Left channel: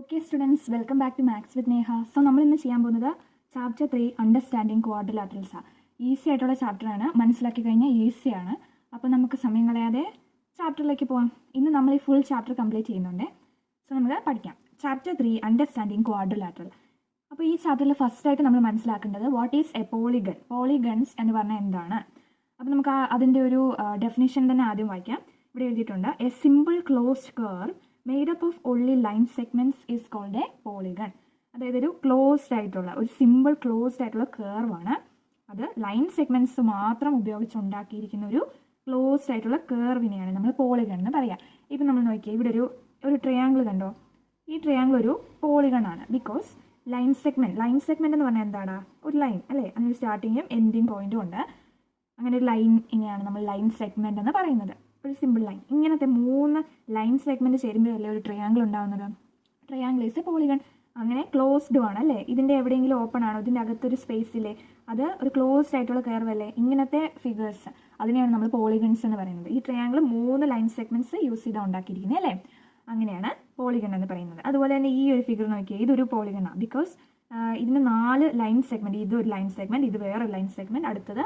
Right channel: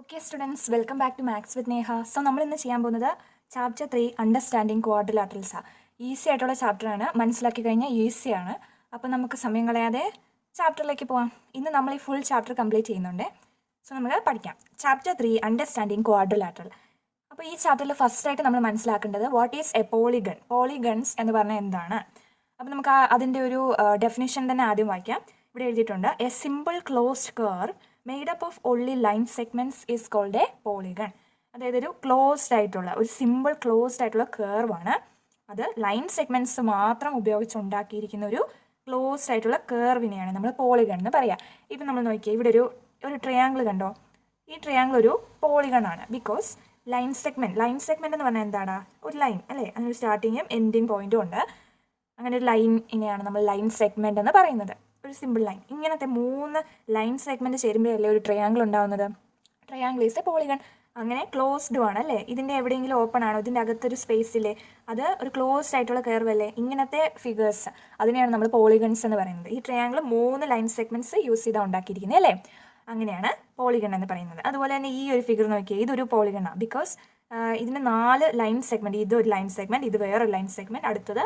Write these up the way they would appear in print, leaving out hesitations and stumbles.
Okay students, welcome back to maths with Neha. So നമ്മൾ ഇന്ന് ചെയ്യാൻ പോകുന്നത് ചാപ്റ്റർ 3 അണ്ടർസ്റ്റാൻഡിങ് ക്വാഡ്രിലാറ്ററൽസാണ്. ഈസി ആയിട്ടുള്ള ചാപ്റ്ററാണ്, മനസ്സിലാക്കി കഴിഞ്ഞാൽ ഈസിയാണ്. അപ്പോൾ നമുക്ക് സമയം കളയാതെ ചാപ്റ്ററിലേക്ക് പോകാം. ഇന്ന് നമ്മൾ ഈ ഫുൾ ചാപ്റ്റർ കംപ്ലീറ്റ് ചെയ്യുന്നുണ്ട്. സോ നമുക്ക് പഠിക്കാം. Chapter 3 understanding quadrilateral. അപ്പോൾ ഈ ചാപ്റ്ററിൽ ഫസ്റ്റായിട്ട് നമ്മൾ മനസ്സിലാക്കേണ്ടത് what is A polygon, polygons എന്ന് പറഞ്ഞാൽ എന്താണ്. അപ്പോൾ നമുക്ക് അതിൻ്റെ ഒരു ഡെഫിനിഷൻ തന്നെ ആദ്യം വായിക്കാം. ഇവിടെ എഴുതിയിട്ടുണ്ട്, a simple closed curve made up of only line segments is called a polygon. അതായത് ഒരു ക്ലോസ്ഡ് ആയിട്ടുള്ള ഒരു സിമ്പിൾ ക്ലോസ്ഡ് ആയിട്ടുള്ള കർവാണ്. അത് ലൈൻ സെഗ്മെന്റ്സ് മാത്രം ഉപയോഗിച്ചുണ്ടാക്കിയിരിക്കുന്ന ഒരു ക്ലോസ്ഡ് ആയിട്ടുള്ള കർവിനെയാണ് നമ്മൾ പോളിഗൺ എന്ന് പറയുക. ഇപ്പം നമ്മൾ നോക്കിയാൽ ഇവിടെ ഒരു ട്രയാങ്കിൾ കണ്ടോ. ഈ ട്രയാങ്കിൾ ഒരു പോളിഗൺ ആണ്. ബിക്കോസ് ലൈൻ സെഗ്മെന്റ് എന്ന് പറഞ്ഞാൽ എന്താണ്? ഒരു ലൈൻ അല്ലേ, അതിനൊരു സ്റ്റാർട്ടിങ്ങും എൻഡിങ് പോയിന്റും ഉണ്ട്. അങ്ങനെ ഒരു ലൈനിനെയാണ് നമ്മൾ ലൈൻ സെഗ്മെന്റ് എന്ന് പറയുന്നത്. ഒരു സിമ്പിൾ ലൈൻ, ഇങ്ങനത്തെ 3 ലൈൻ സെഗ്മെന്റ് ചേരുമ്പോഴല്ലേ ഒരു ട്രയാങ്കിൾ ഉണ്ടാവുന്നത്. Triangle is A polygon. അങ്ങനെ ക്ലോസ്ഡ് ആണ് അല്ലേ, ഇതിൻ്റെ എവിടെയെങ്കിലും ഓപ്പൺ ആണോ, ഇതിൻ്റെ അകത്തൊരു സ്പേസില്ലേ, അത് ഒരു ക്ലോസ്ഡ് ആയിട്ടുള്ള കർവ് അല്ലേ. ഇങ്ങനത്തെ ഫിഗേഴ്സ് അതിനെയാണ് നമ്മൾ പോളിഗൺസ് എന്ന് പറയുന്നത്. ഈ ട്രയാങ്കിൾ 3 ലൈൻ സെഗ്മെന്റ്സ് യൂസ് ചെയ്താണ് ഉണ്ടാക്കിയിരിക്കുന്നത് അല്ലേ. അങ്ങനെയാണ് പോളിഗൺ എന്ന് പറയുന്നത്. അതുപോലെ തന്നെ ഈ ഒരു ഫിഗർ നോക്കിയാൽ ഇതൊരു പോളിഗണാണ്. ബിക്കോസ് ഇതിന് 4 ലൈൻ സെഗ്മെന്റ്, ഇതൊരു ലൈൻ സെഗ്മെന്റ്, ഇത് വേറൊരു ലൈൻ സെഗ്മെന്റ്, അടുത്തത്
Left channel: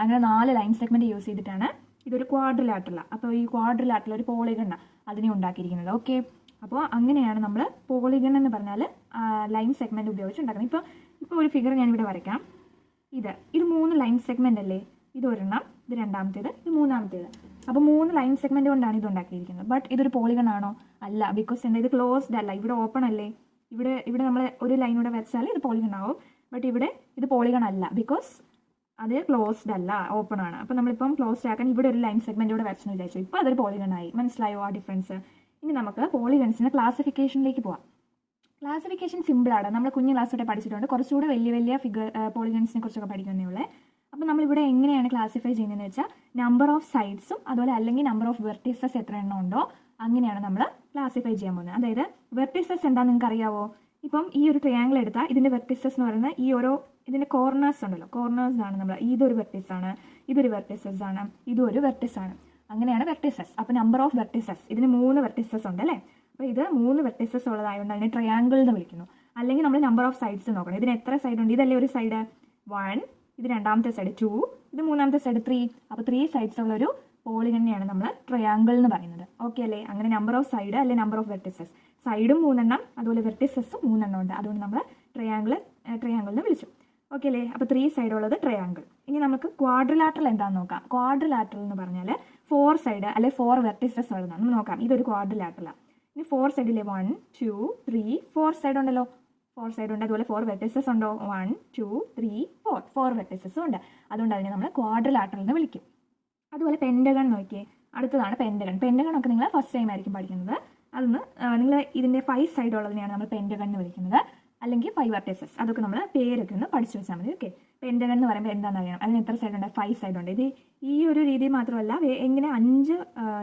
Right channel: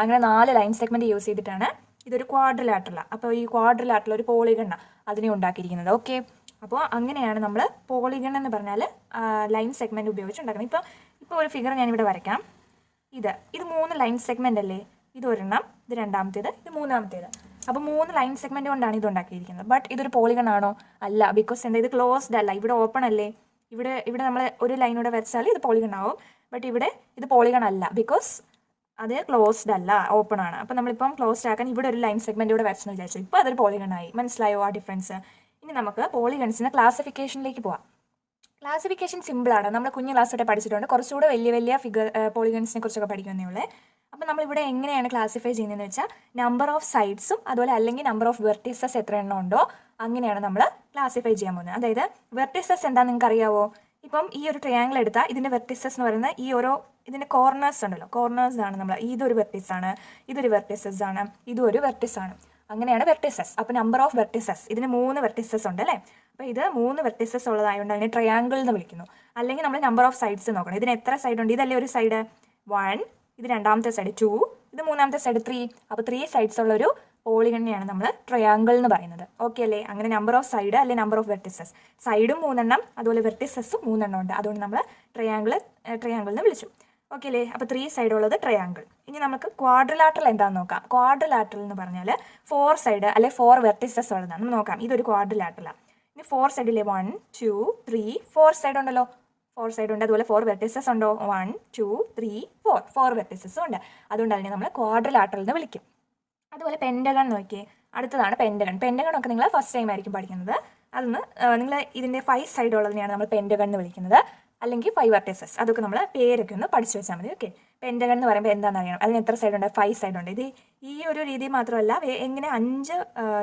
അങ്ങനെ 4 ലൈൻ സെഗ്മെന്റ് യൂസ് ചെയ്തിട്ടാണ് ഇതൊരു ക്വാഡ്രിലാറ്ററലാണ്. അപ്പോൾ ഈ ക്വാഡ്രിലാറ്ററൽ ഒരു പോളിഗണാണ് അതിനെ ഉണ്ടാക്കിയിരിക്കുന്നത്. ഓക്കെ, അപ്പോൾ അങ്ങനെയാണ് നമ്മൾ പോളിഗൺ എന്ന് പറഞ്ഞാൽ ലൈൻ സെഗ്മെന്റ് ഉപയോഗിച്ച് ഉണ്ടാക്കുന്നത്. ഇപ്പോൾ ഒരു ഫിഗർ ഞാനിവിടെ വരയ്ക്കാം. ഇത് 3 ലൈൻ സെഗ്മെന്റ് അല്ലേ. ഇത് ഒരെണ്ണം, ഇത് രണ്ടാമത്തേത്, ഇത് മൂന്നാമത്തേത്. അപ്പോൾ 3 ലൈൻ സെഗ്മെന്റ് കൊണ്ടാണ് ഇത് ഉണ്ടാക്കിയിരിക്കുന്നത്. ബട്ട് ഇതൊരു പോളിഗൺ ആണോ? അല്ല. ബിക്കോസ് എന്താ, ഇത് ക്ലോസ്ഡ് അല്ല, ഇവിടെ ഓപ്പൺ അല്ലേ. ഇവിടെ നമ്മൾ ഒരു ലൈനൂടെ വരച്ചാൽ ഇത് പോളിഗൺ ആവും. ബട്ട് ഇവിടെ ഇത് പോളിഗൺ അല്ല, ബിക്കോസ് അത് ക്ലോസ്ഡ് അല്ല, ഓപ്പൺ ആണ്. അപ്പോൾ നമ്മളിപ്പം ക്ലോസ്ഡ് ആക്കാൻ ഇവിടെ ഒരു ലൈൻ സെഗ്മെന്റ് ഇവിടെ വരച്ചെന്ന് വിചാരിച്ചു. ഇപ്പോൾ അതൊരു പോളിഗൺ ആയി. മനസ്സിലായോ ആ ഡിഫറൻസ്? ഇനി നമുക്ക് പോളിഗൺസിന്റെ ക്ലാസിഫിക്കേഷനിലേക്ക് പോവാം. ക്ലാസിഫിക്കേഷൻ സിമ്പിളാണ്, നമ്മൾ കുഞ്ഞു ക്ലാസ് തൊട്ട് പഠിച്ചിട്ടുണ്ട്. കുറച്ചുകൂടെ വലിയ ഫിഗർ പോളിഗൺസിനെ കുറിച്ചൊക്കെ പഠിക്കുന്നേ ഉള്ളേ. അപ്പോൾ നമ്മളിവിടെ എങ്ങനെയാണ് ക്ലാസിഫൈ ചെയ്യുന്നതെന്ന് വെച്ചാൽ നമ്പർ ഓഫ് സൈഡ്സും അതുപോലെ അല്ലെങ്കിൽ നമ്പർ ഓഫ് വെർട്ടിസസ് എത്ര എണ്ണം ഉണ്ടോ അങ്ങനെയാണ് നമ്മൾ ക്ലാസിഫൈ ചെയ്യാൻ പോകുന്നത്. അതായത് വെർട്ടിസസ് എന്താണെന്ന് നിങ്ങൾക്ക് അറിയാവോ? ഇപ്പം ഈ ഒരു ട്രയാങ്കിൾ എടുത്താൽ ഇതിൻ്റെ വെർട്ടിസസ് എന്ന് പറയുന്നത് ഈ ഓരോ ഇതിൻ്റെ കോർണേഴ്സ് ഉണ്ടല്ലോ, കോർണേഴ്സ് ആണ് നമ്മൾ. ഇതൊരു വെർട്ടിസ് ആണ്, ഇതൊരു വെർട്ടിസസ് ആണ്, ഇതും ഒരു വെർട്ടിസ് ആണ്. അങ്ങനെയാണ് വെർട്ടിസസ്. അപ്പോൾ നമ്പർ ഓഫ് വെർട്ടിസസ്, ഇതിന് 3 വെർട്ടിസസ് ഉണ്ട് അല്ലേ. അപ്പോൾ ഇത് 3 വെർട്ടിസസ് ഉള്ളതായതുകൊണ്ട് അതിനെ ട്രയാങ്കിൾ എന്ന് വിളിക്കുന്നു. അല്ലെങ്കിൽ നമ്മൾ നമ്പർ ഓഫ് സൈഡ്സ് നോക്കണം. ഇതിന് എത്ര സൈഡ് ഉണ്ട്? ഇതല്ലേ ഒരു സൈഡ് 1, ഇത് രണ്ടാമത്തെ സൈഡ് 2, ഇത് മൂന്നാമത്തെ സൈഡ് 3. അപ്പോൾ 3 സൈഡ്സ് ഉള്ള ഒരു പോളിഗണിനെയാണ് നമ്മൾ ട്രയാങ്കിൾ എന്ന് പറയുന്നത്. ഓക്കെ അല്ലേ. അങ്ങനെ നമ്പർ ഓഫ് സൈഡ് അല്ലെങ്കിൽ നമ്പർ ഓഫ് വെർട്ടിസസ്, സൈഡും 3 എണ്ണം അതുപോലെ വെർട്ടിസസും 3 എണ്ണം ഉണ്ട്. അതുകൊണ്ട് നമ്മൾ ട്രയാങ്കിൾ എന്ന് വിളിച്ചു. ഓക്കെ അല്ലേ. അപ്പോൾ 3 സൈഡ് ഉള്ളത് ട്രയാങ്കിൾ. ഇനി നമുക്ക് ക്വാഡ്രിലാറ്ററൽ എന്താണെന്ന് നോക്കാം. ക്വാഡ്രിലാറ്ററൽ എന്ന് പറഞ്ഞാൽ 4 സൈഡ് അല്ലെ 4 വെർട്ടിസസ് ഉള്ളതാണ്. നമ്മൾ നോക്കാം. ഇതൊരു ക്വാഡ്രിലാറ്ററലാണ്. ഇനി 4 സൈഡിലെ 1 2 3 4 സൈഡ് ഉണ്ടല്ലോ. 4 സൈഡ് ഉണ്ട്, അതുപോലെ 4 വെർട്ടിസസ് ഉണ്ടോ? 1 2 3 4 വെർട്ടിസസും ഉണ്ട്. അതുകൊണ്ട് അതിനെ നമ്മൾ ക്വാഡ്രിലാറ്ററൽ എന്ന് വിളിക്കും. അതുപോലെ പെൻഡഗൺ നോക്കിയേ, അടുത്തതാണ് പെൻഡഗൺ. പെൻഡഗൺ ഒക്കെ നിങ്ങൾ ഫസ്റ്റ് ടൈം ആയിരിക്കും പഠിക്കുന്നത്. അതൊന്ന് നിങ്ങൾ ഇതിൻ്റെ 5 സൈഡ് ഉള്ളതിനെയാണ് നമ്മൾ പെൻഡഗൺ എന്ന് വിളിക്കുന്നത്, അല്ലെങ്കിൽ 5 വെർട്ടിസസ്. അതൊക്കെ നമ്മൾ പേരൊക്കെ ഒന്ന് പഠിച്ചു വെച്ചാൽ മതി. ഓക്കെ, പെൻഡഗൺ എന്ന് പറയുമ്പോൾ എന്താണെന്ന് അറിയണം. അതിന് എത്ര സൈഡ് ഉണ്ട്? 5 സൈഡ് ഉണ്ട്. ഇത് ഈ ഒരു രീതി മാത്രമല്ല, എങ്ങനെ 5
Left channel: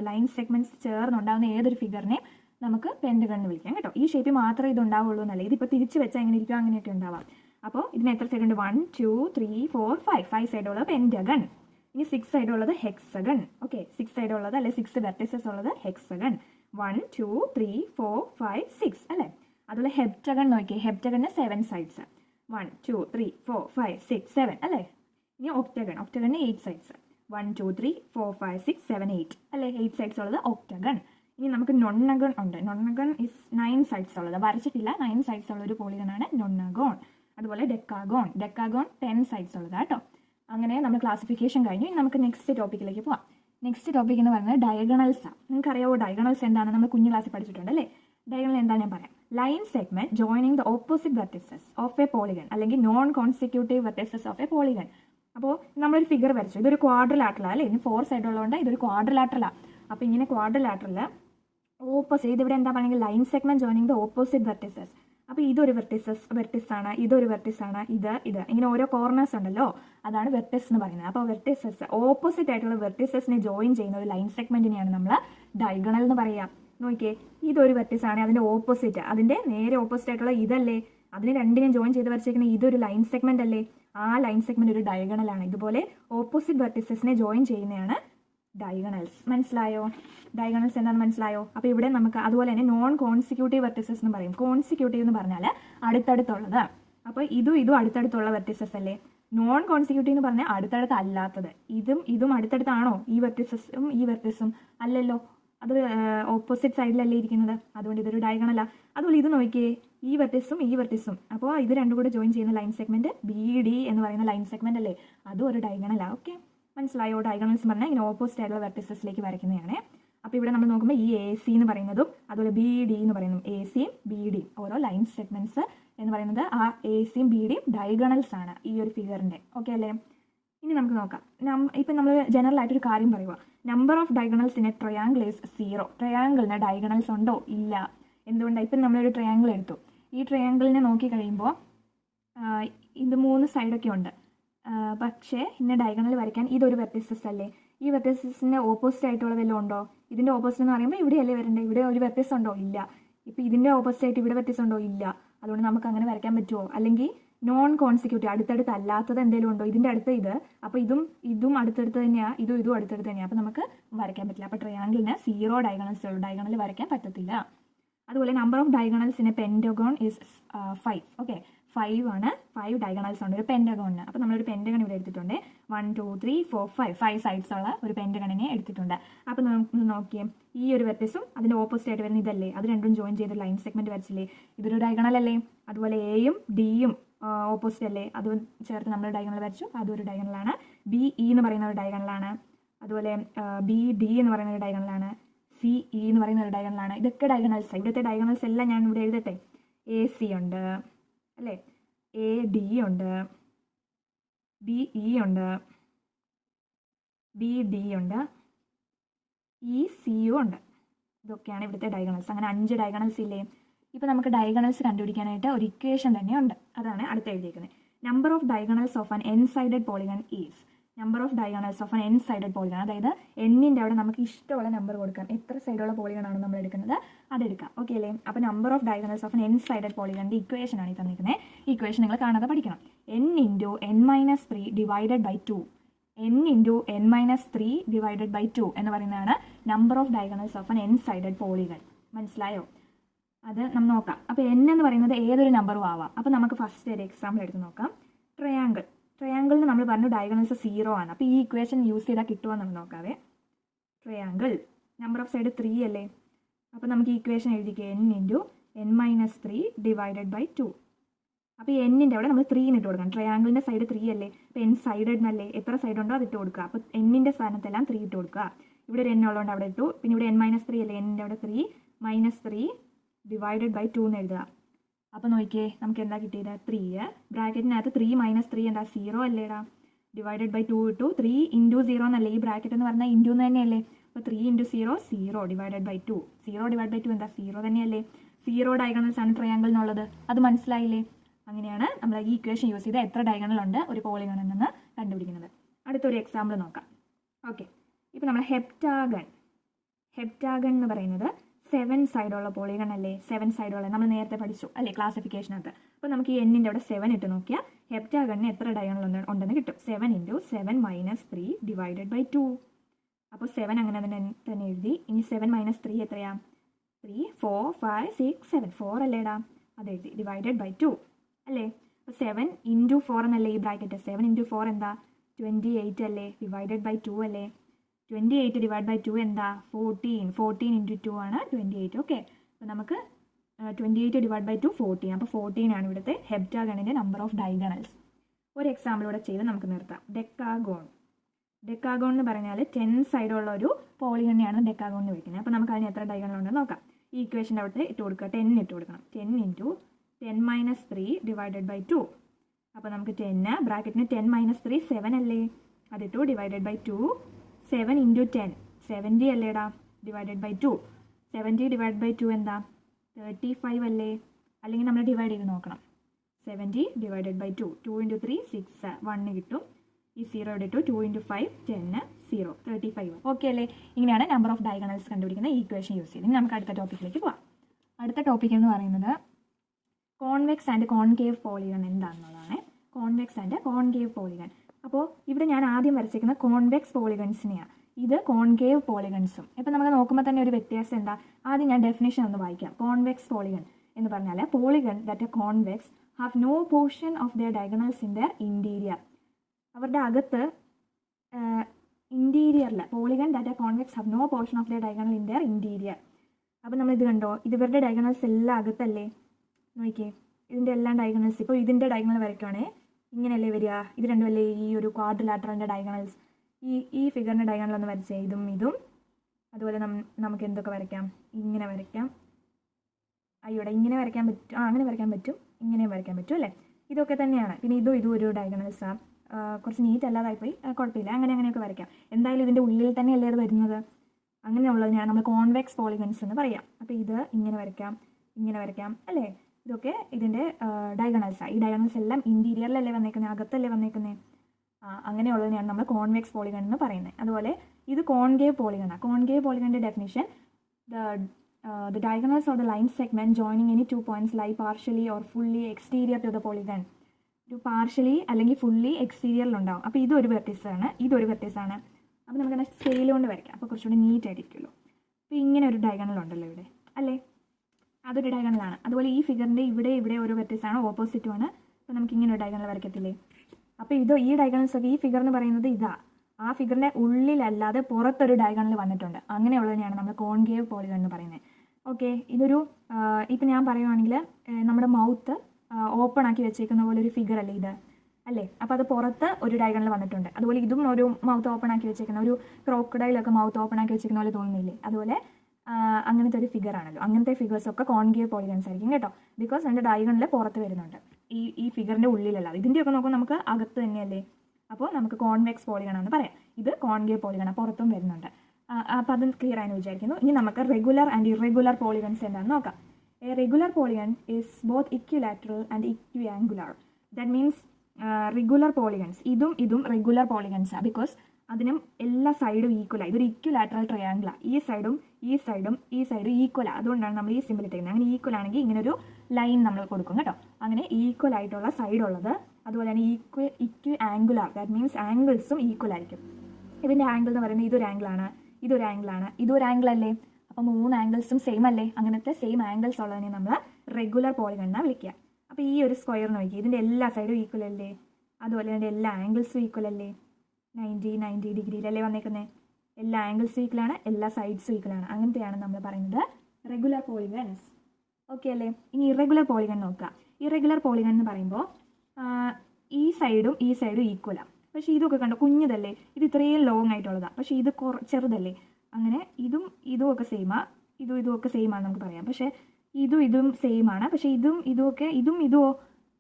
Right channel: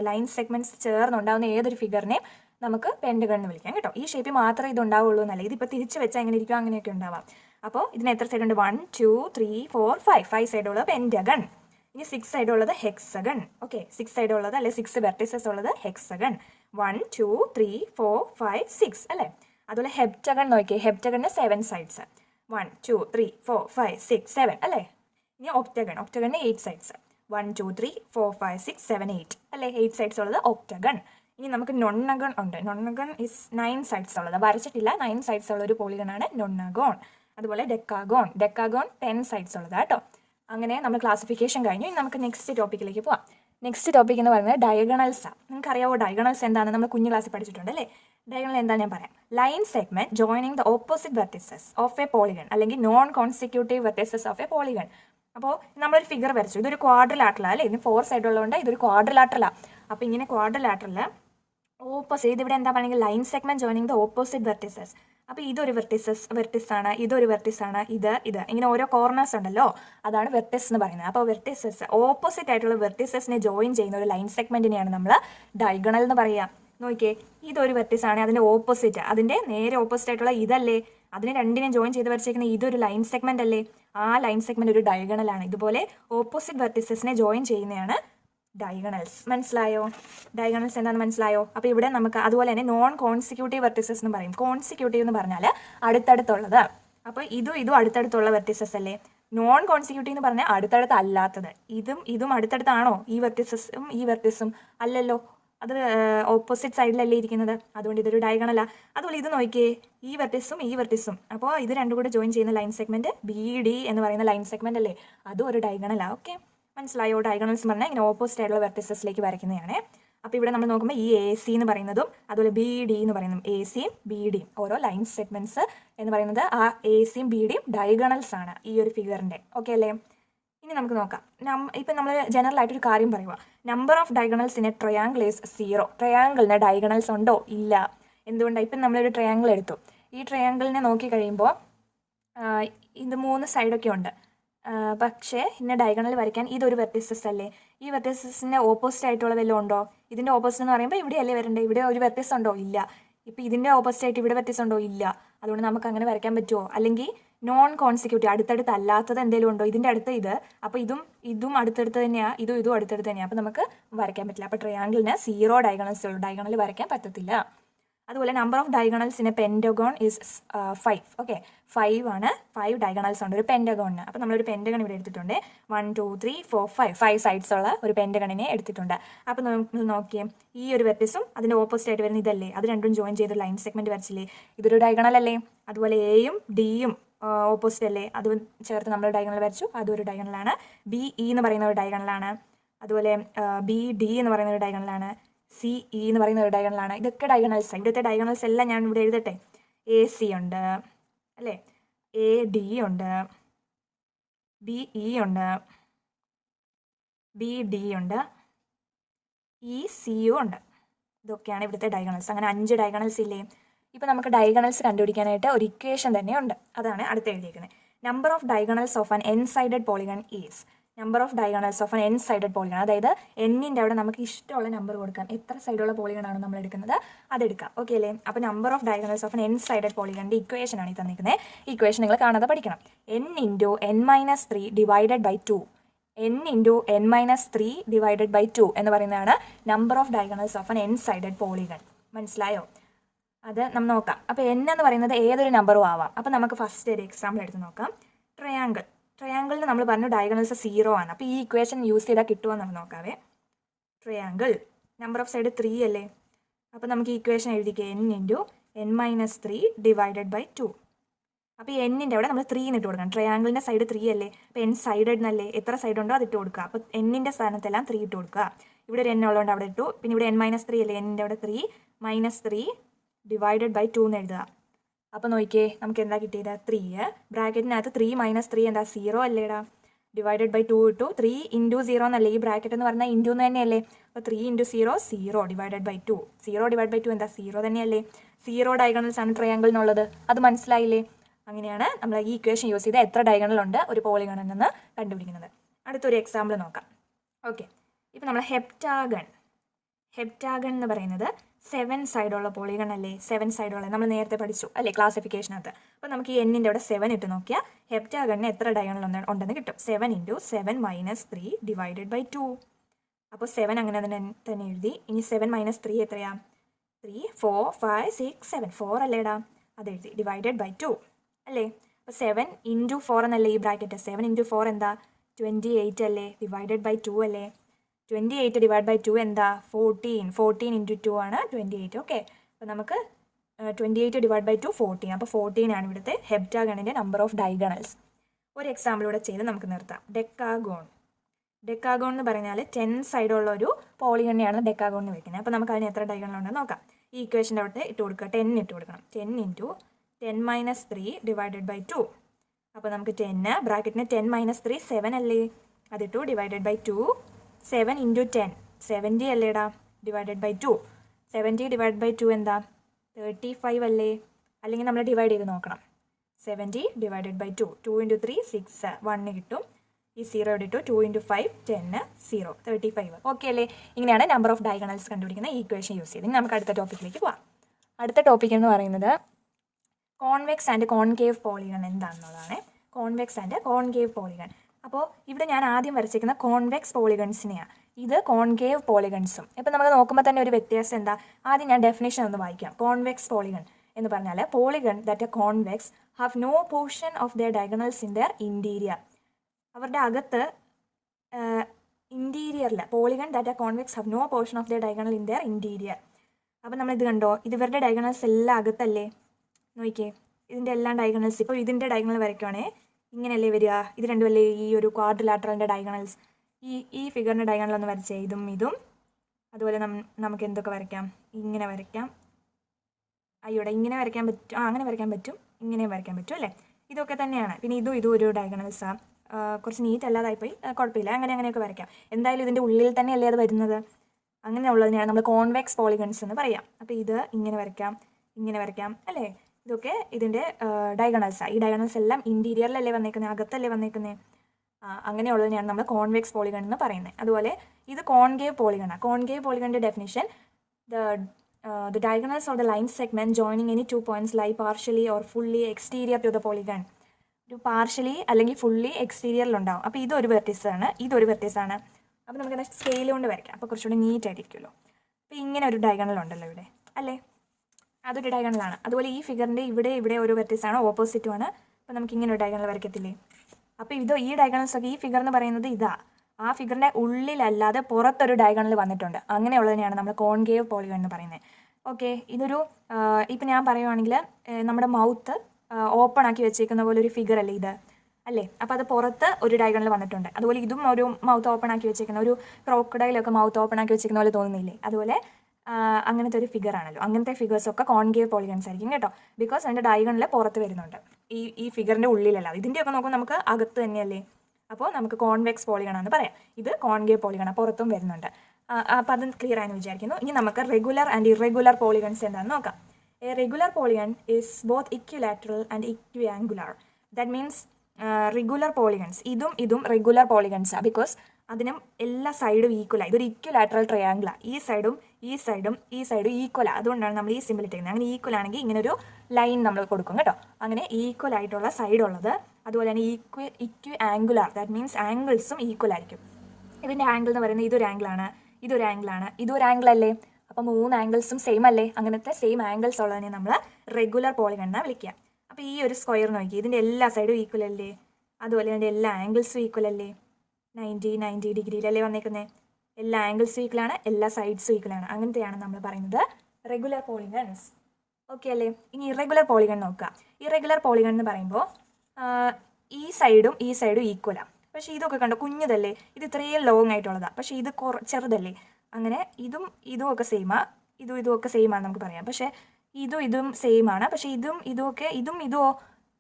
ലൈൻ സെഗ്മെന്റ്സ് ചേർന്നുണ്ടാവുന്ന ഏതൊരു ഫിഗറിനെയും നമുക്ക് പെൻഡഗൺ എന്ന് വിളിക്കാം കേട്ടോ. ഈ ഷേപ്പിൽ മാത്രമേ ഇത് ഉണ്ടാവുള്ളൂ എന്നല്ല. ഇതിപ്പോൾ തിരിച്ച് വെച്ചാൽ എങ്ങനെ ഇരിക്കും, അങ്ങനെയൊക്കെ ഉണ്ടാവാം. അപ്പോൾ ഇതിന് എത്ര സൈഡ് ഉണ്ട്? 1 2 3 4 5 സൈഡ് ഉള്ളത് പെൻഡഗൺ. ഇനി 6 സൈഡ് ഉള്ളത് ഹെക്സഗൺ. ഓക്കെ, 6 സൈഡ് ഉള്ളത് അല്ലെ 6 വെർട്ടിസസ് ഉള്ളത് ഹെക്സഗൺ. 1 2 3 4 5 6 അല്ലേ. അതുപോലെ ഹെപ്റ്റഗൺ നോക്കിയേ, ഹെപ്റ്റഗണിന് 7 സൈഡ്സ്. 1 2 3 4 5 6 7 അല്ലേ. ഇനി ഒക്ടഗണിന് 8 സൈഡ്സ്. 1 2 3 4 5 6 7 8 അല്ലേ. 8 സൈഡ്സ് ഉള്ളത് ഒക്ടഗൺ. ഇനി നമുക്ക് നൊണ്ണഗൺ ഉണ്ട്. നൊണ്ണഗൺ ഇസ് 9 സൈഡ്സ് ഉള്ളത്, വരച്ചിട്ടില്ല. 9 സൈഡ്സ് ഉള്ള ഒരു പോളിഗണാണ് നൊണ്ണഗോൺ. അതുപോലെ ഡെക്കാഗോൺ 10 സൈഡ്സ് ഉള്ളത് കേട്ടോ. അങ്ങനെ നമ്മൾ ക്ലാസിഫിക്കേഷൻ കഴിഞ്ഞു. ഇനി നമുക്ക് നെക്സ്റ്റ് ടോപ്പിക്കിലേക്ക് പോവാം. നെക്സ്റ്റ് ടോപ്പിക് എന്ന് പറയുന്നത് ഡയഗണൽസാണ്. നിങ്ങൾക്ക് അറിയാവോ ഡയഗണൽസ് എന്താണെന്ന്? നമ്മൾ കുഞ്ഞു ക്ലാസ്സിൽ പഠിച്ചിട്ടുണ്ട് അല്ലേ. ഡയഗണൽ എന്താണെന്ന് ഞാൻ പറയാം. Line segment joining the opposite vertices of a polygon അല്ലെങ്കിൽ non consecutive vertices of a polygon. അപ്പോൾ നമ്മളൊരു ഫിഗർ വരച്ചു. ഇതൊരു ക്വാഡ്രിലാറ്ററലാണ് അല്ലേ. ഇതിന് 4 സൈഡ് ഉള്ളതുകൊണ്ട് ഇതൊരു ക്വാഡ്രിലാറ്ററലാണ്. അപ്പോൾ ഇങ്ങനെ ക്വാഡ്രിലാറ്ററൽ ഓപ്പോസിറ്റ്, ഇതിവിടെ എന്താ പറയുക, line segment joining the opposite vertices. അപ്പോൾ ഇതൊരു വെർട്ടിസാണ്, ഇതൊരു വെർട്ടിസാണ്, ഇത് ഇങ്ങനെ ഓരോ കോർണേഴ്സ് ഉണ്ടല്ലോ, അതാണ് വെർട്ടിസ് എന്ന് പറയുന്നത്. അപ്പോൾ വെർട്ടിസസ് ഓപ്പോസിറ്റ് ആയിട്ടുള്ള വെർട്ടിസസിനെ ജോയിൻ ചെയ്യുന്ന ഒരു ലൈൻ സെഗ്മെന്റിനെയാണ് നമ്മൾ ഡയഗണൽ എന്ന് പറയുക. നോക്കിയേ, ഇതൊരു വെർട്ടിസാണ്, അതിൻ്റെ ഓപ്പോസിറ്റ്, അതിൻ്റെ നേരെ ഓപ്പോസിറ്റ് ആയിട്ടുള്ള ഇതല്ലേ, അതിനെ രണ്ടിനെയും ജോയിൻ ചെയ്ത് വരച്ചേക്കുന്ന ഇതൊരു ലൈൻ സെഗ്മെന്റ് അല്ലേ. ആ ലൈൻ സെഗ്മെന്റ് ഒരു ഡയഗണലാണ്. ഇതുപോലെ ഓപ്പോസിറ്റ് വെർട്ടിസസിനെ ജോയിൻ ചെയ്യുന്നതാണ് ഡയഗണൽസ്. മനസ്സിലായോ? ഡയഗണൽസ് എന്താണെന്ന് മനസ്സിലായോ? അപ്പോൾ ഇവിടെ നമുക്ക് അതുപോലെ തന്നെ നോൺ കോൺസിക്യൂട്ടീവ് വെർട്ടിസസ് എന്ന് പറയും. കോൺസിക്യൂട്ടീവ് എന്ന് പറഞ്ഞാൽ അടുത്തടുത്തുള്ളത്. അപ്പോൾ ഇതും അടുത്തടുത്തുള്ള വെർട്ടിസസ് അല്ലേ. നോൺ കോൺസിക്യൂട്ടീവ് എന്ന് പറഞ്ഞാൽ അടുത്തടുത്ത് അല്ലാത്തത്. ഇതും അടുത്തടുത്താണോ? ഈ വെർട്ടിസസും ഈ വെർട്ടിസും അല്ലല്ലോ, അത് ഓപ്പോസിറ്റ് സൈഡിലല്ലേ ഇരിക്കുന്നത്. അതുകൊണ്ട് ഇതൊരു ഡയഗണലാ. അതുപോലെ ഇത് നോക്കിയേ, ഈ വെർട്ടിസും. അപ്പോൾ ഇത് രണ്ടും കൂടെ ജോയിൻ ചെയ്യുന്ന ലൈൻ സെഗ്മെന്റ് BD എന്ന് പറയുന്ന ലൈൻ സെഗ്മെന്റ് അല്ലേ, അതും ഒരു ഡയഗണലാ. ഓക്കെ, മനസ്സിലായോ? ഡയഗണൽസ് പറഞ്ഞാൽ ഇങ്ങനെ ഓപ്പോസിറ്റ് ആയിട്ടുള്ള വെർട്ടിസസിലേക്ക് വരയ്ക്കുന്നതാണ്. അപ്പോൾ ഇവിടെ നമ്മൾ നോക്കുമ്പോൾ ഈ AC എന്ന് പറയുന്നതും അതുപോലെ BD എന്ന് പറയുന്നതും ACയും BDയും ഓരോ ലൈൻ സെഗ്മെന്റ്സ് എന്ന് പറയുന്നത് ആ ACയും BDയും ഡയഗണൽസ് ആണ് ഈ ഒരു ഫിഗറിൻ്റെ. ഓക്കെ അല്ലേ? ഇനി നമുക്ക് നോക്കാം. ഇപ്പം നമ്മൾ ജനറൽ ആയിട്ടൊരു കാര്യം പറയുക, number of diagonals in a triangle is 0. ട്രയാങ്കിളിന് ഡയഗണൽസ് ഉണ്ടോ? ഇല്ല. എന്തുകൊണ്ടാണ്? ഇപ്പം നമ്മളൊരു ട്രയാങ്കിൾ എടുത്തു. ഈ ട്രയാങ്കിളിനെ നോക്കി കഴിയുമ്പോൾ ഇത് 3 സൈഡൊക്കെ ഉണ്ട്. പക്ഷേ ഇതിൻ്റെ ഡയഗണൽ വരയ്ക്കാൻ ഇതൊരു വെർട്ടിസസ് അല്ലേ. ഈ വെർട്ടിസസിൻ്റെ ഓപ്പോസിറ്റ് ആയിട്ടുള്ള വല്ലതും ഉണ്ടോ? ഇതിൻ്റെ ഓപ്പോസിറ്റ് എന്ന് പറയുമ്പോൾ ഇവിടെയല്ലേ വരണ്ടേ. ഇവിടെ ഒരു വെർട്ടിസ് ഉണ്ടോ? ഇല്ല. ഇപ്പോൾ ഇതിൻ്റെ ഓപ്പോസിറ്റ് ആയിട്ട് ഇവിടെ വെർട്ടിസ് ഉണ്ടോ? ഇല്ല. അതുകൊണ്ട് നമുക്ക് അങ്ങനെ വരയ്ക്കാൻ പറ്റുമോ? അല്ലെങ്കിൽ നോൺ കോൺസിക്യൂട്ടീവ് അടുത്തടുത്ത് അല്ലാത്തത് എന്തെങ്കിലും ഉണ്ടോ? ഇതിൻ്റെ അടുത്ത് ഇത്, അപ്പോൾ ഇതും അടുത്തടുത്ത് തന്നെയാണ്, ഇതും അടുത്തടുത്ത് തന്നെയാണ്. അപ്പോൾ നമുക്ക് വരയ്ക്കാൻ പറ്റില്ല. അപ്പോൾ ട്രയാങ്കിളിന് 0 ഡയഗണൽസ് ഉള്ളൂ, ഡയഗണൽ വരയ്ക്കാൻ പറ്റത്തില്ല. അതുപോലെ number of diagonals in a pentagon is 5. Okay, 5 ആണ്. 5 ഡയഗണൽസ് ഉണ്ട് ഒരു പെൻറ്റഗോണിന്. അപ്പോൾ നമ്മളൊരു പെൻറ്റഗൺ ഇവിടെ എടുത്തിട്ടുണ്ട്. 1 2 3 4 5 സൈഡ്സ് ഉള്ള ഒരു പെൻറ്റഗണിനെ എടുത്തിട്ടുണ്ട്. അപ്പോൾ നമുക്ക് നോക്കിയേ, ഈ ഒരു വെർട്ടിസും അതിൻ്റെ ഓപ്പോസിറ്റ് ആയിട്ട് വരുന്ന ഇതല്ലേ, അത് രണ്ടും ജോയിൻ ചെയ്ത് ലൈൻ സെഗ്മെന്റ് വരച്ചില്ലേ, ഇതൊരു ഡയഗണൽ അല്ലേ. അതുപോലെ Aയും Dയും ഓപ്പോസിറ്റ് അല്ലേ, അതും ചേർത്ത് നമ്മൾ ഡയഗണൽ വരച്ചു, അതൊരു ഡയഗണലാണ്. BE എന്ന് പറയുന്ന ഒരു ഡയഗണലാണ്. അതുപോലെ BD എന്ന് പറയുന്ന ഒരു ഡയഗണലാണ്. CE എന്ന് പറയുന്ന ഒരു ഡയഗണലാണ്. ഇതൊക്കെ ഡയഗണൽസ്. ഇവിടുത്തെ ഡയഗണൽസ് എല്ലാം ഞാൻ ഇവിടെ എഴുതട്ടെ. AC ഉണ്ട് അല്ലേ, AD ഉണ്ട്, BE ഉണ്ട്, BD ഉണ്ട്, ECU ഉണ്ട്. ഇതൊക്കെയാണ് ഇവിടുത്തെ ഡയഗണൽസ്. അങ്ങനെ 5 ഡയഗണൽസ് ഇല്ലേ. ഇപ്പോൾ നമുക്ക് ഡയഗണൽസ് കണ്ടുപിടിക്കാനായിട്ട് ഒരു ഇക്വേഷൻ തന്നെ ഉണ്ട്. അതാണ് അടുത്ത് എഴുതിയിരിക്കുന്നത്. Number of diagonals of an n sided polygon is. Number of diagonals of an n sided polygon, അതായത് എന്നിൻ്റെ അവിടെ നമുക്ക് ഇഷ്ടമുള്ള നമ്പർ കൊടുക്കാം. എത്ര സൈഡുള്ള പോളിഗൺ ആണ് നമ്മൾ എടുക്കുന്നത് അതെടുക്കാം. ഓക്കെ അല്ലേ? അപ്പോൾ number of diagonals of n sided പോളിഗണിൻ്റെ ഇക്വേഷൻ ആണ് ഈ തന്നിരിക്കുന്നത്. ഈ ഇക്വേഷൻ നിങ്ങൾ കാണാതെ പഠിക്കണം. n × n-3 divided by 2. n × n-3 divided by 2 എന്ന് പറയുന്നതാണ് number of diagonals of an n sided polygon. മനസ്സിലായോ? അത് നമ്മൾ നോക്കാം. അപ്പോൾ n എന്ന് പറയുന്നത് ഏതൊരു നമ്പറും ആവാം. അപ്പോൾ നമുക്ക് ഫസ്റ്റ് ഒരു എക്സാമ്പിൾ എടുത്ത് നോക്കാം. ട്രയാങ്കിളിന് നമ്മൾ പറഞ്ഞു ഡയഗണൽസ് 0 ആണ്. അപ്പോൾ ഈ ഇക്വേഷൻ യൂസ് ചെയ്താൽ കിട്ടുമോ നമ്മൾ നോക്കാവേ. ട്രയാങ്കിൾ നമ്പർ ഓഫ് സൈഡ് 3 അല്ലേ. അപ്പോൾ നമുക്ക് ഈ ഇക്വേഷൻ എഴുതിക്കുക, n × n-3 ഡിവൈഡഡ് ബൈ 2. അപ്പോൾ ഈ എന്നിൻ്റെ അവിടെ നമ്മൾ 3 ഇട്ട് കൊടുക്കണം. ട്രയാങ്കിളിൻ്റെ സൈഡ് 3 അല്ലേ. അപ്പോൾ n സൈഡ് എന്നല്ലേ, എത്ര സൈഡ് ഉണ്ടോ അത് ഇട്ട് കൊടുക്കുക. അപ്പോൾ എന്നിൻ്റെ സ്ഥാനത്തെല്ലാം 3 ഇട്ട് കൊടുക്കുക. ഇവിടെ ഒരു n ഉള്ളതുകൊണ്ട് അവിടെ ഇട്ടു. പിന്നെ ഇവിടെ n-3 അല്ലേ, എന്നിൻ്റെ അവിടെ 3 -3 ഡിവൈഡഡ് ബൈ 2 എന്ന് എഴുതുക. അപ്പോൾ നോക്കിയേ, നമുക്ക് എന്താ കിട്ടിയത്? 3 ബ്രാക്കറ്റിനകത്ത് 3 - 3 എന്താ 0 അല്ലേടാ. ഡിവൈഡഡ് ബൈ 2 ഇട്ടു. 3 × 0 എന്നല്ലേ, ഈ ബ്രാക്കറ്റ് എന്ന് പറഞ്ഞാൽ ഇൻറ്റു എന്ന് തന്നെയല്ലേ. അപ്പോൾ 3 × 0 0 ഡിവൈഡഡ് ബൈ 2. 0 ഡിവൈഡ് ബൈ 2 എന്താ 0 തന്നെയല്ലേ. 0 ഡയഗണൽസ് ആണ് ട്രയാങ്കിളിനുള്ളത്. അത് മനസ്സിലായില്ലേ? അങ്ങനെയാണ് നമ്മൾ ഈ ഇക്വേഷൻ യൂസ് ചെയ്ത് എത്ര ഡയഗണലുണ്ട് ഒരു പോളിഗണിൽ നിന്ന് കണ്ടുപിടിക്കുന്നത്. അടുത്തൊരു എക്സാമ്പിൾ നോക്കാം. ഓക്കെ, ഇപ്പോൾ നമ്മൾ ഹെപ്റ്റാഗൺ എന്ന് പറയുന്നത് 7 സൈഡുള്ള പോളിഗൺ അല്ലേ. 7 സൈഡുള്ള നമ്മൾ നേരത്തെ പഠിച്ചു അല്ലേ ക്ലാസിഫിക്കേഷനകത്ത്. അപ്പോൾ നമുക്ക് ഈ എന്നിൻ്റെ അവിടെ 7 ഇട്ട് നോക്കിയാൽ ഹെപ്റ്റാഗണിന് എത്ര ഡയഗണൽ ഉണ്ടെന്ന് കിട്ടും. 7 × 7 - 3 ഡിവൈഡഡ് ബൈ 2. അപ്പോൾ 7 അങ്ങനെ തന്നെ എഴുതി. ഇനി 7 - 3 എത്രയാ? 3 4 5 6 7 4 അല്ലേടാ, അതെഴുതി. ഡിവൈഡഡ് ബൈ 2 അല്ലേ. അപ്പോൾ 7 × 4 എന്നല്ലേ ഈ ബ്രാക്കറ്റ്. 7 × 4 എന്താ 28 അല്ലേ. ഡിവൈഡഡ് ബൈ 2 അല്ലേ. 28 ഡിവൈഡ് ബൈ 2 എന്താ 14. 14 × 2 ആണ് 28. ഓക്കെ, അപ്പോൾ നമുക്ക് 28 ഡിവൈഡ് ബൈ 2 14. അപ്പോൾ 14 ആണ് ഇവിടുത്തെ ഹെപ്റ്റാഗണിൻ്റെ നമ്പർ ഓഫ് ഡയഗണൽസ്. ഒരു എക്സാമ്പിൾ കൂടെ ചെയ്ത് നമുക്ക് നിർത്താം. ഡെക്കാഗോൺ എന്ന് പറഞ്ഞാൽ 10 സൈഡുള്ള ഒരു പോളിഗണിനെയാണ് ഡെക്കാഗോൺ എന്ന് വിളിക്കുന്നത്. അപ്പോൾ നമുക്ക് അതിന് എത്ര ഡയഗണലുണ്ടെന്ന് നോക്കാം. ഈ ഇക്വേഷൻ്റെ അവിടുത്തെ ഇട്ട് കൊടുക്കുക. 10 ഇട്ട് കൊടുക്കണം. 10 × 10 - 3 ഡിവൈഡഡ് ബൈ 2. അപ്പോൾ നമുക്ക് 10 ബ്രാക്കറ്റിന് 10 - 3 7 അല്ലേ, അതിട്ടു. Divided by 2. 7 × 10 70 അല്ലേടാ. Divided by 2. 70 ഡിവൈഡ് ബൈ 2 എന്താ 35 അല്ലേ. അല്ലെങ്കിൽ നമ്മൾ ഡിവൈഡ് ചെയ്ത് നോക്കണം. 70 ഡിവൈഡഡ് ബൈ 2. 2 × 3 6 1 കിട്ടും. ഈ 0 ഇട്ടു. 2 × 5 10 0 35. ഓക്കെ അല്ലേ. ഇങ്ങനെയാണ് നമ്പർ ഓഫ് ഡയഗണൽസ് കണ്ടുപിടിക്കുന്ന ഈ ഇക്വേഷൻ യൂസ് ചെയ്ത്. ഇനി നമുക്ക് അടുത്ത ടോപ്പിക്കിലേക്ക് പോവാം. അടുത്ത ടോപ്പിക് എന്ന് പറയുന്നത് കോൺവെക്സ് ആൻഡ് കോൺകേവ് പോളിഗൺ എന്താണെന്നുള്ളതാണ്. Convex and concave polygon. അപ്പോൾ ഇവിടെ ഞാൻ ആദ്യം വരച്ചിരിക്കുന്ന കോൺവെക്സ് പോളിഗൺസിനെയാണ്. ഇത് കോൺകേവ് പോളിഗൺസും. ഇപ്പം നമുക്ക് നോക്കുമ്പോൾ തന്നെ ഒരു വ്യത്യാസം എന്താ? ആദ്യം ഞാൻ ഡെഫിനേഷൻ ഒന്ന് വായിക്കാം. കോൺവെക്സ് പോളിഗൺ എന്ന് പറഞ്ഞാൽ polygon that a convex have no portion of their diagonals in their interior. അവരുടെ അകത്ത് ഇൻറ്റീരിയറിൽ polygon that a convex have no portion of their diagonal in their interior. അപ്പം നമ്മളിത് കണ്ടോ, ഇവരുടെ ഡയഗണൽസ് എല്ലാം അകത്തല്ലേ? നോക്കിയേ, ഇതിൻ്റെ എല്ലാം ഡയഗണൽസ്. ഇപ്പോൾ ഇതിൻ്റെ ഡയഗണൽ വരയ്ക്കുവാണേ ഇങ്ങനെയല്ലേ വരിക? ഇത് രണ്ടുമല്ലേ ഈ ഒരു ക്വാഡ്രിലാറ്ററലിൻ്റെ ഡയഗണൽസ്. ഈ ഫിഗറിൻ്റെ ഡയഗണൽ ഒന്ന് വരച്ചേ, ഇതും. അതുപോലെ നമുക്ക് എന്തൊക്കെ വരയ്ക്കാം? ഇങ്ങനെ വരയ്ക്കാം. അയ്യോടെ ഇങ്ങനെ വരയ്ക്കാൻ പറ്റും. അങ്ങനെ വരയ്ക്കാൻ പറ്റും, ഇങ്ങനെയും വരയ്ക്കാൻ പറ്റും അല്ലേ? ഇതൊക്കെ തന്നെയാണ്. പിന്നെ ഇതും ഒരു ഡയഗണൽസാണ്. കുറച്ച് നീറ്റ് അല്ലാതായിപ്പോയി, കുഴപ്പമില്ല. അങ്ങനെയൊക്കെ വരയ്ക്കാം. എന്തായാലും ഇതിൻ്റെ ഉള്ളിൽ തന്നെയല്ലേ അത് വരുന്നത്. അങ്ങനെയുള്ളതിനെയാണ് നമ്മൾ കോൺവെക്സ് പോളിഗൺസ് എന്ന് പറയാം. അപ്പോൾ ഇത് ഇങ്ങനെ വരയ്ക്കാം അല്ലേ? ഇതൊക്കെ ഇതിൻ്റെ ഡയഗണൽസാണ്. ഈ ഡയഗണൽസ് എല്ലാം ഇൻറ്റീരിയറിലല്ലേ വന്നേക്കുന്നത്, അകത്തല്ലേ വന്നേക്കുന്നത്. അങ്ങനെയുള്ളതിനെയാണ് നമ്മൾ കോൺവെക്സ് പോളിഗൺ എന്ന് പറയുന്നത്. അതുപോലെ ഇത് കോൺകേവ് പോളിഗണാണ്. കോൺകേവ് പോളിഗണിൻ്റെ definition the diagonals of the line segment joining any 2 points lie partially or fully exterior to the polygon. ഒരു പാർഷ്യലി അല്ലെങ്കിൽ ഫുള്ളി എക്സ്റ്റീരിയറിലുണ്ടാവും. അപ്പോൾ ഇതൊരു വെർട്ടിസാണ്. അപ്പോൾ നമുക്ക് സ്കെയിൽ കൊണ്ട് വരയ്ക്കാം. അപ്പോൾ കുറച്ചുകൂടി നീറ്റ് ആയിട്ടിരിക്കുമല്ലോ. അപ്പോൾ ഇങ്ങനെ ഒരു ഡയഗണൽ ഉണ്ടല്ലോ ഇവിടെ അല്ലേ? അതൊരു ഡയഗണലാണ്. അതുപോലെ ഈ ഫിഗറിൻ്റെ ഇവിടെ ഒരു വെർട്ടിസാണ്, ഓപ്പോസിറ്റുമാണ്. അപ്പോൾ നമുക്ക് ഇങ്ങനെ ഒരു ഡയഗണൽ വരയ്ക്കത്തില്ലേ? അപ്പോൾ ഈ ഡയഗണൽസൊക്കെ ഈ ഫിഗർ എന്ന് പറയുന്നത് ഇതാ. ആ ഫിഗറിൻ്റെ ഉള്ളിലല്ലാതെ പുറത്തൊരു ഡയഗണൽ വന്നിട്ടുണ്ട്. അങ്ങനെയുള്ളതിനെയാണ് നമ്മൾ കോൺകേവ് പോളിഗൺ എന്ന് പറയുന്നത്. ഓക്കെ, ഇതൊരു ഇപ്പം ഞാൻ പറയുവാണെങ്കിൽ നമ്മുടെ മൗത്ത് ഓപ്പൺ ആക്കി വെച്ചേക്കുന്ന പോലെ ഒരു ഫിഗർ അല്ലേ ഇത് അല്ലേ? അപ്പോൾ അത് പുറത്ത് ഒരു ഡയഗണൽ വന്നിട്ടുണ്ട്. അതുപോലെ ഇതും ഒരു മൗത്ത് ഓപ്പൺ ആക്കി വെച്ചേക്കുന്ന, ഒരു ക്രോക്കഡൈലൊക്കെ മൗത്ത് ഓപ്പൺ ആക്കി വെച്ചേക്കുന്ന പോലെ തോന്നുന്നില്ലേ? അതുപോലെ അങ്ങനത്തെ ഒരു ഫിഗർ ആണല്ലോ. അങ്ങനത്തെ ഫിഗേഴ്സൊക്കെ കോൺകേവ് പോളിഗൺസ് ആയിരിക്കും കേട്ടോ. ബിക്കോസ് അതിൻ്റെ ഡയഗണൽ പുറത്ത് വരുന്നുണ്ട്, ഈ ഫിഗറിൻ്റെ ഉള്ളിലല്ല. ഇതിൻ്റെയൊക്കെ നോക്കുമ്പോൾ നമുക്ക് അകത്ത് തന്നെയല്ലേ? അപ്പോൾ നമുക്ക് കോൺവെക്സ് പോളിഗണാന്ന് പറയാം. ഇത് കോൺകേവ് പോളിഗണാണ്, പുറത്തും വരുന്നുണ്ട്. അപ്പോൾ അത് ക്ലിയർ ആയെന്ന് വിചാരിക്കുന്നു. ഇനി നമുക്ക് റെഗുലർ ആൻഡ് ഇറഗുലർ പോളിഗൺസ് എന്താണെന്ന് നോക്കാം. A regular polygon is both equilateral and equiangular. That means regular polygons ഇതും റെഗുലർ പോളിഗൺസാണ്. ബിക്കോസ് അതിനും എല്ലാ സൈഡും ഈക്വലാണ്. ഇതൊരു ഇക്വിലാറ്ററൽ ട്രയാങ്കിളാണ്. ഈ സൈഡും ഈക്വലാണ്. അതുകൊണ്ടാണ് നമ്മൾ ഈ സിമ്പിൾ ഇട്ടിരിക്കുന്നത്. അങ്ങനെ ഈക്വൽ ആണെങ്കിൽ ഇങ്ങനെ ഒരു ലൈൻ നമ്മൾ കൊടുക്കും കേട്ടോ. അങ്ങനെ ഈക്വൽ ആയിട്ടുള്ള സൈഡ് ഉള്ളത്. അതുപോലെ തന്നെ ഇക്വി ആംഗുലാർ, ദാറ്റ് മീൻസ് ആംഗിൾസും ഈക്വൽ ആയിരിക്കും. ഇതിൻ്റെ ആംഗിൾ എന്ന് പറയുന്നത് ഇതൊരു ആംഗിൾ അല്ലേ? അപ്പോൾ 3 ആംഗിൾസും സെയിം അല്ലേ? അങ്ങനത്തെ സെയിം ആംഗിൾസ് ഉള്ളതിനെ നമ്മൾ റെഗുലർ പോളിഗൺ എന്നാണ് വിളിക്കുക. അപ്പോൾ ഈ ഒരു സ്ക്വയർ നോക്കി, ഇതിൻ്റെ എല്ലാ സൈഡും ഈക്വൽ അല്ലേ? അതുപോലെ ഇതിൻ്റെ എല്ലാ ആംഗിൾസും ഈക്വൽ അല്ലേ? 90 ഡിഗ്രിയിലല്ലേ വന്നേക്കുന്നത്? എല്ലാ ആംഗിൾസും ഈക്വലാണ്, എല്ലാ സൈഡ്സും ഈക്വലാണ്. അങ്ങനത്തെയാണ് നമ്മൾ പറയുന്നത് റെഗുലർ പോളിഗൺസ്. ഓക്കെ അല്ലേ? ഇനി ഇറഗുലർ പോളിഗൺ നോക്കുക. ഇറഗുലർ പോളിഗൺ എന്ന് പറയുമ്പോൾ ഈ സൈഡും ഈക്വലാണ്. പക്ഷേ ഇതൊക്കെ കണ്ടോ, കുഞ്ഞതല്ലേ? ഇത് ഇത്രയും ലോങ് ആയിട്ടുള്ളതാണ്. പക്ഷേ ഇത് ചെറുതല്ലേ? അങ്ങനെ ഇതും ഒക്കെ സെയിമാണ്, ഇതും ഒക്കെ സെയിമാണെന്ന് നമുക്ക് പറയാം. പക്ഷേ ഇതും സെയിമാണ്. പക്ഷേ ഇതും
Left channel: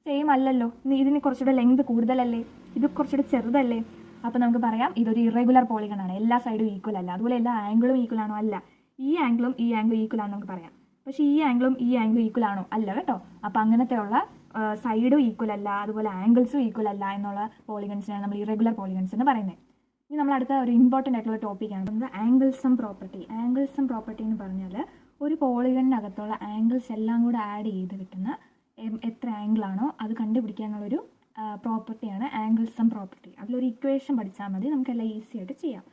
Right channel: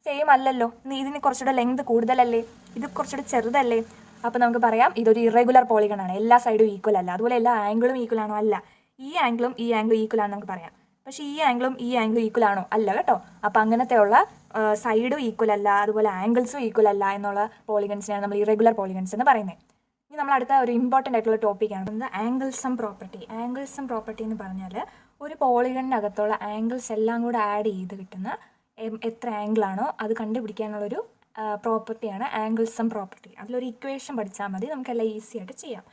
സെയിം അല്ലല്ലോ. ഇതിന് കുറച്ചുകൂടെ ലെങ്ത് കൂടുതലല്ലേ? ഇത് കുറച്ചുകൂടെ ചെറുതല്ലേ? അപ്പോൾ നമുക്ക് പറയാം ഇതൊരു ഇറഗുലർ പോളിഗൺ ആണ്. എല്ലാ സൈഡും ഈക്വൽ അല്ല. അതുപോലെ എല്ലാ ആംഗിളും ഈക്വൽ ആണോ? അല്ല. ഈ ആംഗിളും ഈക്വൽ ആണെന്ന് നമുക്ക് പറയാം. പക്ഷേ ഈ ആംഗിളും ഈക്വൽ ആണോ? അല്ല കേട്ടോ. അപ്പോൾ അങ്ങനത്തെയുള്ള സൈഡും ഈക്വൽ അല്ല, അതുപോലെ ആംഗിൾസും ഈക്വൽ അല്ല എന്നുള്ള പോളിഗൺസിനെയാണ് നമ്മൾ ഇറഗുലർ പോളിഗൺസ് എന്ന് പറയുന്നത്. ഇനി നമ്മൾ അടുത്ത ഒരു ഇമ്പോർട്ടൻ്റ് ആയിട്ടുള്ള ടോപ്പിക്കാണ് ആംഗിൾസം പ്രോപ്പർട്ടി. ആംഗിൾസം പ്രോപ്പർട്ടി എന്ന് പറഞ്ഞാൽ ഒരു പോളിഗണിനകത്തുള്ള ആംഗിൾസ് എല്ലാം കൂടെ ആഡ് ചെയ്ത് കിട്ടുന്ന എത്ര ആംഗിളാണോ അത് കണ്ടുപിടിക്കാനുള്ളൊരു പ്രോപ്പർട്ടിയാണ് ആംഗിൾസം പ്രോപ്പർട്ടി. അതിലൊരു ഇക്വേഷൻ പഠിച്ചാൽ മതി, നമുക്കെല്ലാം ഈസി ആയിട്ട് ചെയ്യാം.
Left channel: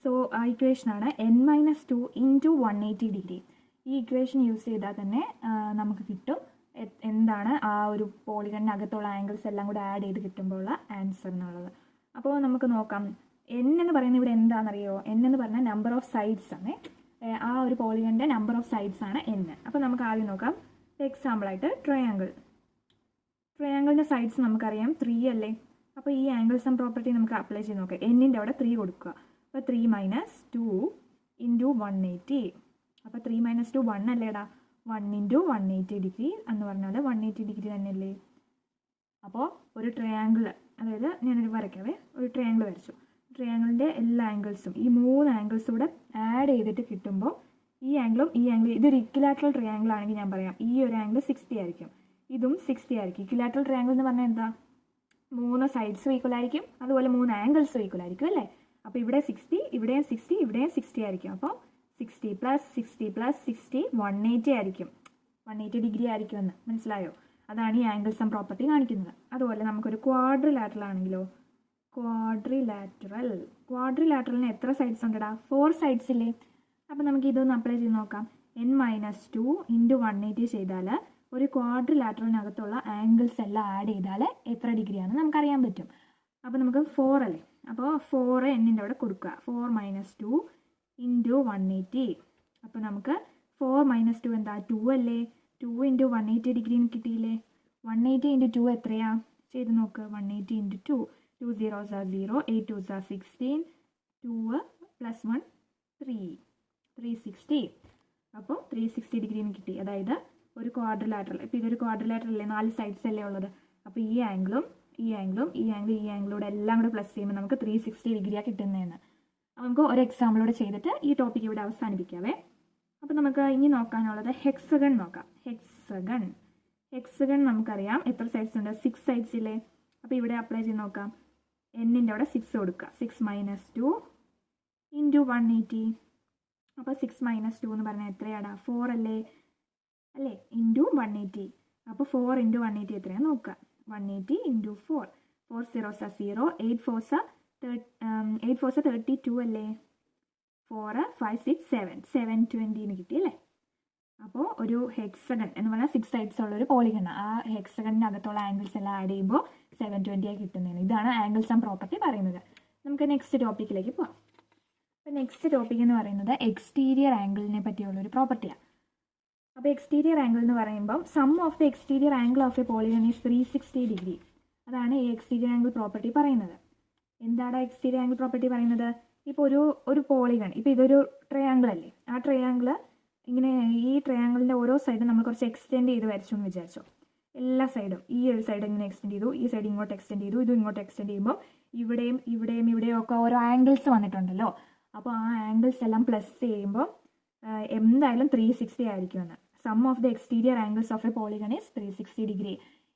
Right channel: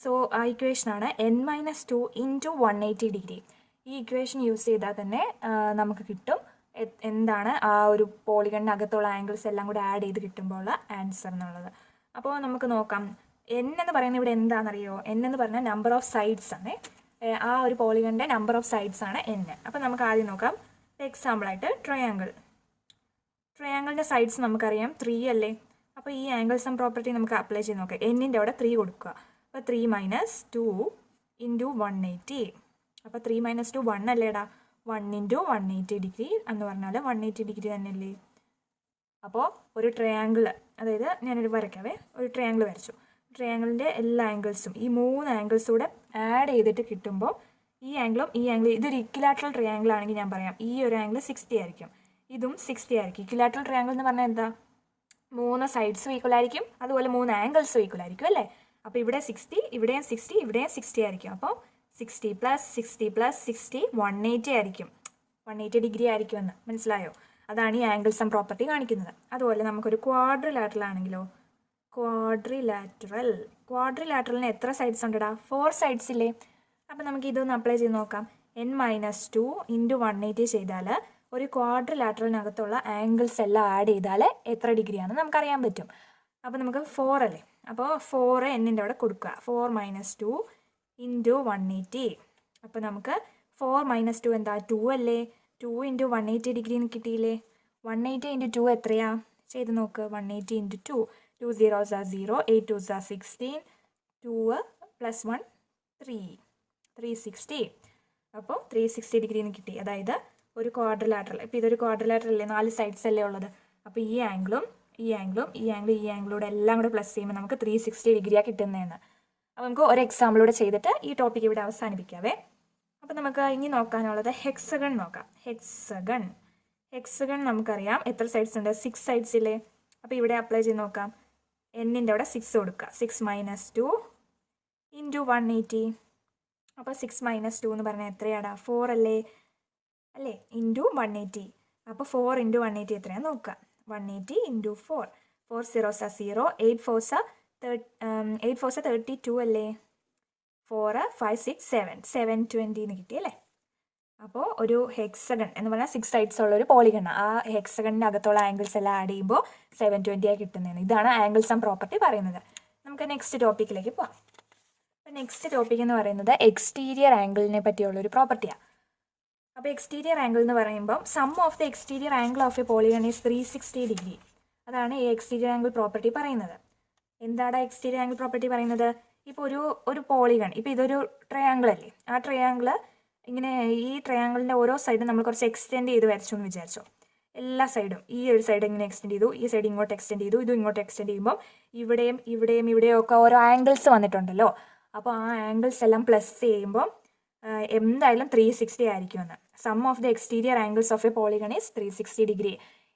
സോ ആ ഇക്വേഷനാണ് n-2 × 180 ഡിഗ്രി. ഈ ഇക്വേഷൻ യൂസ് ചെയ്താൽ തന്നെ നമുക്ക് കിട്ടും എന്താണ് ആ ഒരു പോളിഗണിനകത്തുള്ള ആംഗിൾസ് എല്ലാം കൂടെ ആഡ് ചെയ്ത് കിട്ടുമ്പോൾ ആൻസർ എന്നുള്ളത്. അപ്പോൾ നമുക്ക് നോക്കാം. n എന്ന് പറയുന്നത് ഇവിടെ എന്താണെന്നറിയോ? n എന്ന് പറഞ്ഞാൽ നമ്പർ ഓഫ് സൈഡ്സ് ആണ്. ആ ഒരു പോളിഗണിൻ്റെ നമ്പർ ഓഫ് സൈഡ്സ് ആണ് n. അപ്പോൾ നമുക്ക് ആദ്യം നോക്കാം. എക്സാമ്പിളായിട്ട് ട്രയാങ്കിളിൻ്റെ സൈഡ്സ് നമുക്കറിയാം 3 അല്ലേ? അപ്പോൾ ഈ ആംഗിൾസം പ്രോപ്പർട്ടി നമുക്ക് അപ്ലൈ ചെയ്ത് നോക്കാം. എന്നിൻ്റെ അവിടെ 3 കൊടുക്കുക. അപ്പോൾ 3 - 2 × 180. അപ്പോൾ 3 - 2 1 അല്ലേടാ? 1 × 180 ഡിഗ്രി എന്ന് പറഞ്ഞാൽ 180 ഡിഗ്രി തന്നെയല്ലേ? അപ്പോൾ ഒരു ട്രയാങ്കിൾ, അതായത് ഞാനൊരു വരയ്ക്കാവേ, ഒരു ട്രയാങ്കിൾ വരച്ചു. ട്രയാങ്കിളിൻ്റെ എല്ലാ ആംഗിൾസും ഈ 3 ആംഗിൾസും കൂടെ ആഡ് ചെയ്തിട്ട് കിട്ടുമ്പോൾ ഈ ആംഗിളും ഇതൊരു ഇക്വിലാറ്ററൽ ട്രയാങ്കിൾ ആണെങ്കിൽ ഞാൻ പറയാം ഈ ഒരു ആംഗിൾ 60 ആയിരിക്കും, ഇതും 60 ആയിരിക്കും. ഇക്വിലാറ്ററൽ ട്രയാങ്കിൾ എന്ന് പറഞ്ഞാൽ എന്താ? 3 സൈഡ്സും ഈക്വൽ ആയിരിക്കും, അതുപോലെ 3 ആംഗിൾസും ഈക്വൽ ആയിരിക്കും അല്ലേ? അപ്പോൾ ഇവിടെ 60, ഇവിടെയും 60, ഇവിടെയും 60 ആയിരിക്കും. അപ്പോൾ 60 + 60 + 60 180 ആയിരിക്കും. 180 ഡിഗ്രി ആയിരിക്കുമെന്ന് മനസ്സിലായോ? അതാണ് ഈ ആംഗിൾസം പ്രോപ്പർട്ടി കാണിക്കുന്നത്. അതുപോലെ നമുക്കൊരു ക്വാഡ്രിലാറ്ററൽ ആണെങ്കിലോ, ക്വാഡ്രിലാറ്ററലിന് എത്ര സൈഡ്സ് ഉണ്ടടാ? 4 സൈഡ്സ് ഇല്ലേ? അപ്പോൾ നമുക്ക് ഇതൊന്ന് അപ്ലൈ ചെയ്ത് നോക്കാം. n-2 × 180 ചെയ്താൽ ഒരു ക്വാഡ്രിലാറ്ററലിനകത്തുള്ള ആംഗിൾസ് എല്ലാം ആഡ് ചെയ്താൽ എത്ര ഡിഗ്രിയാണെന്ന് നമുക്കറിയാൻ പറ്റും. അപ്പോൾ നമുക്ക് 4 അല്ലേ, അപ്പോൾ 4 എന്നിൻ്റെ അവിടെ കൊടുക്കുക. 4 - 2 × 180. അപ്പോൾ നമുക്ക് 4 - 2 എന്താ? 2 അല്ലേ? 2 × 180 ഡിഗ്രി എന്ന് കിട്ടിയില്ലേ? 180 × 2 എത്രയാ? ചെയ്ത് നോക്ക്. 180 × 2, 2 zeros are 0, 8 2s are 16, 2 + 1 3, 360. അപ്പോൾ 360 ഡിഗ്രി എന്ന് കിട്ടി. അതായത് ഒരു ക്വാഡ്രിലാറ്ററൽ, ഇപ്പോൾ ഇതൊരു ക്വാഡ്രിലാറ്ററൽ അല്ലേ, 4 സൈഡ്സ് അല്ലേ ഉള്ളത്. അപ്പോൾ ഈ ആംഗിളും ഈ ആംഗിളൂടെ എല്ലാം കൂടെ പ്ലസ് ചെയ്യുമ്പോൾ നമുക്ക് 360 ഡിഗ്രിയാണ് കിട്ടുന്നതെന്ന്. അപ്പോൾ നമുക്ക് ഒരു എക്സാമ്പിളൂടെ ചെയ്തിട്ട് ഈ ടോപ്പിക് ഇവിടെ അവസാനിപ്പിക്കാവേ. അപ്പോൾ നമുക്ക് ഇനി നോക്കാനുള്ളത് ഹെക്സഗൺ നോക്കാം. ഹെക്സഗൺ നമുക്കറിയാം എത്ര സൈഡ്സ് ഉണ്ട്? 6 സൈഡ്സ് ഇല്ലേ? അപ്പോൾ ഇവിടെ അപ്ലൈ ചെയ്ത് നോക്കാം. എന്നിൻ്റെ അവിടെ 6 കൊടുക്കുക. 6 - 2 × 180. അപ്പോൾ 6 - 2 എന്ന് പറഞ്ഞാൽ എത്രയാടാ? 4 അല്ലേ? × 180. അപ്പോൾ 4 × 180 എത്രയാണെന്ന് നോക്കുക. 180 × 4, 4 zeros are 0, 8 4s are 32 അല്ലേ? 4 5 6 7, 720 എന്ന് കിട്ടി അല്ലേ? അപ്പോൾ ഒരു ഹെക്സഗൺ എന്ന് പറഞ്ഞാൽ 6 സൈഡ്സ് ഉള്ള ഒരു പോളിഗൺ. ആ ഹെക്സഗണിൻ്റെ അകത്തുള്ള ആംഗിൾസ് എല്ലാം ആഡ് ചെയ്യുമ്പോൾ 720 ആയി കിട്ടുന്നതാണ്. ഇതാണ് ആംഗിൾസ് ആൻഡ് പ്രോപ്പർട്ടി പറയുന്നത്. നമുക്ക് നെക്സ്റ്റ് ടോപ്പിക്കിലേക്ക് പോകാം. നെക്സ്റ്റ് ടോപ്പിക് എന്ന് പറയുന്നത് എക്സ്റ്റീരിയർ ആംഗിളിനെ പറ്റിയുള്ളൊരു പ്രോപ്പർട്ടിയാണ്. അപ്പോൾ എക്സ്റ്റീരിയർ ആംഗിൾ എന്ന് പറയുമ്പോൾ sum of the exterior angle of a polygon is 360 degree. അതാണ് ഈ എക്സ്റ്റീരിയർ ആംഗിൾ പ്രോപ്പർട്ടി പറയുന്നത്. എന്താണ് എക്സ്റ്റീരിയർ ആംഗിൾ പ്രോപ്പർട്ടി പറയുന്നത്? ഇപ്പോൾ ഒരു പോളിഗൺ, ഇപ്പോൾ ഇതൊരു ട്രയാങ്കിൾ അല്ലേ, ആ ട്രയാങ്കിൾ ഇങ്ങനെ ഈ ട്രയാങ്കിളിൻ്റെ ഓരോ സൈഡും നമ്മൾ കുറച്ച് എക്സ്റ്റെൻഡ് ചെയ്ത് വരച്ചു എന്ന് വിചാരിച്ചോ. എല്ലാ സൈഡും ഈ ഒരു സൈഡ് ഇങ്ങനെ എക്സ്റ്റെൻഡ് ചെയ്തു, ഈ സൈഡ് ഇങ്ങോട്ട് എക്സ്റ്റെൻഡ് ചെയ്തു, ഇതും ഇങ്ങോട്ട് എക്സ്റ്റെൻഡ് ചെയ്യുമ്പോൾ ഇവിടെയും ഒക്കെ ഓരോ ആംഗിൾസ് വന്നിട്ടുണ്ടല്ലോ. അപ്പോൾ ആ ആംഗിൾസ് എല്ലാം പ്ലസ് ചെയ്യുമ്പോൾ എന്തായാലും 360 ആയിരിക്കുമെന്ന്. Sum of the exterior angles of a polygon is 360 degree.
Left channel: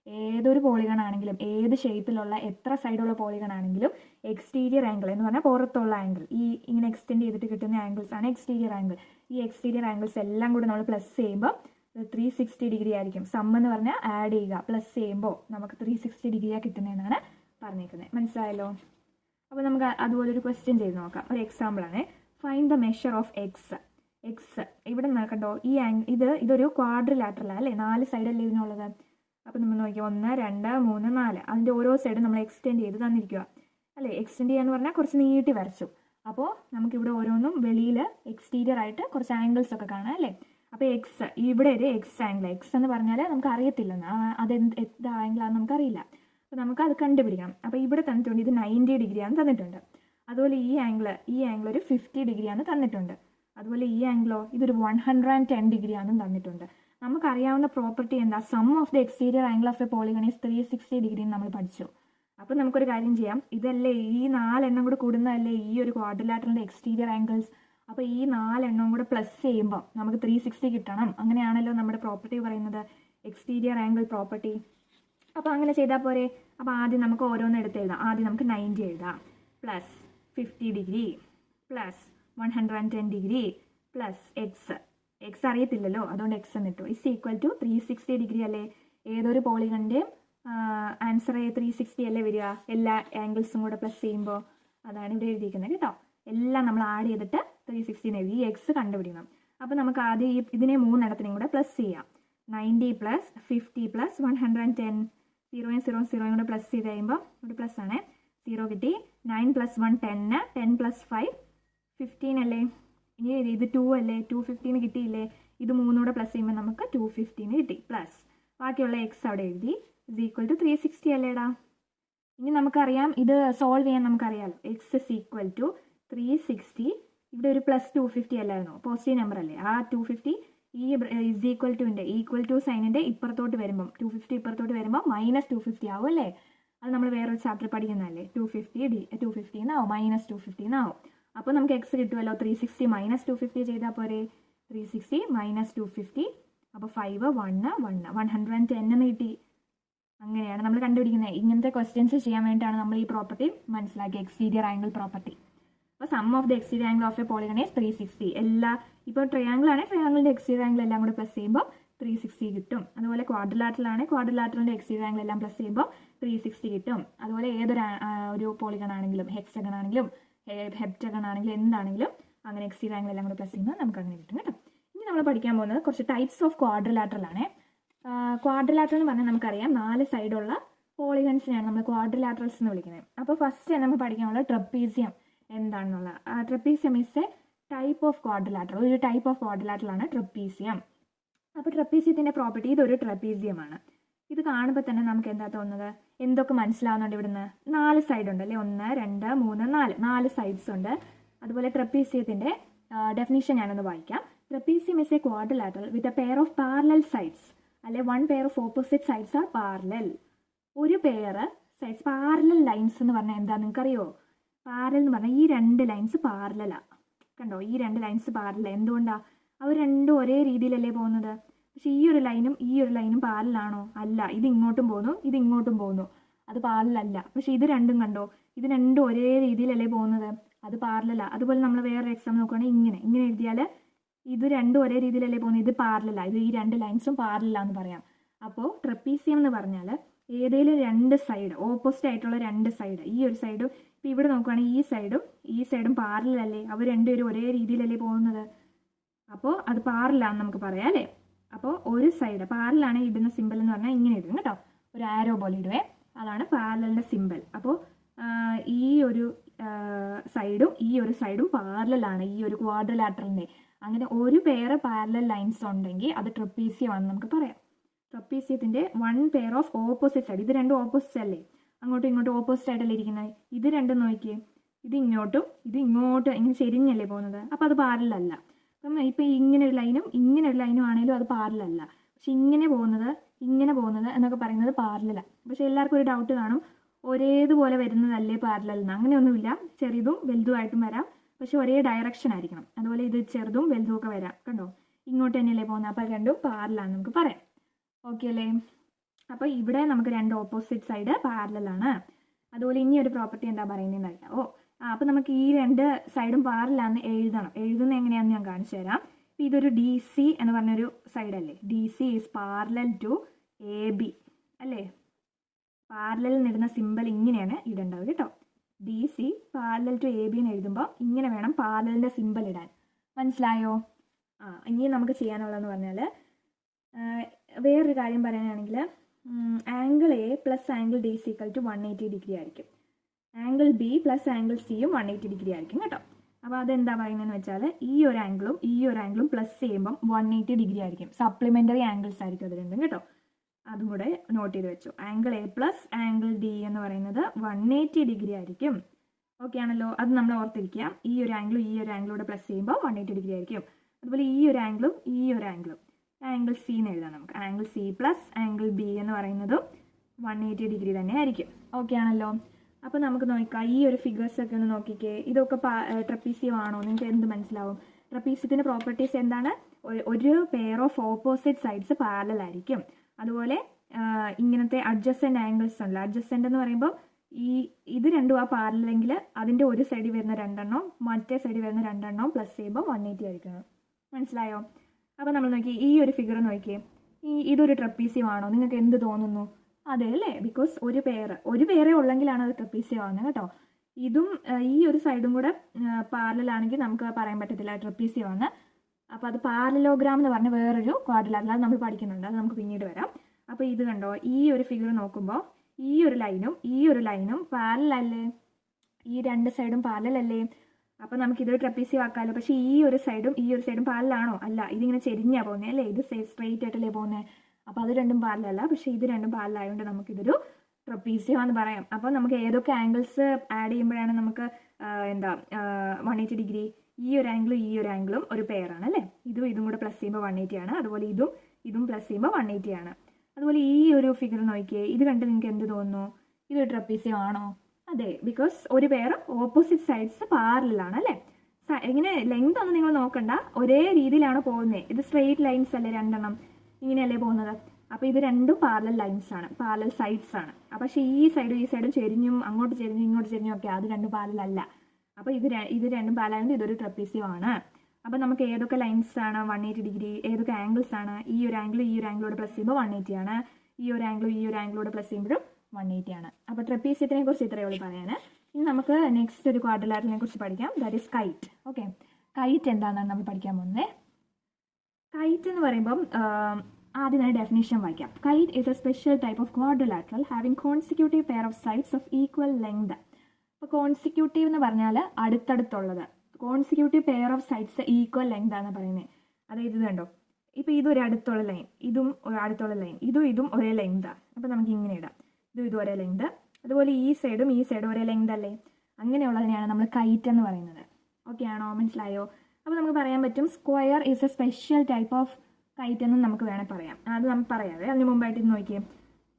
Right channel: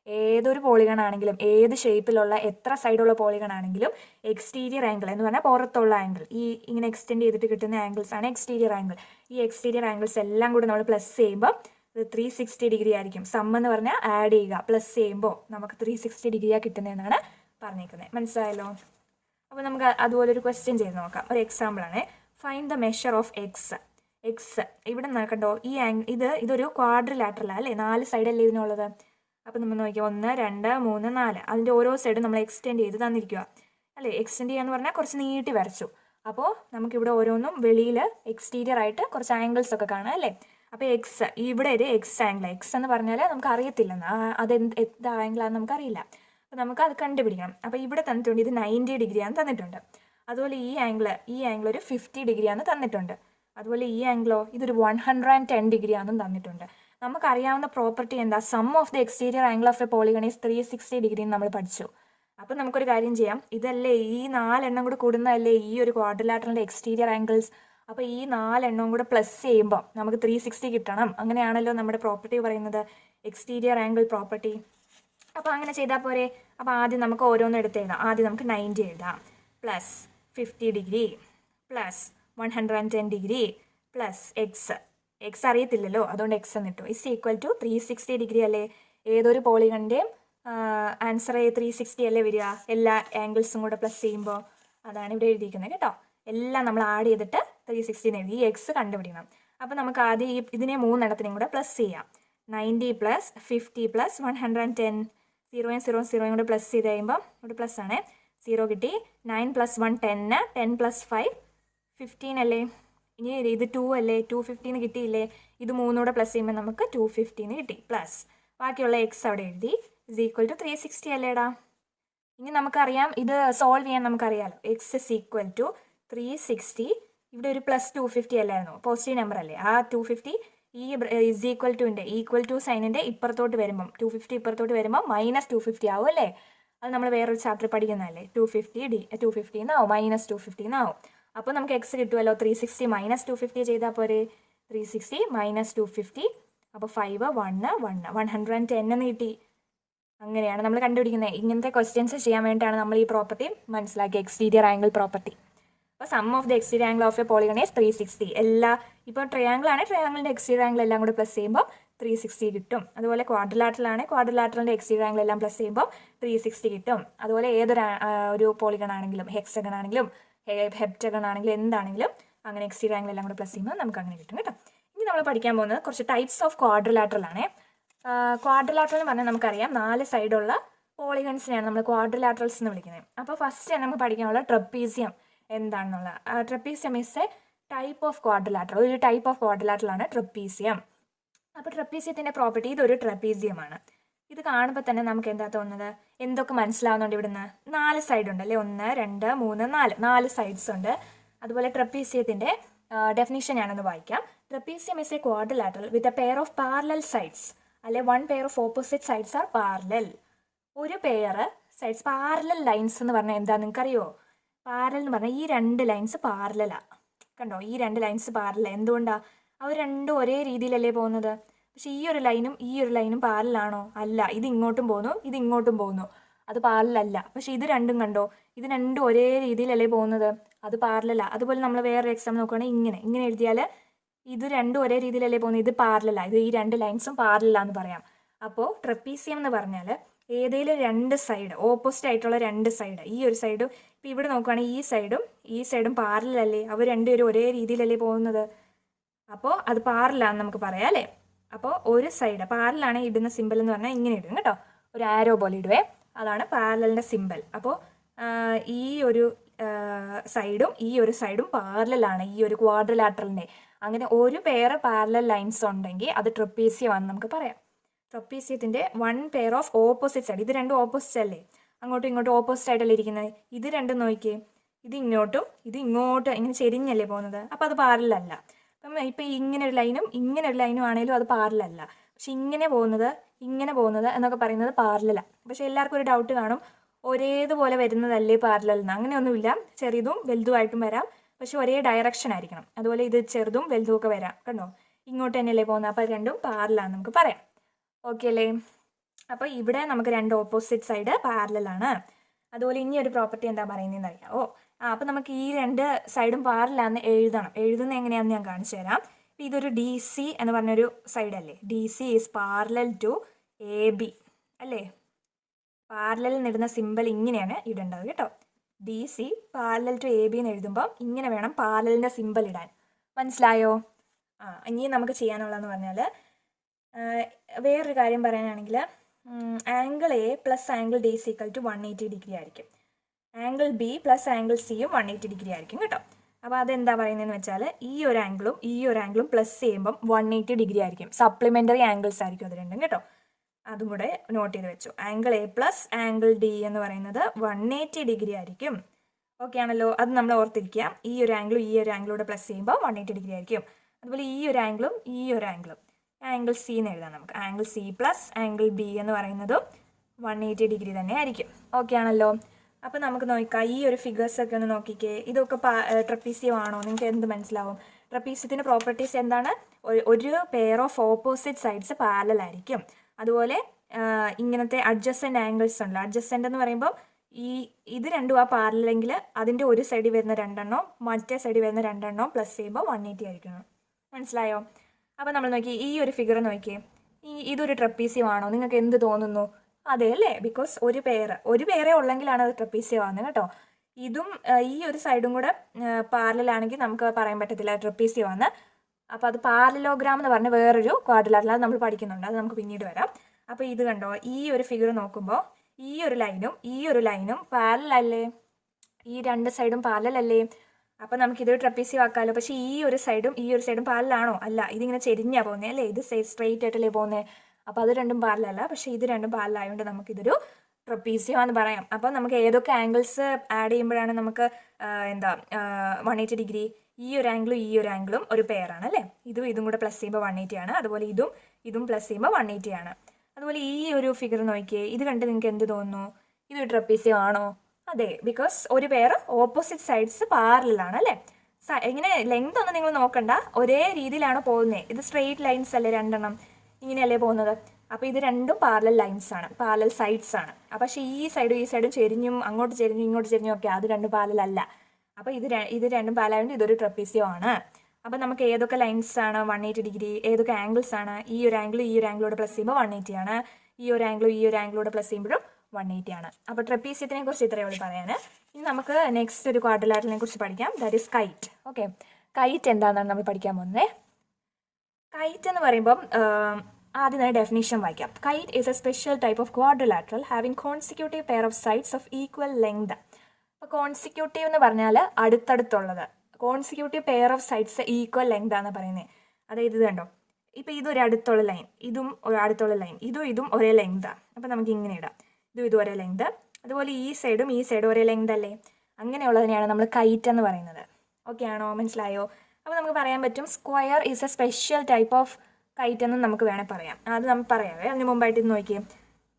ഏതൊരു പോളിഗൺ ആണെങ്കിലും, ഏത് ഷേപ്പിലുള്ള എത്ര സൈഡുള്ള പോളിഗൺ ആണെങ്കിലും എക്സ്റ്റീരിയർ ആംഗിൾ എന്ന് പറഞ്ഞാൽ പുറത്തുള്ള ആംഗിൾ, ഈ ഇങ്ങനെ എക്സ്റ്റെൻഡ് ചെയ്തിട്ട് കിട്ടുന്ന ആംഗിൾസ് ആണ് എക്സ്റ്റീരിയർ ആംഗിൾ. ഈ എക്സ്റ്റീരിയർ ആംഗിൾസ് എല്ലാം കൂടി നമ്മൾ പ്ലസ് ചെയ്യുമ്പോൾ 360 ഡിഗ്രി ആയിരിക്കും. സം എന്ന് പറഞ്ഞാൽ ആഡ് ചെയ്യുക, പ്ലസ് ചെയ്യുമ്പോൾ നമുക്ക് 360 ഡിഗ്രിയാണ് കിട്ടുന്നതെന്നാണ് പറഞ്ഞേക്കുന്നത്. മനസ്സിലായല്ലോ? അപ്പോൾ നമുക്ക് അതുപോലൊരു ക്വസ്റ്റ്യൻ ചെയ്ത് നോക്കാം. ഒരു എക്സാമ്പിളാണ്. Find the measure of X. ഇവിടെ നോക്കണ്ടോ, ഇതൊരു ക്വാഡ്രിലാറ്ററലാണ് അല്ലേ, 4 സൈഡല്ലേ ഇതിനുള്ളത്. അപ്പോൾ നമ്മൾ നോക്കിയാൽ 1 2 3 4 അതിൻ്റെ ഓരോ സൈഡും നമ്മൾ എക്സ്റ്റെൻഡ് ചെയ്ത് തന്നിരിക്കുക അല്ലേ. എക്സ്റ്റെൻഡ് ചെയ്യാന്ന് പറഞ്ഞാൽ കുറച്ച് നീട്ടി വരച്ചു. അപ്പോൾ നമുക്കിവിടെ ഓരോന്നും വെളിയിൽ എക്സ്റ്റീരിയർ ആയിട്ട് കുറച്ച് ആംഗിൾസ് ഒക്കെ കാണാം അല്ലേ. അപ്പോൾ ഇവിടെ ഒരു എക്സ് ആംഗിൾ, എക്സ് എന്ന് പറഞ്ഞാൽ നമുക്ക് അറിയത്തില്ലെന്ന്, എന്ത് ആംഗിളാണെന്ന് നമുക്കറിയില്ല. അപ്പോൾ നമുക്ക് അത് കണ്ടുപിടിക്കണം. അപ്പോൾ ഇവിടെ തന്നിട്ടുണ്ട് ഇത് 90 ഡിഗ്രിയാണെന്ന് തന്നിട്ടുണ്ട്. അതുപോലെ ഈ ആംഗിൾ ഒരു 50 ഡിഗ്രിയാണെന്ന് തന്നിട്ടുണ്ട്. അതുപോലെ ഈ ആംഗിളോ ഇതൊരു 110 ഡിഗ്രിയാണെന്നും തന്നിട്ടുണ്ട്. നമുക്കറിയാവുന്ന പ്രോപ്പർട്ടി എന്താ? Sum of the exterior angle of a polygon is 360 degree എന്ന് നമ്മൾ പഠിച്ചു. അപ്പോൾ നമുക്കൊരു കാര്യം ചെയ്യാം. ഇതല്ലേ ഈ 4 എണ്ണം കൂടെ കൂടുന്നതല്ലേ ഈ ഒരു ക്വാഡ്രിലാറ്ററലിൻ്റെ എക്സ്റ്റീരിയർ ആംഗിൾസ്. അപ്പോൾ ഈ 4 എണ്ണവും കൂടെ പ്ലസ് ചെയ്യുമ്പോൾ നമുക്ക് 360 കിട്ടണം. അങ്ങനെയാണല്ലോ നമ്മുടെ പ്രോപ്പർട്ടി പറയുന്നത്, എക്സ്റ്റീരിയർ ആംഗിൾ പ്രോപ്പർട്ടി. അപ്പോൾ അങ്ങനെ ചെയ്താൽ പോരെ. അപ്പോൾ ആദ്യം നമുക്ക് ഓരോന്നും എടുത്ത് എഴുതാം. ആദ്യം നമുക്ക് 90 എഴുതാം, plus 50 degree plus 110 degree plus X അറിയത്തില്ലല്ലോ, അതുകൊണ്ട് എക്സ് എന്നിട്ടു ഇസ് ഈക്വൽ ടു 360 ഡിഗ്രി അല്ലേ. ഏതൊരു പോളിഗണിൻ്റെയും ആൻസർ 360 അല്ലേ വരിക, എല്ലാ ആംഗിൾസും കൂടെ പ്ലസ് ചെയ്യുമ്പോൾ. അതാണ് ഇവിടെ എഴുതിയിരിക്കുന്നത് കേട്ടോ. എല്ലാം നമ്മൾ ആഡ് ചെയ്തിട്ട് 360 എഴുതി. ഈ എക്സ് കണ്ടുപിടിക്കണം. അപ്പോൾ നമുക്ക് ആദ്യം ഇതിനെ 3 എണ്ണത്തിനും കൂടെ പ്ലസ് ചെയ്യാം. 90 പ്ലസ് 50 പ്ലസ് 110, 0 0 കൂടെ പ്ലസ് ചെയ്ത് കഴിയുമ്പോൾ ഇവിടെ പ്ലസ് ആണ്, 0 കിട്ടി. 9 + 1 10, 10 + 5 15 അല്ലേ. ഇനി ഇത് 2 അല്ലേ, 250 കിട്ടിയില്ലേ. ഇത് 3 കൂടെ പ്ലസ് ചെയ്യുമ്പോൾ നമുക്ക് 250 കിട്ടി. പ്ലസ് ബാക്കിയുള്ള എക്സ് അവിടെ എഴുതി ഇസ് ഈക്വൽ ടു 360 അല്ലേടാ. ഇനി നമുക്കറിയാം ഇത് സോൾവ് ചെയ്യാൻ നമുക്കറിയാമല്ലോ. X is equal to 360. ഇവിടെ ഒരു പ്ലസ് 250 അല്ലായിരുന്നു, പോസിറ്റീവ് നമ്പർ അല്ലേ. ആ 250 ഈ ഇസ് ഈക്വൽ ടു സൈനിൻ്റെ ഇപ്പുറത്തോട്ട് വരുമ്പം 250 ഇപ്പുറത്തോട്ട് വരുമ്പോൾ -250 ആവും അല്ലേ. അത് നമ്മൾ വേറൊരു ചാപ്റ്റർ പഠിക്കുന്നതല്ലേ. 250 എന്നാവും, -250 എന്നാവും. അപ്പോൾ നമുക്ക് എക്സ് കിട്ടുമല്ലോ. 360 - 250 ചെയ്താൽ പോരെ. 360 - 250 അപ്പോൾ 5 1 1 110 എന്ന് കിട്ടി. അങ്ങനെയാണ് നമ്മൾ കണ്ടുപിടിക്കുന്നത്. ഇങ്ങനത്തെ ക്വസ്റ്റ്യൻസ് ചെയ്യാൻ വേണ്ടിയിട്ടാണ് നമ്മൾ ഈ പ്രോപ്പർട്ടി മനസ്സിലാക്കി, എക്സ്റ്റീരിയർ ആംഗിൾ പ്രോപ്പർട്ടി. അപ്പോൾ sum of the exterior angle of a polygon is 360. ഇപ്പോൾ ട്രയാങ്കിൾ ആണ്, ട്രയാങ്കിളിൻ്റെ എക്സ്റ്റീരിയർ ആംഗിൾ എല്ലാം കൂടെ പ്ലസ് ചെയ്യുമ്പോൾ 360 കിട്ടും. അതുപോലെ ക്വാഡ്രിലാറ്ററൽ ആണ്, ക്വാഡ്രിലാറ്ററലിൻ്റെ എക്സ്റ്റീരിയർ ആംഗിൾ എല്ലാം പ്ലസ് ചെയ്യുമ്പോൾ 360 കിട്ടും. അതുപോലെ ഏതൊരു ഒരു പോളിഗൺ ആണെങ്കിലും ഹെക്സഗൺ ആണെങ്കിലും ഹെപ്റ്റഗൺ ആണെങ്കിലും എന്താണെങ്കിലും അങ്ങനെ എക്സ്റ്റീരിയർ ആംഗിൾ എല്ലാം കൂടെ പ്ലസ് ചെയ്യുമ്പോൾ നമുക്ക് അങ്ങനെ കിട്ടും കേട്ടോ. ഇനി നമ്മൾ പഠിക്കാൻ പോകുന്നത് കുറച്ച് ടൈപ്സ് ഓഫ് ക്വാഡ്രിലാറ്ററൽ ആണ്. ക്വാഡ്രിലാറ്ററൽ എന്ന് പറഞ്ഞാൽ നമുക്കറിയാം 4 സൈഡുള്ള പോളിഗൺസിനെയാണ് നമ്മൾ ക്വാഡ്രിലാറ്ററൽസ് എന്ന് വിളിക്കുന്നത്. അപ്പോൾ ഫസ്റ്റ് നമുക്ക് പഠിക്കാനുള്ള ട്രപ്പീസിയം എന്താണെന്നുള്ള. Trapezium is A type of quadrilateral, ഒരു ടൈപ്പ് ഓഫ് ക്വാഡ്രിലാറ്ററൽ ആണ് ട്രപ്പീസിയം. അപ്പോൾ ട്രപ്പീസിയത്തിൻ്റെ പ്രോപ്പർട്ടി ഇതൊരു ട്രപ്പീസിയമാണ്. ഇത് കാണുമ്പോൾ തന്നെ നമുക്ക് എന്താ തോന്നുന്നത്, എന്തൊക്കെ മനസ്സിലാവുന്നുണ്ട് ഇവിടുന്ന്? 4 സൈഡ് ഉണ്ട് അല്ലേ, 1 2 3 4 സൈഡ്സ് ഉണ്ട്. അതുപോലെ ട്രപ്പീസിയത്തിൻ്റെ ഡെഫിനിഷൻ ഞാനൊന്ന് വായിക്കാം. Trapezium is A quadrilateral with a pair of parallel sides, അല്ലെ 1 pair of opposite sides are parallel. ഒരു പെയർ സൈഡ്സ് പാരലൽ ലൈൻസ് എന്ന് പറഞ്ഞാൽ എന്താ നിങ്ങൾക്കറിയോ? പാരലൽ എന്ന് പറഞ്ഞാൽ ഈ 2 ലൈൻസ് പാരലലാണ്. കണ്ടോ, ഈ 2 ലൈൻസ് പാരലൽ. എന്തുകൊണ്ടാണ്? അവർ രണ്ടും ഒരേ രീതിയിലല്ലേ പോകുന്നത്. പക്ഷെ ഈ ഒരു ലൈനും പാരലാണോ? അല്ല. ഇത് ഇങ്ങോട്ടും പോകുന്നു, ഇത് ഇങ്ങോട്ടും പോകുന്നു, അത് പാരലല്ല. പക്ഷെ ഇത് രണ്ടും കണ്ടോ, ഇത് രണ്ടും ഒരേ രീതിയിലല്ലേ പോകുന്നത്, അത് പാരലല്ല. അതുപോലെ നമ്മൾ വേറൊരു എക്സാം നോക്കുകയാണെങ്കിൽ ഇങ്ങനെ എഴുതിയാൽ ഇത് രണ്ടും ഒരേ രീതിയിലല്ലേ പോകുന്നത്, ഇത് പാരലല്ല. ഇത് ഈ 2 ലൈൻസും പാരലല്ലാന്ന് പറയാം. അപ്പോൾ ട്രപ്പീസിയം എന്ന് പറഞ്ഞാൽ ഏതെങ്കിലും 2 സൈഡ്, ഓപ്പോസിറ്റ് ആയിട്ടുള്ള 2 സൈഡ്, ഈ ഒരു സൈഡും ഇപ്പോൾ ഇവിടെ നോക്കുകയാണെങ്കിൽ ഈ സൈഡും പാരലല്ലേ, അവർ രണ്ടുപേരും ഒരേ രീതിയിലല്ലേ പോകുന്നത്. അപ്പോൾ അത് പാരലാന്ന് നമുക്ക് പറയാം അല്ലേ. അപ്പോൾ ഒരു സൈഡ് പാരലാണ് ഇടുന്ന സിമ്പിൾ എന്ന് പറഞ്ഞാൽ ഇങ്ങനെ ഇടും കേട്ടോ, ഒരു ആരോ പോലെ ഇടുവേ, അതാണ് പാരലിൻ്റെ സിമ്പിൾ. അപ്പോൾ ഈ ഒരു സൈഡും പാരലാണ് ഈ ഒരു ക്വാഡ്രിലാറ്ററലിൻ്റെ. അങ്ങനെ ഒരു പെയർ പാരലൽ ലൈൻസ് ഉണ്ടെങ്കിൽ അത് ട്രപ്പീസിയമാണെന്ന് നമുക്ക് പറയാം. ട്രപ്പീസിയത്തിൻ്റെ 1 പെയർ ഓഫ് ഓപ്പോസിറ്റ് സൈഡ്, ഇത് രണ്ടും ഓപ്പോസിറ്റ് അല്ലേ, അങ്ങോട്ടും ഇങ്ങോട്ടും ഓപ്പോസിറ്റ് ആയിട്ടല്ലേ ഇരിക്കുന്നത്. ഇത് രണ്ടും നോക്കിയേ, ഇത് ഇങ്ങോട്ടും ഇങ്ങനെ ചെരിഞ്ഞല്ലേ പോകുന്നത്, അപ്പോൾ അത് പാരലല്ല. അപ്പം ഇപ്പം ഇങ്ങനെ ഒരു ലൈനും ആണെങ്കിലും അത് പാരലല്ല. പക്ഷെ ഇങ്ങനെ പോകുന്നത് എന്നൊക്കെ പറയുന്നത് പാരലല്ല. പക്ഷെ എല്ലാവർക്കും ഒരു ഡൗട്ട് കാണും, ഒരേതുപോലെ വരുന്നതല്ലേ പാരലൽ എന്ന്. അങ്ങനെയൊന്നുമില്ല, ചെറുതും വലുതുമായിട്ടും വരാം, പക്ഷെ ഒരേ ഡയറക്ഷൻ ആയിരിക്കണം. അതുപോലെ ഇത് ചെറുതും വലുതും ഒക്കെ വരാം. കണ്ടോ, ഇങ്ങോട്ട് തന്നെയല്ലേ പോകുന്നത്, അപ്പോൾ രണ്ടും പാരലാന്ന് നമുക്ക് പറയാം. ഓക്കെ അല്ലേ. അപ്പോൾ ഇവിടെ നമുക്ക് 2 ഓപ്പോസിറ്റ് സൈഡ് പാരലാണ്. അതുപോലെ ഇനി ഒരു പ്രോപ്പർട്ടി എന്താ പറയുന്നതെന്ന് അറിയാമോ? അപ്പോൾ നമുക്ക് ഈ 2 സൈഡും പാരലാന്ന് എഴുതുന്നത് എങ്ങനെയാണെന്ന് ഞാൻ കാണിച്ചു തരാം. അപ്പോൾ ഇതൊരു DC എന്ന് പറഞ്ഞൊരു സൈഡ് അല്ലേ, DC is parallel to AB അല്ലേ. പാരലൽ ഇടുന്ന സിമ്പിൾ ഇങ്ങനെയാണ് ഇടേണ്ടത് കേട്ടോ. DC പാരലൽ ടു AB എന്ന് എഴുതുമ്പോൾ ഇങ്ങനെ വേണം പാരലിൻ്റെ സിമ്പിൾ ഇടാൻ. മനസ്സിലായോ? ഇനി നമുക്ക് ചെയ്യാനുള്ളതെന്ന് പറഞ്ഞാൽ വേറൊരു കാര്യം പറയാനാണെങ്കിൽ angle A plus angle D equal to 180 degree ആയിരിക്കും. ആംഗിൾ B പ്ലസ് ആംഗിൾ Cയും 180 ഡിഗ്രി ആയിരിക്കും കേട്ടോ. അപ്പോൾ അതെന്താ പറയുന്നതെന്ന് വെച്ചാൽ ഈ ഒരു ആംഗിളും പ്ലസ് ചെയ്യുമ്പം 180 ഡിഗ്രി ആയിരിക്കും. സപ്ലിമെൻ്ററി ആംഗിൾസ് ആയിരിക്കും അത് രണ്ടും കേട്ടോ. അതും കൂടെ നോട്ട് ചെയ്ത് വെച്ചു. Angle A plus angle D എന്ന് പറയുന്നത് 180 ഡിഗ്രി ആയിരിക്കും. ഓക്കെ ആണല്ലോ, അത് നമ്മൾ ഓർത്തിരിക്കുക. ഈ ഒരു ആംഗിളും കൂടെ പ്ലസ് ചെയ്യുമ്പോൾ 180 ഡിഗ്രി ആയിരിക്കും. അതുപോലെ ഈ ഒരു ആംഗിളും ആംഗിൾ C എന്ന് എഴുതാം നമുക്ക്. Angle C plus angle B എന്ന് പറയുന്നതും 180 ഡിഗ്രി തന്നെ ആയിരിക്കും. ഓക്കെ ആണല്ലോ. അപ്പോൾ നമുക്ക് നോക്കാം, ഈ ഒരു ഫിഗേഴ്സൊക്കെ ഒന്ന് നോക്കിക്കേ. ഇതൊക്കെ ട്രപ്പീസിയം ആണോ? നിങ്ങൾക്ക് എന്ത് മനസ്സിലാവും? ട്രപ്പീസിയത്തിൻ്റെ പ്രോപ്പർട്ടീസ് എന്താണ്? ഒരു pair of opposite sides parallel ആയിരിക്കും. അതുപോലെ ഇങ്ങനത്തെ അഡ്ജസൻ്റ് ആംഗിൾസ് ഉണ്ട്. അഡ്ജസൻ്റ് എന്ന് പറയുമ്പോൾ ഇത് രണ്ടും പാരലെങ്കിൽ അതിൻ്റെ ഒരു സൈഡിൽ വരുന്ന 2 എണ്ണവും മറ്റേ സൈഡിൽ വരുന്ന 2 എണ്ണവും പ്ലസ് ചെയ്യുമ്പോൾ 180 ആയിരിക്കണം. മനസ്സിലായോ? അപ്പോൾ നമ്മൾ നോക്കി ഈ ഒരു ഫിഗർ നോക്കിയേ, ഇതൊരു ട്രപ്പീസിയം ആണോ? നിങ്ങൾക്ക് എന്ത് തോന്നുന്നു? അതെ അല്ലേ, ബിക്കോസ് ഒരു പെയറേ ഉള്ളെങ്കിലാണ് അത് ട്രപ്പീസിയം ആവുന്നത് കേട്ടോ. ഇതും ഈ ഒരു സൈഡും കൂടെ പാരലാണെങ്കിൽ നമുക്ക് പറയാൻ പറ്റത്തില്ല ട്രപ്പീസിയം ആണ്. അപ്പോൾ അത് പാരലോഗ്രാം എന്ന് പറഞ്ഞ വേറൊരു ക്വാഡ്രിലാറ്ററൽ, അത് നമ്മൾ പഠിക്കുന്നുണ്ട്, അത് നമുക്ക് പിന്നീട് വരാം. അപ്പോൾ ഇത് കണ്ടോ, ഈ ഒരു ഫിഗർ നോക്കുമ്പോൾ ഈ ഒരു ലൈനും പാരലല്ലേ, ഈ 2 സൈഡും പാരലല്ലേ. അപ്പോൾ നമുക്കിതൊരു ട്രപ്പീസിയം ആക്കാമല്ലോ. പക്ഷേ ഈ ഒരു സൈഡും പാരലാണോ? അല്ല, ഇതിങ്ങനെ ചെരിഞ്ഞാണ് പോകുന്നത് അല്ലേ, ഇത് സ്ട്രെയിറ്റ് ആയിട്ടല്ലേ പോകുന്നത്. അപ്പോൾ അത് രണ്ടും പാരലല്ല, പക്ഷേ ഇത് രണ്ടും പാരലായതുകൊണ്ട് നമുക്കിതൊരു ട്രപ്പീസിയം എന്ന് പറയാം. അപ്പോൾ നമുക്ക് ഏതൊക്കെ ആംഗിൾസ് ആഡ് ചെയ്യുമ്പോഴാണ് നമുക്ക് 180 ഡിഗ്രി? ഈ ഒരു ആംഗിളും ഒരു പെയറാണ് അല്ലേ. ഇതും കൂടെ പ്ലസ് ചെയ്യുമ്പോൾ 180 ആണ്. അതുപോലെ ഇതും പ്ലസ് ചെയ്യുമ്പോൾ 180 ആണ്. അതുപോലെ ഈ ഒരു ഫിഗർ നോക്കിയേ, ഇത് കണ്ട് നിങ്ങൾക്ക് എന്ത് തോന്നുന്നു? ഇതൊരു ട്രപ്പീസിയം ആണോ? അതെ, ബിക്കോസ് ഒരു പെയർ ഓപ്പോസിറ്റ് സൈഡ്സ് പാരലാണ് അല്ലേ. ഇങ്ങനെ ലെങ്ത് ഒന്നും നിങ്ങൾ നോക്കണ്ട, ഒരേ രീതിയിലാണ് പോകുന്നത്. ഇത് സ്ട്രെയിറ്റ് ലൈൻസ് അല്ലേ, 2 എണ്ണം ഇങ്ങനെയല്ലേ പോകുന്നത്. അപ്പോൾ ഇത് രണ്ടും പാരലൽ ലൈൻസ് ആണ്, പാരലൽ സൈഡ്സ് ആണ്. പക്ഷേ ഈ സൈഡും ചെരിഞ്ഞും അങ്ങോട്ട് ചെരിഞ്ഞും ഇങ്ങോട്ട് ചെരിഞ്ഞും ഒക്കെ അത് രണ്ടും പാരലല്ല. അപ്പോൾ ഇത് രണ്ടും പാരലായതുകൊണ്ട് ഇതൊരു ട്രപ്പീസിയം ആണ്. അപ്പോൾ നമുക്ക് ഏതൊക്കെ ലൈൻസ് ആണ് 180 ഏതൊക്കെ ആംഗിൾസ് ആണ്, ഈ ഒരു ആംഗിളോട് പ്ലസ് ചെയ്യുമ്പോൾ 180 ആണ്, ഈ ഒരു ആംഗിളോട് പ്ലസ് ചെയ്യുമ്പോഴും 180 ആണ്. അപ്പോൾ ട്രപ്പീസിയത്തിനെ കുറിച്ച് ഇത്രയേ ഉള്ളൂ പറയാൻ. ഇനി നമുക്ക് നെക്സ്റ്റ് ഒരു ക്വാഡ്രിലാറ്ററലിനെ കുറിച്ച് പഠിക്കാം. That is KITE. Okay, KITE എന്താണെന്നാണ് നമ്മൾ പഠിക്കാൻ പോകുന്നത്. കൈറ്റ് എന്ന് പറയുമ്പം ആദ്യം തന്നെ ഡെഫിനിഷൻ വായിക്കാം. Kite is a special type of quadrilateral having consecutive pair of sides of equal length. അപ്പോൾ കോൺസിക്യൂട്ടീവ് എന്ന് പറഞ്ഞാൽ അടുത്തടുത്തുള്ളത്, consecutive pair of sides equal length ആണ് പറയുന്നത്. അതായത് ഇത് കണ്ടോ, ഇപ്പോൾ ഇതൊരു അടുത്തുള്ള ലൈൻ, ഇതും ഒരു അടുത്തുള്ള ലൈൻ, ഇതും ഒരേ ലെങ്താണ്. അപ്പോൾ നമുക്ക് ഇങ്ങനെ ഇടാം, ഇതും ഒരേ ലെങ്ത്. അതുപോലെ ഈ സൈഡും ഒരേ ലെങ്ത് അല്ലേ, അങ്ങനെയുള്ളതിനെയാണ് നമ്മൾ കൈറ്റ് എന്ന് പറയുന്നത്. ഓക്കെ ആണോ, മനസ്സിലായോ? അപ്പോൾ നമുക്ക് പറയാൻ പറ്റും square is a special type of KITE എന്ന് നമുക്ക് വേണേൽ പറയാം. അത് നമുക്ക് പറയാവേ. അതിന് മുമ്പായിട്ട് ഇത് നോക്കിയേ,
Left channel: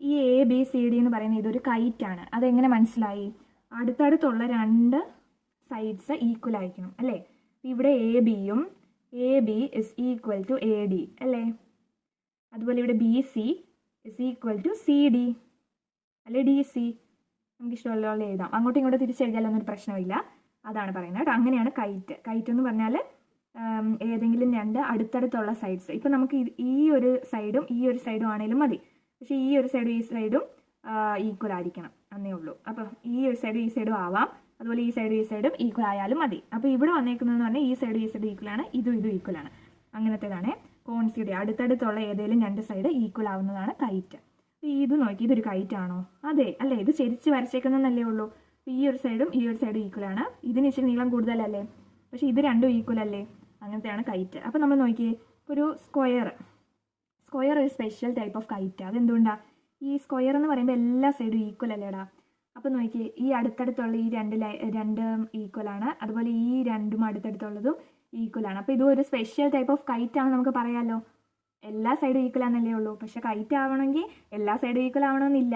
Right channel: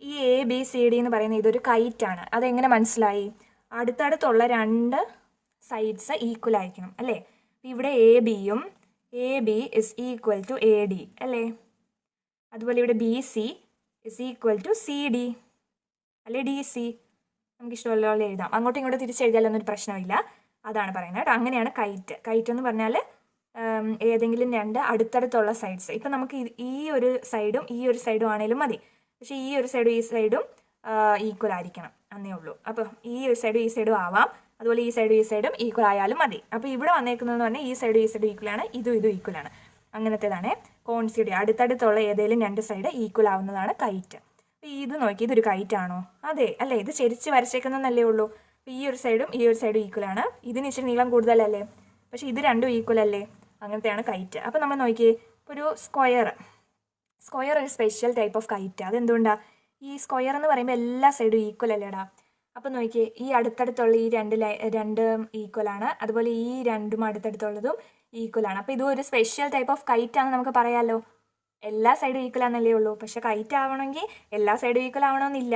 ഈ ABCD എന്ന് പറയുന്നത് ഇതൊരു കൈറ്റാണ്. അതെങ്ങനെ മനസ്സിലായി? അടുത്തടുത്തുള്ള രണ്ട് സൈഡ്സ് ഈക്വൽ ആയിരിക്കണം അല്ലേ. ഇവിടെ AB is equal to AD അല്ലേ. അതുപോലെ ഇവിടെ BC is equal to CD അല്ലെ DC. നമുക്ക് ഇഷ്ടമുള്ള എഴുതാം, അങ്ങോട്ടും ഇങ്ങോട്ടും തിരിച്ചെഴുതിയാലൊന്നും ഒരു പ്രശ്നമില്ല. അതാണ് പറയുന്നത് കേട്ടോ. അങ്ങനെയാണ് കൈറ്റ്. കൈറ്റ് എന്ന് പറഞ്ഞാൽ ഏതെങ്കിലും രണ്ട് അടുത്തടുത്തുള്ള സൈഡ്സ്. ഇപ്പം നമുക്ക് ഈ ഒരു സൈഡും ആണെങ്കിലും മതി, പക്ഷേ ഈ ഒരു സൈഡും ഈക്വൽ ആയിരിക്കണം എന്നേ ഉള്ളൂ. അപ്പോൾ ഈ ഒരു സൈഡും ആവാം, അതുപോലെ ഈ സൈഡും ഈക്വൽ ആയാലും മതി. അപ്പോൾ ഇവിടെ വന്നേക്കുന്നതെന്ന് പറഞ്ഞാൽ ഈ സൈഡും ഈക്വലാണ്, ഇതും ഈക്വലാണ്. അങ്ങനത്തേതാണ് കോൺസിക്യൂട്ടീവ്. അടുത്തടുത്തുള്ള ഏതെങ്കിലും രണ്ട് സൈഡ് ഈക്വൽ ആവുന്നതാണ് കൈറ്റ്. അപ്പോൾ ഇത് നോക്കി, ഇതൊരു കൈറ്റ് ആണോ? അതെ അല്ലേ, ഇത് ചെരിച്ച് വരച്ചേക്കുന്നതല്ലേ ഉള്ളൂ. അപ്പോൾ ഈ ഒരു സൈഡും ഈക്വലാണ്. ഇതിന് ഇച്ചിരി നീളം കൂടുതലല്ലേ, പക്ഷേ ഇത് രണ്ടും ഈക്വൽ അല്ലേ, അങ്ങനത്തെയാണ് കൈറ്റ്. അപ്പോൾ നമ്മൾ നോക്കിയേ, ഒരു സ്ക്വയർ ഒരു സ്പെഷ്യൽ ടൈപ്പ് ഓഫ് കൈറ്റ്. അതെന്തുകൊണ്ടാണ്? ഈ സ്ക്വയർ എന്ന് പറയുമ്പോൾ എല്ലാ സൈഡും ഈക്വൽ അല്ലേടാ. അപ്പോൾ നോക്കിയേ, ഈ അടുത്തടുത്തുള്ള ഈ രണ്ടും ഈക്വലാണ്, അതുപോലെ ഈ രണ്ടും അടുത്തടുത്തുള്ളതും ഈക്വലാണ്. അപ്പോൾ ഇതും ഒരു സ്പെഷ്യൽ ടൈപ്പ് ഓഫ് കൈറ്റ് ആണെന്ന് നമുക്ക് പറയാമല്ലോ. എല്ലാ സൈഡും ഈക്വൽ ആണെന്നല്ലേ ഉള്ളൂ, പക്ഷേ കൈറ്റ് ആവണമെങ്കിൽ എല്ലാ സൈഡും ഈക്വൽ ആവണമെന്നില്ല.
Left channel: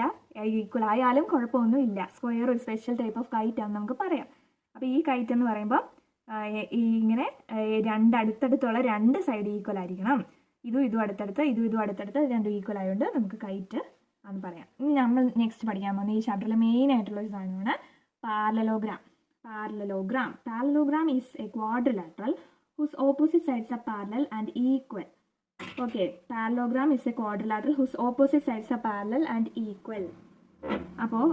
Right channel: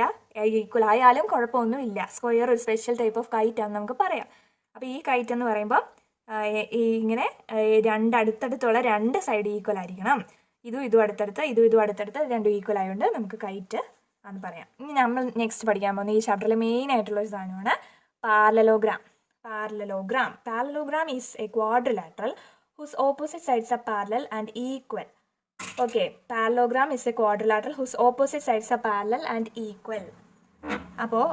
ഈക്വൽ ആയാലും കുഴപ്പമൊന്നുമില്ല. സ്ക്വയർ ഒരു സ്പെഷ്യൽ ടൈപ്പ് ഓഫ് കൈറ്റ് ആണെന്ന് നമുക്ക് പറയാം. അപ്പോൾ ഈ കൈറ്റ് എന്ന് പറയുമ്പോൾ ഇങ്ങനെ അടുത്തടുത്തുള്ള രണ്ട് സൈഡ് ഈക്വൽ ആയിരിക്കണം. ഇതും അടുത്തടുത്ത് രണ്ടും ഈക്വൽ ആയതുകൊണ്ട് നമുക്ക് കൈറ്റ് എന്ന് പറയാം. ഇനി നമ്മൾ നെക്സ്റ്റ് പഠിക്കാൻ പോകുന്നത് ഈ ചാപ്റ്ററിൽ മെയിൻ ആയിട്ടുള്ള ഒരു സാധനമാണ് parallelogram. Parallelogram is a quadrilateral whose opposite sides are parallel and equal. Okay, parallelogram is a quadrilateral whose opposite sides are parallel and equal. അപ്പോൾ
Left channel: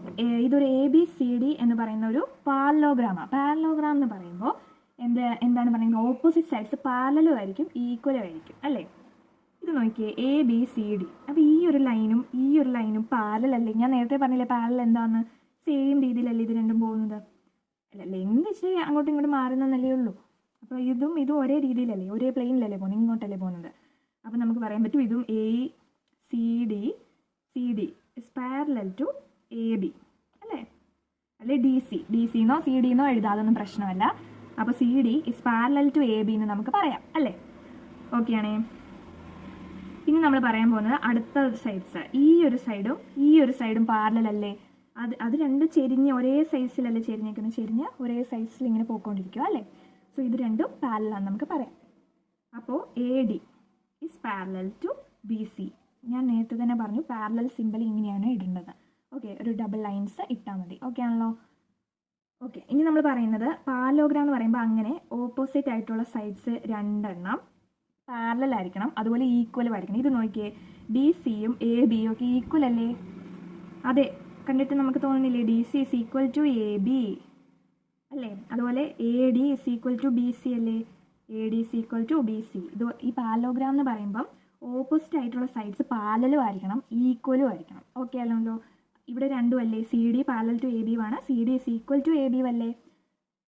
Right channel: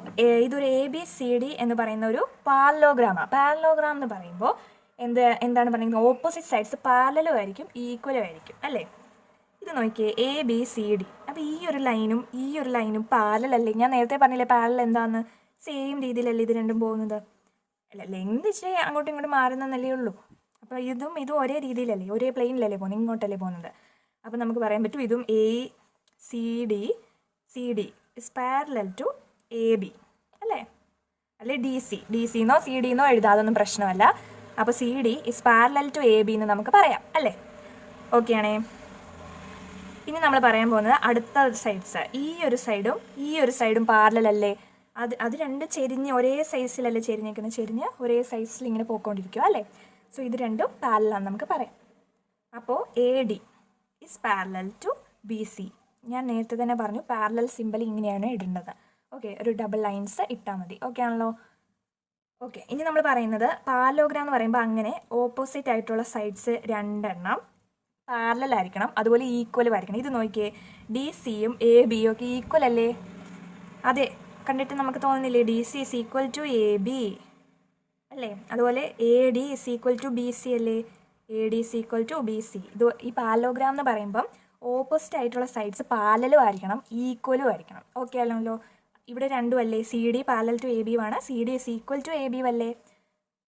ഇതൊരു ABCD എന്ന് പറയുന്ന ഒരു പാരലോഗ്രാമാണ്. പാരലോഗ്രാം എന്ന് പറയുമ്പോൾ എന്താണ് പറയുന്നത്? ഓപ്പോസിറ്റ് സൈഡ്സ് പാരലലും ആയിരിക്കും ഈക്വലും ആയിരിക്കും അല്ലേ. ഇത് നോക്കിയേ, ABCD. അപ്പോൾ ഈ ഒരു ലൈനും പാരലൽ അല്ലേ. ഞാൻ നേരത്തെ പറഞ്ഞില്ലേ പാരലൽ എന്താണെന്ന്. സെയിം രീതിയിലല്ലേ ഇത് രണ്ടും പോകുന്നത്. അല്ല, ലെങ്ത് ഇച്ചിരി അങ്ങോട്ടും ഇങ്ങോട്ടും മാറുന്നല്ലേ ഉള്ളൂ. അപ്പോൾ ഇതും ഒരേ രീതിയിലല്ലേ, ഒരേ പ്ലെയിനിലല്ലേ പോകുന്നത്, ഇങ്ങോട്ടല്ലേ പോകുന്നത്. അപ്പോൾ നമുക്ക് പറയാൻ പറ്റും ഇതും CD is parallel to AB അല്ലേ. DC-എന്നോ CD-എന്നോ എഴുതാം, അതൊന്നും പ്രശ്നമല്ല. അപ്പോൾ CD is parallel to AB എന്ന് നമുക്ക് പറയാം അല്ലേ. ഓക്കെ ആണേ. ഇനി നമ്മൾ പറയാൻ പോകുന്നത് അടുത്ത സൈഡ്സ്. ഈ ഒരു സൈഡും പാരലൽ അല്ലേ. അത് രണ്ടും ചെരിഞ്ഞ് ഒരേ സൈസിലല്ലേ ചെരിഞ്ഞ് ഒരേ സൈസിൽ ഇങ്ങനെ പോയിക്കൊണ്ടിരിക്കുക അല്ലേ. സോ ഇത് രണ്ടും പാരലാണെന്ന് നമുക്ക് പറയാം. അപ്പോൾ AD is parallel to BC. ഞാൻ നേരത്തെ തന്നെ പറഞ്ഞു പാരലൽ സിമ്പൽ ഇങ്ങനെയാണ് ഇടേണ്ടത്. ഓക്കെ, ഒരു ഡബിൾ ലൈൻസ് ഇട്ടാൽ മതി. ഓക്കെ ആണല്ലോ. ഓക്കെ, ഇനി നമ്മൾ പറയുന്നത് പാരലോഗ്രാം എന്ന് പറയുമ്പോൾ അങ്ങനെ ഓപ്പോസിറ്റ് ആയിട്ടുള്ള സൈഡ്സ് രണ്ടെണ്ണം പാരലൽ ആയിരിക്കണം, അതുപോലെ ഈക്വലും ആയിരിക്കണം. ഇത് നോക്കിയേ, DCയും ABയും ഒക്കെ ഈക്വൽ അല്ലേ. അതെ, കണ്ടിട്ട് നമുക്ക് തോന്നുന്നില്ലേ DC is equal to AB അല്ലേ. അതുപോലെ AD is equal to BC അല്ലേ. AD is equal to BC. ഇത് ഈ പാരലോഗ്രാം എന്ന് പറയുമ്പം ഓപ്പോസിറ്റ് ആയിട്ടുള്ള സൈഡ്സ് പാരലലും ആയിരിക്കണം ഈക്വലും ആയിരിക്കണം. ഓക്കെ ആണല്ലോ. ഇവിടെ രണ്ടും അല്ലേ, CD പാരലൽ ടു AB ആണ്, CD is equal to AB അല്ലേ.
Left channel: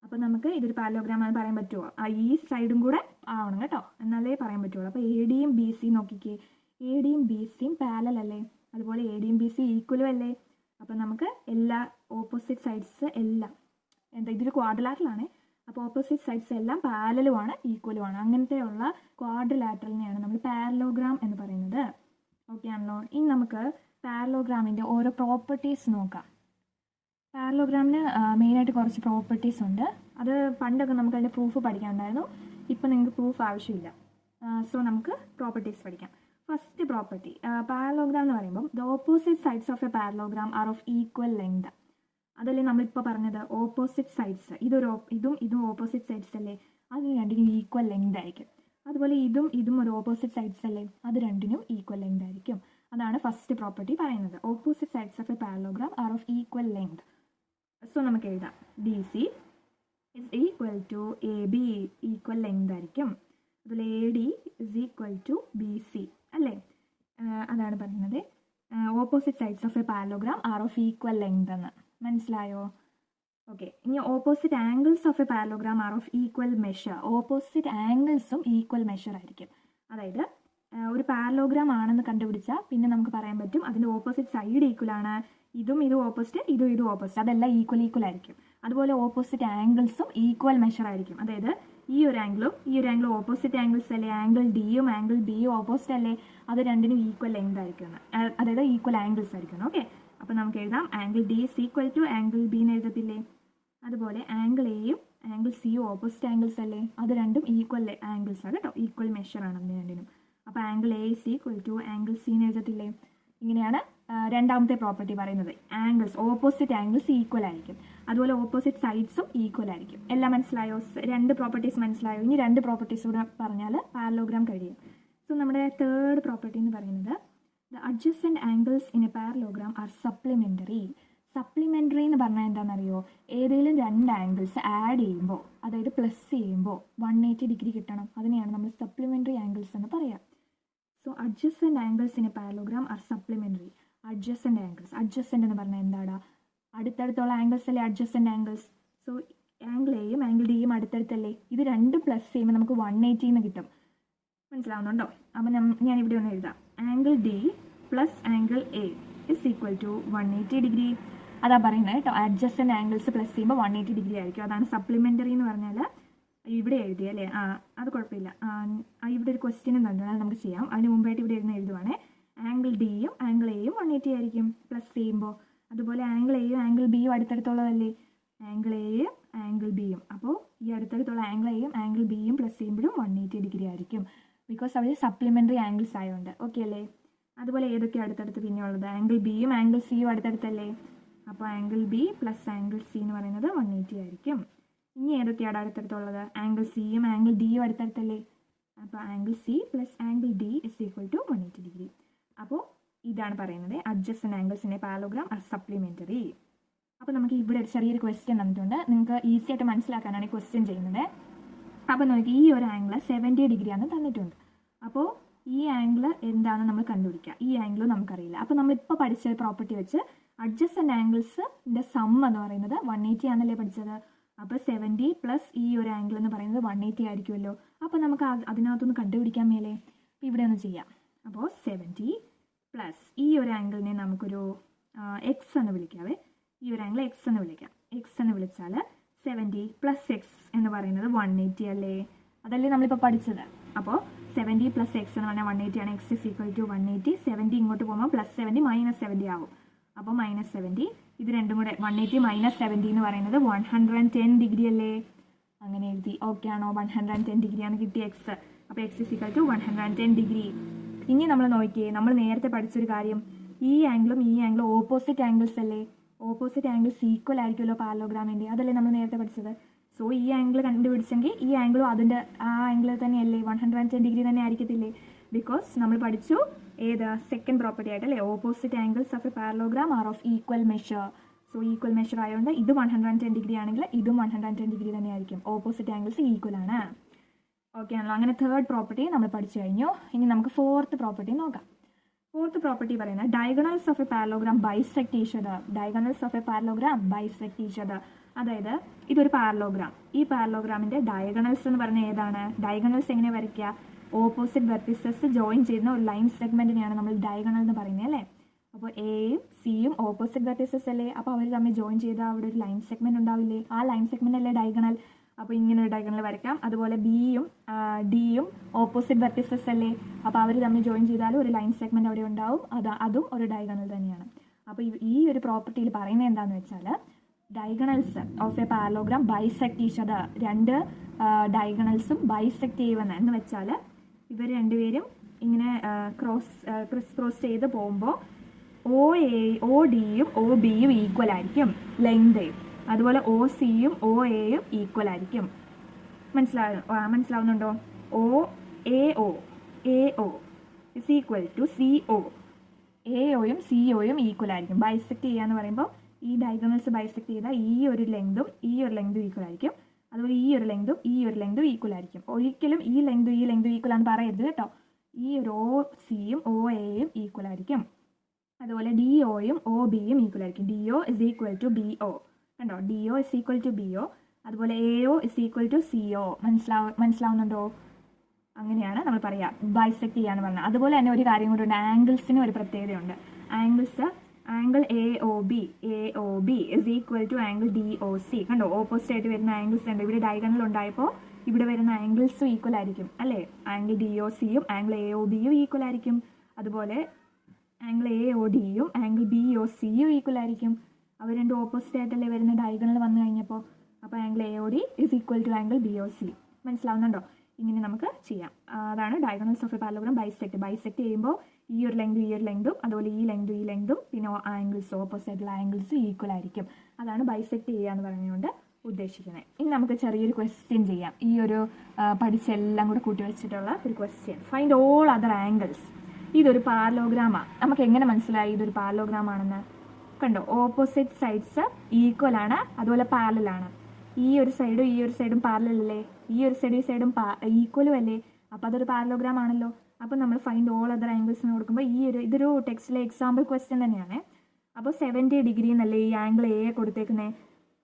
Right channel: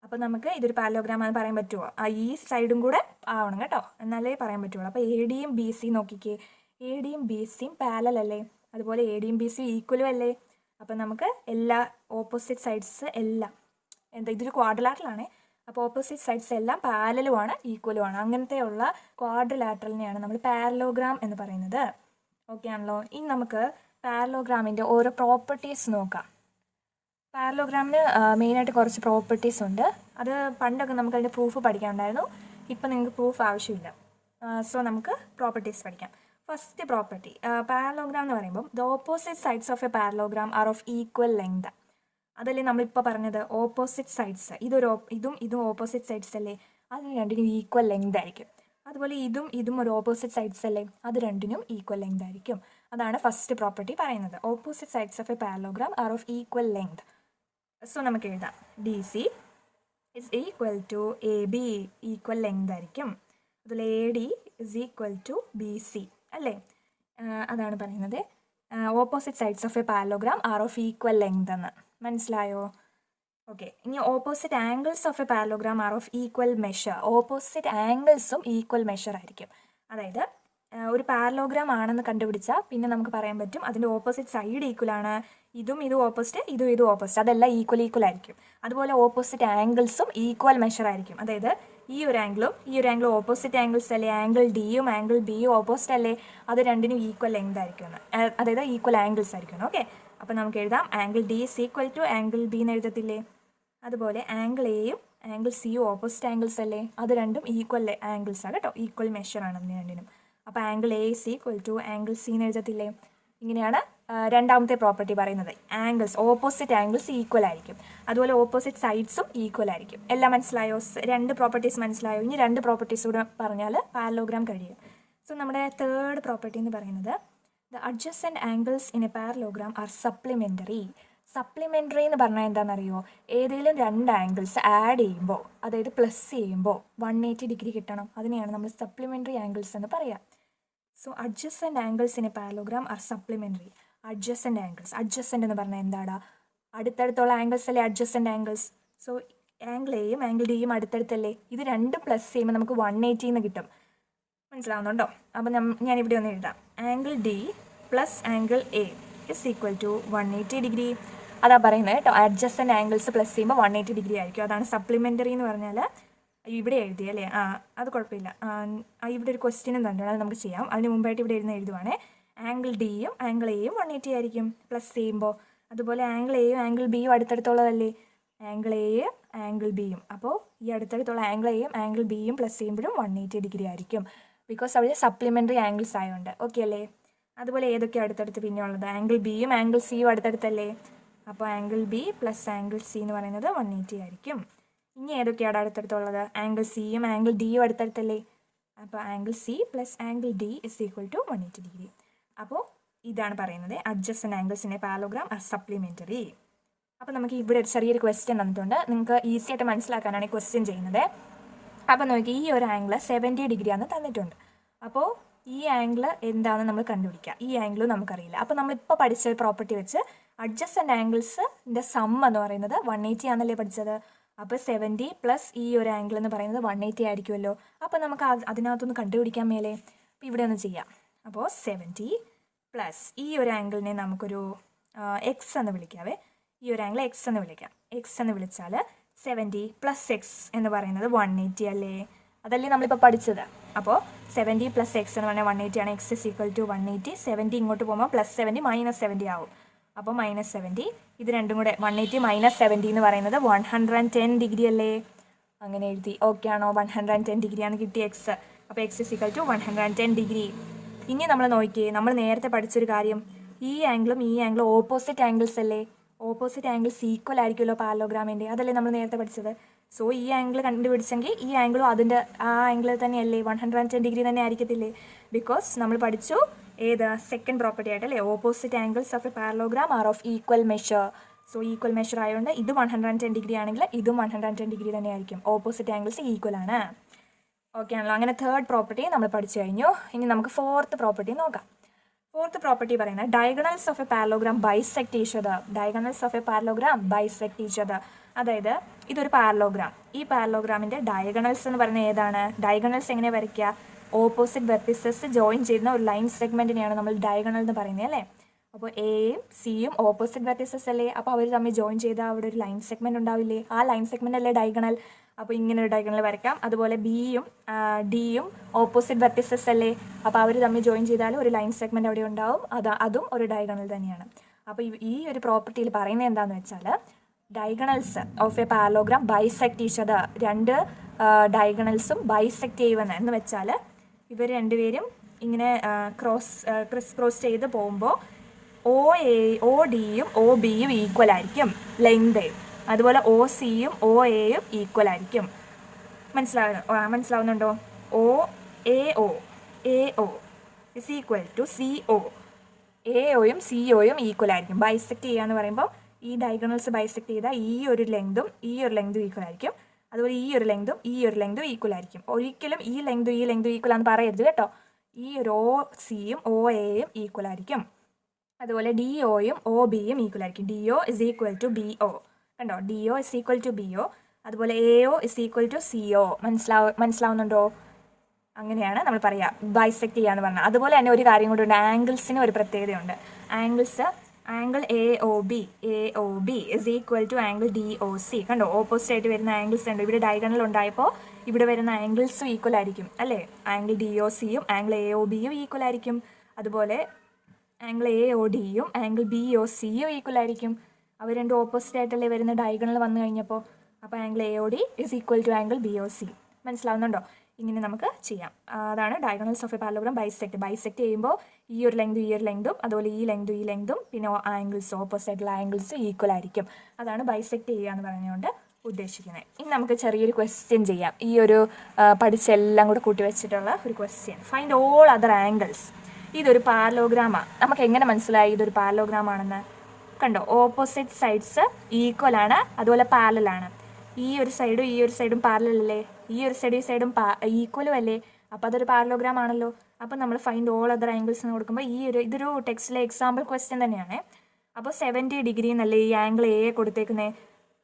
അപ്പോൾ നമുക്ക് ഇതൊരു പാരലോഗ്രാം ആണെന്ന് പറയാൻ പറ്റുമോ? ഈ സൈഡും കൂടെ ആവണം കേട്ടോ, എന്നാലേ പറയാൻ പറ്റുള്ളൂ. അപ്പോൾ ADയും BC നോക്കിക്കേ, ADയും BCയും പാരലൽ അല്ലേ, അതുപോലെ ADയും BCയും ഈക്വലും അല്ലേ. അപ്പോൾ നമുക്ക് എല്ലാ ഓപ്പോസിറ്റ് സൈഡ്സ് എല്ലാം ഇതൊരു ക്വാഡ്രിലാറ്ററലാണ്. അപ്പോൾ ഓപ്പോസിറ്റ് സൈഡ്സ് എല്ലാം പാരലലുമാണ് ഈക്വലുമാണ്. അങ്ങനത്തെയുള്ള ക്വാഡ്രിലാറ്ററലിനെയാണ് നമ്മൾ പാരലോഗ്രാം എന്ന് പറയുന്നത്. ഓക്കെ ആണല്ലോ. ഇനി നമുക്ക് പാരലോഗ്രാമിൻ്റെ ഓരോ പ്രോപ്പർട്ടീസ് നോക്കാം. പാരലോഗ്രാമിന് മെയിനായിട്ട് കുറച്ച് പ്രോപ്പർട്ടീസ് ഉണ്ട്. അത് പണ്ടൊക്കെ നമുക്ക് അതിൻ്റെ പ്രൂഫ് പഠിക്കാനുണ്ടായിരുന്നു. ഇപ്പം നിങ്ങൾക്ക് പ്രൂഫ് ആവശ്യമില്ല. സോ നമുക്ക് പ്രോപ്പർട്ടീസ് പഠിക്കാം. ഫസ്റ്റ് പ്രോപ്പർട്ടി, പാരലോഗ്രാം എന്ന് പറയുമ്പം the opposite sides of a parallelogram are of equal length. അതല്ലേ നമ്മളിപ്പോൾ പറഞ്ഞത്, ഓപ്പോസിറ്റ് സൈഡ്സ്. ഇതും ഓപ്പോസിറ്റ് സൈഡ്സ് അല്ലേ. അതിന് രണ്ടിനും ഈക്വൽ ലെങ്ത് ആയിരിക്കും. അതുപോലെ ഇതും ഒരു ഓപ്പോസിറ്റ് സൈഡ്സ് അല്ലേ, അത് രണ്ടിനും ഈക്വൽ ലെങ്ത് ആയിരിക്കും. അതാണ് ഫസ്റ്റ് പ്രോപ്പർട്ടി പറയുന്നത്. Opposite sides of a parallelogram are of equal length. So നമുക്ക് എഴുതാം D C is equal to A B, equal length ആയിരിക്കും. അതുപോലെ A D is equal to B C അല്ലേ. അതാണ് പറയുന്നത് opposite sides of a parallelogram are of equal length എന്ന്. മനസ്സിലായോ? Okay, ഇനി opposite angles of a parallelogram are of equal measure. Opposite ആംഗിൾസും equal measure ആയിരിക്കും. അതായത് ഒരു പാരലോഗ്രാം ആണെന്ന് കണ്ടുപിടിച്ചാൽ പിന്നെ നമുക്ക് പറയാൻ പറ്റും അതിൻ്റെ ഓപ്പോസിറ്റ് സൈഡ് ഈക്വൽ ആണ്. ഇതും ഓപ്പോസിറ്റ്, ഇതും ഓപ്പോസിറ്റ്, അതെല്ലാം ഈക്വൽ ആയിരിക്കും. അതുപോലെ ഓപ്പോസിറ്റ് ആംഗിൾസും ഈക്വൽ മെഷർ ആയിരിക്കും. അതായത് ഈ ഒരു ആംഗിളും ഓപ്പോസിറ്റ് ആംഗിൾസ് അല്ലേ. ആംഗിൾ ഡിയും ആംഗിൾ ബിയും ഓപ്പോസിറ്റ് അല്ലേ, അത് രണ്ടിനും ഈക്വൽ ലെങ്ത് ആയിരിക്കും, അതായത് ഈക്വൽ ആംഗിൾസ് ആയിരിക്കും. ഓക്കെ, അപ്പോൾ നമുക്ക് എഴുതാം angle D is equal to angle B എന്ന് എഴുതത്തില്ലേ. അതുപോലെ ആംഗിൾ എയും ആംഗിൾ സിയും ഓപ്പോസിറ്റ് ആംഗിൾസ് അല്ലേ, അത് രണ്ടും ഈക്വൽ ആംഗിൾസ് ആണ് കേട്ടോ, ഈക്വൽ മെഷർ ആണ് അതിന് രണ്ടിനും. അപ്പോൾ angle A is equal to angle C എന്ന് എഴുതത്തില്ലേ. ഇങ്ങനെയാണ് രണ്ടാമത്തെ പ്രോപ്പർട്ടി പറയുന്നത്. ആംഗിൾസ്, ഓപ്പോസിറ്റ് ആംഗിൾസ് ഈക്വൽ ആയിരിക്കും. അതുപോലെ ഓപ്പോസിറ്റ് സൈഡ്സും ഈക്വൽ ആയിരിക്കും. എല്ലാം മനസ്സിലായോ? രണ്ട് പ്രോപ്പർട്ടീസ് മനസ്സിലായോ? ഇനി രണ്ട് പ്രോപ്പർട്ടീസ് കൂടെ പറഞ്ഞാൽ പാരലോഗ്രാം കഴിയും. സോ നമ്മുടെ തേർഡ് പ്രോപ്പർട്ടി എന്ന് പറയുന്നത് the adjacent angles in a parallelogram are supplementary. Supplementary എന്ന് പറഞ്ഞാൽ എന്താണെന്നറിയോ? ഏതെങ്കിലും രണ്ട് ആംഗിൾസ് ആഡ് ചെയ്യുമ്പോൾ, അതായത് പ്ലസ് ചെയ്യുമ്പോൾ 180 ഡിഗ്രി കിട്ടണം. അതിനെയാണ് നമ്മൾ സപ്ലിമെൻ്ററി ആംഗിൾസ് എന്ന് പറയുക. So adjacent angles in a parallelogram are supplementary. Adjacent angles, adjacent എന്ന് പറഞ്ഞാൽ എന്താടാ? അടുത്തടുത്തുള്ള ആംഗിൾസ് അല്ലേ അഡ്ജസൻറ്റ് ആംഗിൾസ്. സോ ആംഗിൾ എയും ആംഗിൾ ഡിയും അടുത്തടുത്തല്ലേ, ഇത് രണ്ടും പ്ലസ് ചെയ്യുമ്പോൾ നമുക്ക് 180 എന്ന് കിട്ടും. മനസ്സിലാവുന്നുണ്ടോ? അപ്പോൾ ഞാനിവിടെ ഒന്ന് എഴുതാം. Angle D plus angle A is equal to 180 degree. അതാ പറയുന്നത് കേട്ടോ. അഡ്ജസൻറ്റ് ആംഗിൾസ് പ്ലസ് ചെയ്യുമ്പോൾ 180 ഡിഗ്രി ആയിരിക്കും. അതാണ് സപ്ലിമെൻ്ററി എന്ന് പറഞ്ഞാൽ. ഇവിടെ എഴുതിയല്ലേ, അത് കുഴപ്പമില്ല. ഇവിടെ ഒരു ക്വസ്റ്റ്യനും തന്നിട്ടുണ്ട്, അത് നമുക്ക് ചെയ്യാം. അതിന് മുമ്പായിട്ട് ഇവിടെ എഴുതുവാണേ. ആംഗിൾ ഡിയും ആംഗിൾ എയും 180 ആയിരിക്കും പ്ലസ് ചെയ്യുമ്പോൾ. അതുപോലെ ആംഗിൾ എയും ആംഗിൾ ബിയും അടുത്തടുത്തുള്ളതല്ലേ, ആംഗിൾ എയും ആംഗിൾ ബിയും. അപ്പോൾ ഈ അടുത്തടുത്തുള്ള ആംഗിൾ എയും ആംഗിൾ ബിയും പ്ലസ് ചെയ്യുമ്പോഴും 180 ഡിഗ്രി ആയിരിക്കും. ബിക്കോസ് അവിടെ സപ്ലിമെൻ്ററി ആംഗിൾസ് ആയതുകൊണ്ട്. ഓക്കെ അല്ലേ? അതുപോലെ ഏതൊക്കെയാണ് അടുത്തടുത്ത് പിന്നെ ഉള്ളത്? ആംഗിൾ ബിയും ആംഗിൾ സിയും അടുത്തടുത്തല്ലേ. അപ്പോൾ angle B plus angle C എന്ന് പറയുന്നത് 180 ആയിരിക്കും. ഇനി ഏതൊക്കെയാണ് അടുത്തടുത്തുള്ളത്? ആംഗിൾ സിയും ആംഗിൾ ഡിയും അടുത്തടുത്തല്ലേ. അപ്പോൾ angle C plus angle D is equal to 180 degree. അപ്പോൾ ഇതാണ് പറയുന്നത് adjacent angles in a parallelogram are supplementary. അപ്പോൾ നമുക്ക് ഇവിടെ ഒരു ചെറിയൊരു ക്വസ്റ്റ്യൻ തന്നിട്ടുണ്ട്. നിങ്ങൾക്ക് ഈസി ആയിട്ട് മനസ്സിലാക്കാനാണ് ഈ ക്വസ്റ്റ്യൻ ചെയ്യുന്നത്. അപ്പോൾ നോക്കി, ഈ ഒരു ആംഗിൾ 70 ഡിഗ്രിയാണ് തന്നിട്ടുണ്ട്. അപ്പോൾ ഈ ആംഗിൾ എന്താണെന്ന് നമ്മൾ കണ്ടുപിടിക്കുക. ഈ ആംഗിളും നമുക്കറിയില്ല. അപ്പോൾ നമ്മളിപ്പോൾ പഠിച്ച പ്രോപ്പർട്ടി വെച്ച് അഡ്ജസൻറ്റ് ആംഗിൾസിൻ്റെ സം എന്ന് പറയുന്നത് 180 ആണെന്നല്ലേ പഠിച്ചത്. അപ്പോൾ 70 പ്ലസ് ഈ ഒരു ആംഗിൾ എന്ന് പറയുന്നത് 180 ആയിരിക്കുമല്ലോ. അപ്പോൾ നമുക്ക് അതിനകത്തൊന്ന് കണ്ടുപിടിക്കാൻ മേലെ. അപ്പോൾ ഇവിടെ ഒന്ന് ചെയ്യാം. അപ്പോൾ 70 പ്ലസ് ഈ ഒരു ആംഗിളിനെ നമുക്കൊരു എക്സ് എന്ന് വിളിക്കാവേ. ഈ ഒരു ആംഗിൾ എക്സ് എന്ന് വിളിക്കാം. എക്സ് എന്ന് വിളിച്ചാൽ 70 പ്ലസ് എക്സ് എന്ന് പറയുന്നത് 180 അല്ലേ. അതല്ലേ നമ്മളിപ്പോൾ പഠിച്ചത്. അപ്പോൾ 70 പ്ലസ് എക്സ് എന്ന് പറഞ്ഞാൽ 180 ആണ്. X is equal to 180. 70 ഇങ്ങോട്ട് പോകുമ്പോൾ പ്ലസ് 70 മൈനസ് 70 ആവും. അപ്പോൾ മൈനസ് 70. ഇത് രണ്ടും കൂടെ 180 മൈനസ് 70 എന്ന് പറയുന്നത് 110 ഡിഗ്രി അല്ലേ. അങ്ങനെ എഴുതി. ഓക്കെ ആണോ? 110 ഡിഗ്രിയാണ് കിട്ടിയ എക്സ്. അപ്പോൾ x is equal to 110 degree. ഇനി നമ്മൾ നോക്കിയേ, നമ്മൾ നേരത്തെ പഠിച്ചൊരു കാര്യം, ഈ ആംഗിളും ഈ ആംഗിളും ഓപ്പോസിറ്റ് ആംഗിൾസ് അല്ലേ. ഓപ്പോസിറ്റ് ആംഗിൾസ് ഈക്വൽ ആയിരിക്കുമല്ലോ പാരലോഗ്രാമിൻ്റെ. അതല്ലേ നമ്മൾ നേരത്തെ പഠിച്ചത്. സോ ഈ ആംഗിൾ കണ്ടുപിടിച്ചെങ്കിൽ ഈ ആംഗിളും അതിൻ്റെ ആ ആംഗിൾ തന്നെയല്ലേ, 110 ഡിഗ്രി തന്നെ ആയിരിക്കത്തില്ലേ. ബിക്കോസ് നമ്മൾ പഠിച്ചു ഏത് സെക്കൻഡ് പ്രോപ്പർട്ടി ആയിട്ടല്ലേ, opposite angles of a parallelogram are of equal measure. So equal measure ആയതുകൊണ്ട് ഇത് 110 ഡിഗ്രി ആണെങ്കിൽ ഇതും 110 ഡിഗ്രി തന്നെ ആയിരിക്കും. ഓപ്പോസിറ്റ് ആംഗിൾസ് ഈക്വൽ ആണ്. ഓക്കെ ആണല്ലോ. അങ്ങനെ തേർഡ് പ്രോപ്പർട്ടി നമ്മൾ പഠിച്ചു കഴിഞ്ഞു. ഇനി നമുക്ക് ഫോർത്ത് പ്രോപ്പർട്ടി നോക്കാം. ഫോർത്ത് പ്രോപ്പർട്ടി പറയുന്നത് diagonals of a parallelogram bisect each other. Diagonals of a parallelogram bisect each other. അതായത് ഇതൊരു പാരലോഗ്രാം. ഈ പാരലോഗ്രാമിൻ്റെ ഡയഗണൽസ് എന്ന് പറയുന്നത് ഏതാണ്? ഡയഗണൽസ് എങ്ങനെ വരയ്ക്കുക? ഓപ്പോസിറ്റ് വെർട്ടിസസ് ജോയിൻ ചെയ്യുന്ന ഒരു ലൈൻ സെഗ്മെൻറ്റിനെയാണ് നമ്മൾ ഡയഗണൽ എന്ന് പറയുന്നത് അല്ലേ. അപ്പോൾ എയും സിയും ഓപ്പോസിറ്റ് വെർട്ടിസസ് അല്ലേ. അപ്പോൾ അവർ തമ്മിൽ ജോയിൻ ചെയ്താൽ അവിടെ ഒരു ലൈൻ സെഗ്മെൻറ്റ് ഉണ്ടാവില്ലേ. ആ ലൈൻ സെഗ്മെൻറ്റ് അല്ലേ ഡയഗണൽ. അപ്പോൾ ഇങ്ങനെ ഒരു ഡയഗണൽ വരയ്ക്കാം. അതുപോലെ ബിയും ഡിയും ഓപ്പോസിറ്റ് വെർട്ടിസസ് അല്ലേ. അപ്പോൾ അവർ തമ്മിൽ ജോയിൻ ചെയ്താൽ ഒരു ലൈൻ സെഗ്മെൻറ്റ് അവിടെ ഉണ്ടാവും. അതും ഒരു ഡയഗണൽ തന്നെയാണ്. അപ്പോൾ ഈ ഒരു പ്രോപ്പർട്ടിയിൽ പറയുന്നത് എന്താണെന്ന് വെച്ചാൽ diagonals of a parallelogram bisect each other. രണ്ട് ഡയഗണൽസും ബൈസെക്ട് ചെയ്യുമെന്ന് എന്ന് വെച്ചാൽ ഇവർ രണ്ടുപേരും ഇങ്ങനെ ക്രോസ് ചെയ്ത് പോകുമ്പോൾ ഒ ഡിയും ഒ ബിയും ഈക്വൽ ആയിരിക്കും ലെങ്ത്. അതുപോലെ ഒ സിയും ഒ എയും ഈക്വൽ ആയിരിക്കും. മനസ്സിലാവുന്നുണ്ടോ? O A O A O is equal to C O. A ഒയും സി ഒയും ഈക്വൽ ആയിരിക്കും. ബൈസെക്ട് ചെയ്യുക എന്ന് പറയുമ്പോൾ ഈ ഡയഗണൽസ് ബൈസെക്ട് ചെയ്താൽ ഈ ഒരു ലെങ്തും ഈക്വൽ ആയിരിക്കും. അതുപോലെ ഈ ഒരു ലെങ്തും ഈക്വൽ ആയിരിക്കും. ഒരിക്കലും ഈ ലെങ്തും ഈക്വൽ ആണെന്ന് പറയരുത് കേട്ടോ. ഈ ഒരു ഒ സിയും ഒ എയും ഈക്വൽ ആയിരിക്കും. അതുപോലെ ഡി ഒയും ഒ ബിയും ഈക്വൽ ആയിരിക്കും. D O is equal to B O. കണ്ടോ? D O is equal to B O. അതുപോലെ A O is equal to C O. മനസ്സിലാവുന്നുണ്ടോ? അങ്ങനെയാണ് നമ്മൾ പറയുക ബൈസെക്ട് ചെയ്യാന്ന് പറഞ്ഞാൽ. അതുപോലെ തന്നെ ഒരു കാര്യം കൂടി ഉണ്ട്, ആംഗിൾസിന് ഒരു പ്രത്യേകതയുണ്ട്. Angle A O B is equal to angle D O C. കണ്ടോ? ഓപ്പോസിറ്റ് ആയിട്ട് വരുന്ന ആംഗിൾസ് ഉണ്ട്. ഇവിടെ ഡയഗണൽ ഉണ്ടായപ്പോൾ ഇവിടെ വരുന്ന ആംഗിൾസും ഈക്വൽ ആയിരിക്കും അല്ലേ? ആംഗിൾ ഡി ഒ സിയും ആംഗിൾ എ ഒ ബിയും ഈക്വൽ ആയിരിക്കും. അതുപോലെ ആംഗിൾ എ ഒ ഡിയും ആംഗിൾ ബി ഒ സിയും ഈക്വൽ ആയിരിക്കും. അവർ രണ്ടും ഓപ്പോസിറ്റ് ആയിട്ടല്ലേ വരുന്ന ഡയഗണൽ വന്നു കഴിഞ്ഞപ്പോൾ. അപ്പോൾ angle A O D is equal to angle B O C. മനസ്സിലാവുന്നുണ്ടോ? ഇങ്ങനെ നമുക്ക് ചെയ്യാം. അതാണ് diagonals of a parallelogram bisect ചെയ്യുമ്പോൾ ഈ ഒരു ലെങ്തും അതുപോലെ ഈ ലെങ്തും പിന്നെ ആംഗിൾസ് ഓപ്പോസിറ്റ് ആയിട്ടുള്ള ആംഗിൾസ് ഈക്വൽ ആയിരിക്കും. അതാണ് ബൈസെക്ട് ചെയ്യുക എന്ന് പറഞ്ഞുകൊണ്ട് ഉദ്ദേശിക്കുന്നത്. ഇനി നമുക്ക് ചെറിയൊരു ക്വസ്റ്റ്യൻ ചെയ്യാം. ഈ ഒരു പഠിച്ചെല്ലാം കൂടെ കൂട്ടി വെച്ചിട്ടുള്ള ഒരു question. Find all other angles. ഇതൊരു പാരലോഗ്രാമാണ്. നമുക്ക് എങ്ങനെ മനസ്സിലായി ഇതൊരു പാരലോഗ്രാം ആണെന്ന്? കണ്ടോ? ഓപ്പോസിറ്റ് സൈഡ്സ് ഈക്വൽ ആണ്, അതുപോലെ പാരലലാണ്. ഈ ഒരു സൈഡും പാരലൽ അല്ലേ? ഈ ഒരു സൈഡും ഈക്വലും അല്ലേ? അപ്പോൾ അതൊരു പാരലോഗ്രാം ആണല്ലോ. അപ്പോൾ നമ്മൾ ഫൈൻഡ് ഓൾ അതർ ആംഗിൾസ് എന്ന് കൊടുക്കുമ്പോൾ ഇതൊരു ടെക്സ്റ്റിലെ എക്സാമ്പിൾ ക്വസ്റ്റ്യൻ തന്നെയാണ്. അപ്പോൾ 70 ഡിഗ്രി എന്നല്ലേ ഈ ആംഗിൾ എ കൊടുത്തേക്കുന്നത്.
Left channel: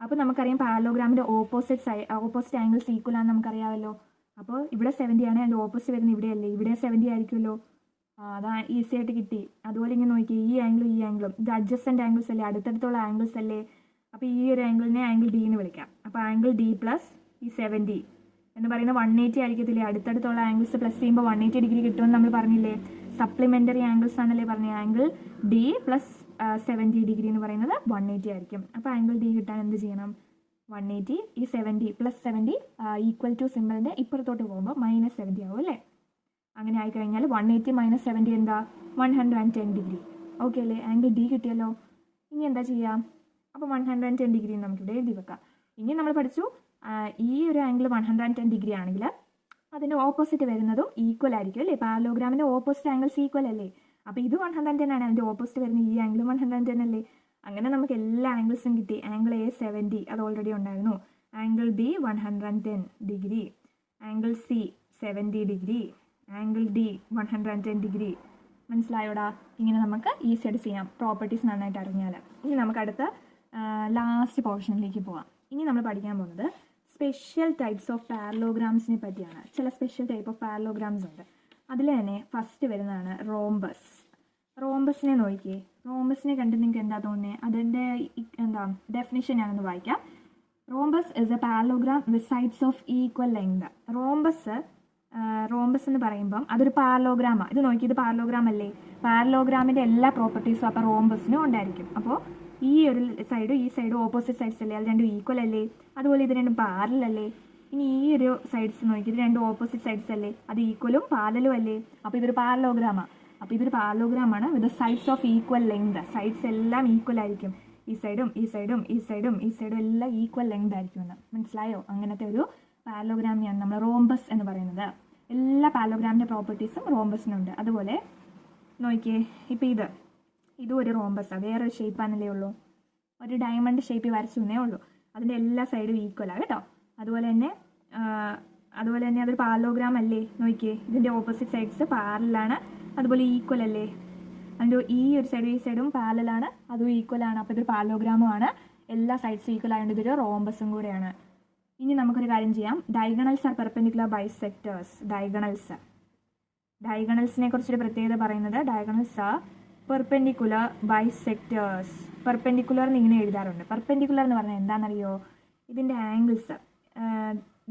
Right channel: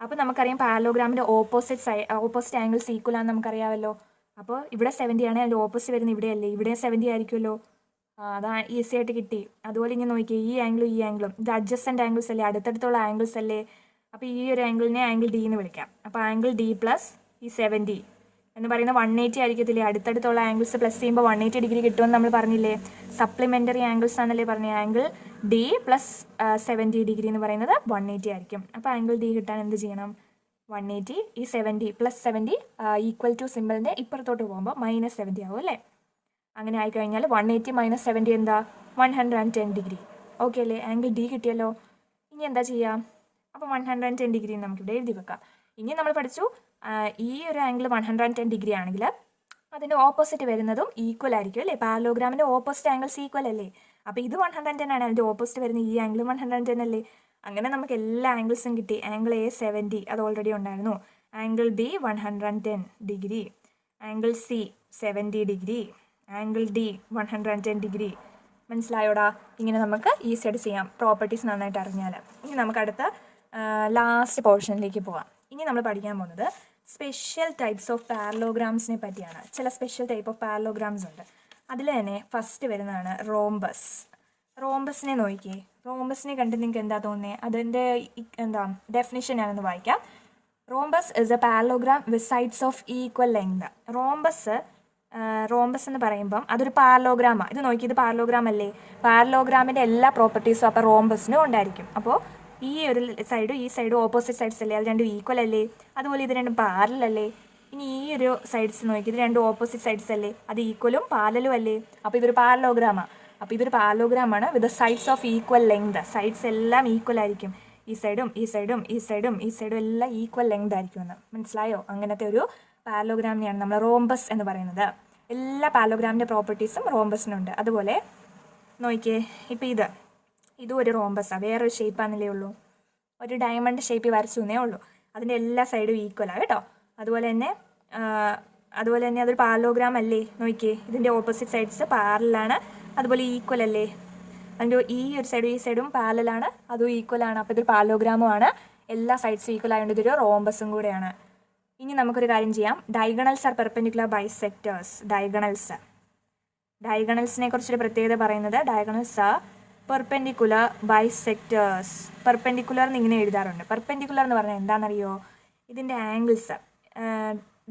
അപ്പോൾ നമുക്കറിയാം പാരലോഗ്രാമിൻ്റെ ഓപ്പോസിറ്റ് ആംഗിൾസ് ഈക്വൽ ആണെന്ന് നമുക്കറിയാമല്ലോ. അപ്പോൾ ഇവിടെ 70 ആണ്, അതിൻ്റെ ഓപ്പോസിറ്റ് വരുന്നത് ഇവിടെയല്ലേ? ഇവിടെ 70 ആയിരിക്കുമല്ലോ. അതാണ് ഈസി ആയിട്ട് കിട്ടി. അതുപോലെ ഇങ്ങനെ നോക്കിയേ, ഈ ആംഗിളും ഇത് അഡ്ജസ്റ്റൻ്റ് ആംഗിൾസ് അല്ലേ? അടുത്തടുത്തുള്ള ആംഗിൾസ് അല്ലേ? അപ്പോൾ ഈ ഒരു ആംഗിളിനെ ആംഗിൾ ഡി എന്ന് വിളിക്കാം. അപ്പോൾ ആംഗിൾ ഡി പ്ലസ് ഈ 70 എന്ന് പറയുന്നത് 180 ആയിരിക്കത്തില്ലേ? അടുത്തടുത്തുള്ള ആംഗിൾസ് പ്ലസ് ചെയ്യുമ്പോൾ 180 ഡിഗ്രി കിട്ടുമെന്ന് നമ്മൾ പറഞ്ഞില്ലേ? സപ്ലിമെൻ്ററി ആംഗിൾസ് ആണല്ലേ പറഞ്ഞത്. ആംഗിൾ ഡി പ്ലസ് 70 ഡിഗ്രി എന്ന് പറയുന്നത് 180 ആയിരിക്കും. അപ്പോൾ ആംഗിൾ ഡി കിട്ടാൻ എന്ത് ചെയ്യണം? 180 ഈ 70 പ്ലസ് 70 ഈക്വൽ ടു സിമ്പിളിൻ്റെ ഇപ്പുറത്തോട്ട് പോകുമ്പോൾ -70 ആവും അല്ലേ? അങ്ങനെ ആയിക്കഴിഞ്ഞാൽ 180 - 70 എന്താ? 110 ഡിഗ്രി. ഓക്കെ അല്ലേ? ആംഗിൾ ഡി കിട്ടിയല്ലോ. ഇനി എന്താ ചെയ്യാം? അപ്പോൾ 110 ഡിഗ്രി നമുക്കിവിടെ എഴുതി വെക്കാം. ഇനി നമ്മൾ പഠിച്ചു ഈ ഒരു ആംഗിൾ 110 ഡിഗ്രി ആണെങ്കിൽ അതിൻ്റെ ഓപ്പോസിറ്റ് വരുന്നതും ഈക്വൽ ആയിരിക്കും അല്ലേ? പാരലോഗ്രാമിൻ്റെ ഓപ്പോസിറ്റ് ആംഗിൾസ് ഈക്വൽ അല്ലേ? അപ്പോൾ ഇത് 110 ആണ്, അതിൻ്റെ ഓപ്പോസിറ്റ് വരുന്ന ഈ ആംഗിളും 110 അല്ലേ? അങ്ങനെ നമുക്ക് എല്ലാ ആംഗിൾസും കിട്ടി. ആംഗിൾ എ 70 അത് ഓൾറെഡി ഉണ്ടായിരുന്നു. Angle B 110 degree, angle C 70 degree, angle D 110 degree. മനസ്സിലായോടാ? ഇങ്ങനെ നമുക്ക് ഈസി ആയിട്ട് ചെയ്യാം, പ്രോപ്പർട്ടീസ് നന്നായിട്ട് അറിഞ്ഞാൽ. ഇനി നമുക്ക് അടുത്ത ലാസ്റ്റ് പോർഷനിലേക്ക് പോവാം. ഇനി നമ്മൾ പഠിക്കാൻ പോകുന്നത് സ്പെഷ്യൽ ടൈപ്സ് ഓഫ് പാരലോഗ്രാംസിനെ പറ്റിയാണ്. ചില സ്പെഷ്യൽ ടൈപ്പ് ഓഫ് പാരലോഗ്രാംസ് ഉണ്ട്. അതിൽ തന്നെ ഫസ്റ്റ് വരുന്നതാണ് റോംബസ്. റോംബസിനെ നോക്കിയേ. റോംബസിനെ കണ്ട് നിങ്ങൾക്ക് എന്താ തോന്നുന്നത്? അതിൻ്റെ ഡെഫിനിഷൻ ഞാനൊന്ന് വായിക്കാം. Rhombus is A parallelogram with sides of equal length. Rhombus എന്ന് പറയുമ്പം അതൊരു പാരലോഗ്രാമാണ്. ഇത് നോക്കി, ഇത് പാരലോഗ്രാം അല്ലേ? പാരലോഗ്രാമിൻ്റെ എല്ലാ പ്രോപ്പർട്ടീസും അപ്പോൾ റോംബസിനും ഉണ്ടായിരിക്കും. അപ്പോൾ ഈ ഒരു സൈഡും ഓപ്പോസിറ്റ് സൈഡ്സ് അല്ലേ? അത് രണ്ടും ഈക്വൽ അല്ലേ? അതുപോലെ ഇത് രണ്ടും പാരലൽ അല്ലേ? ഇനി ഈ ഒരു സൈഡ്സ് നോക്കി, ഇത് രണ്ടും ഓപ്പോസിറ്റ് സൈഡ്സ് അല്ലേ? അത് ഈക്വലും പാരലും അല്ലേ? അപ്പോൾ ഇതൊരു പാരലോഗ്രാമാണ്. അപ്പോൾ ഇതൊരു പാരലോഗ്രാമാണ് with sides of equal length. Sides എല്ലാം ഈക്വൽ ആയിരിക്കും. ഈ സൈഡും എല്ലാം ഈക്വൽ ലെങ്ത് ആയിരിക്കുമെന്ന് മനസ്സിലായോ? അങ്ങനത്തെ ഒരു പാരലോഗ്രാമിനെയാണ് നമ്മൾ റോംബസ് എന്ന് പറയുന്നത്. എല്ലാ പാരലോഗ്രാമിൻ്റെ പ്രോപ്പർട്ടീസും റോംബസിനുണ്ട്. അതുപോലെ നോക്കിയേ, ഇപ്പോൾ ഇതും ഒരു റോംബസാണ്. വേറൊരു ഷേപ്പാണല്ലേ ഉള്ളൂ, ഒരു ഡയമണ്ട് ഷേപ്പിൽ വരച്ചു എന്നേ ഉള്ളൂ. അതിൻ്റെ എല്ലാ സൈഡും ഈക്വലാണ് കേട്ടോ. അതുപോലെ തന്നെ അതൊരു പാരലോഗ്രാം അല്ലേ? നോക്കിയേ, ഇതിൻ്റെ ഓപ്പോസിറ്റ് സൈഡ്സ് പാരലാണ്, അതുപോലെ ഈക്വൽ അല്ലേ? അതിൻ്റെ ഈ ഒരു സൈഡും പാരലാണ്, അതും ഈക്വലാണ്. അപ്പോൾ ഇതൊരു പാരലോഗ്രാമുമാണ്. എല്ലാ സൈഡ്സും ഈക്വൽ ആയതുകൊണ്ട് ഇതൊരു റോംബസും കൂടെയാണ്. ഇനി നമുക്കൊരു കാര്യം ചെയ്യാം. Diagonals are perpendicular bisectors. ഡയഗണൽസിനെ കുറിച്ചൊരു പ്രത്യേകത പറയുന്നത് diagonals are perpendicular bisectors. Perpendicular എന്ന് ഇങ്ങനെ എഴുതാറുണ്ട്. പെർപെൻഡിക്കുലർ എന്ന് പറഞ്ഞാൽ എന്താണെന്നറിയോ? ഇതിൻ്റെ ആംഗിൾസ്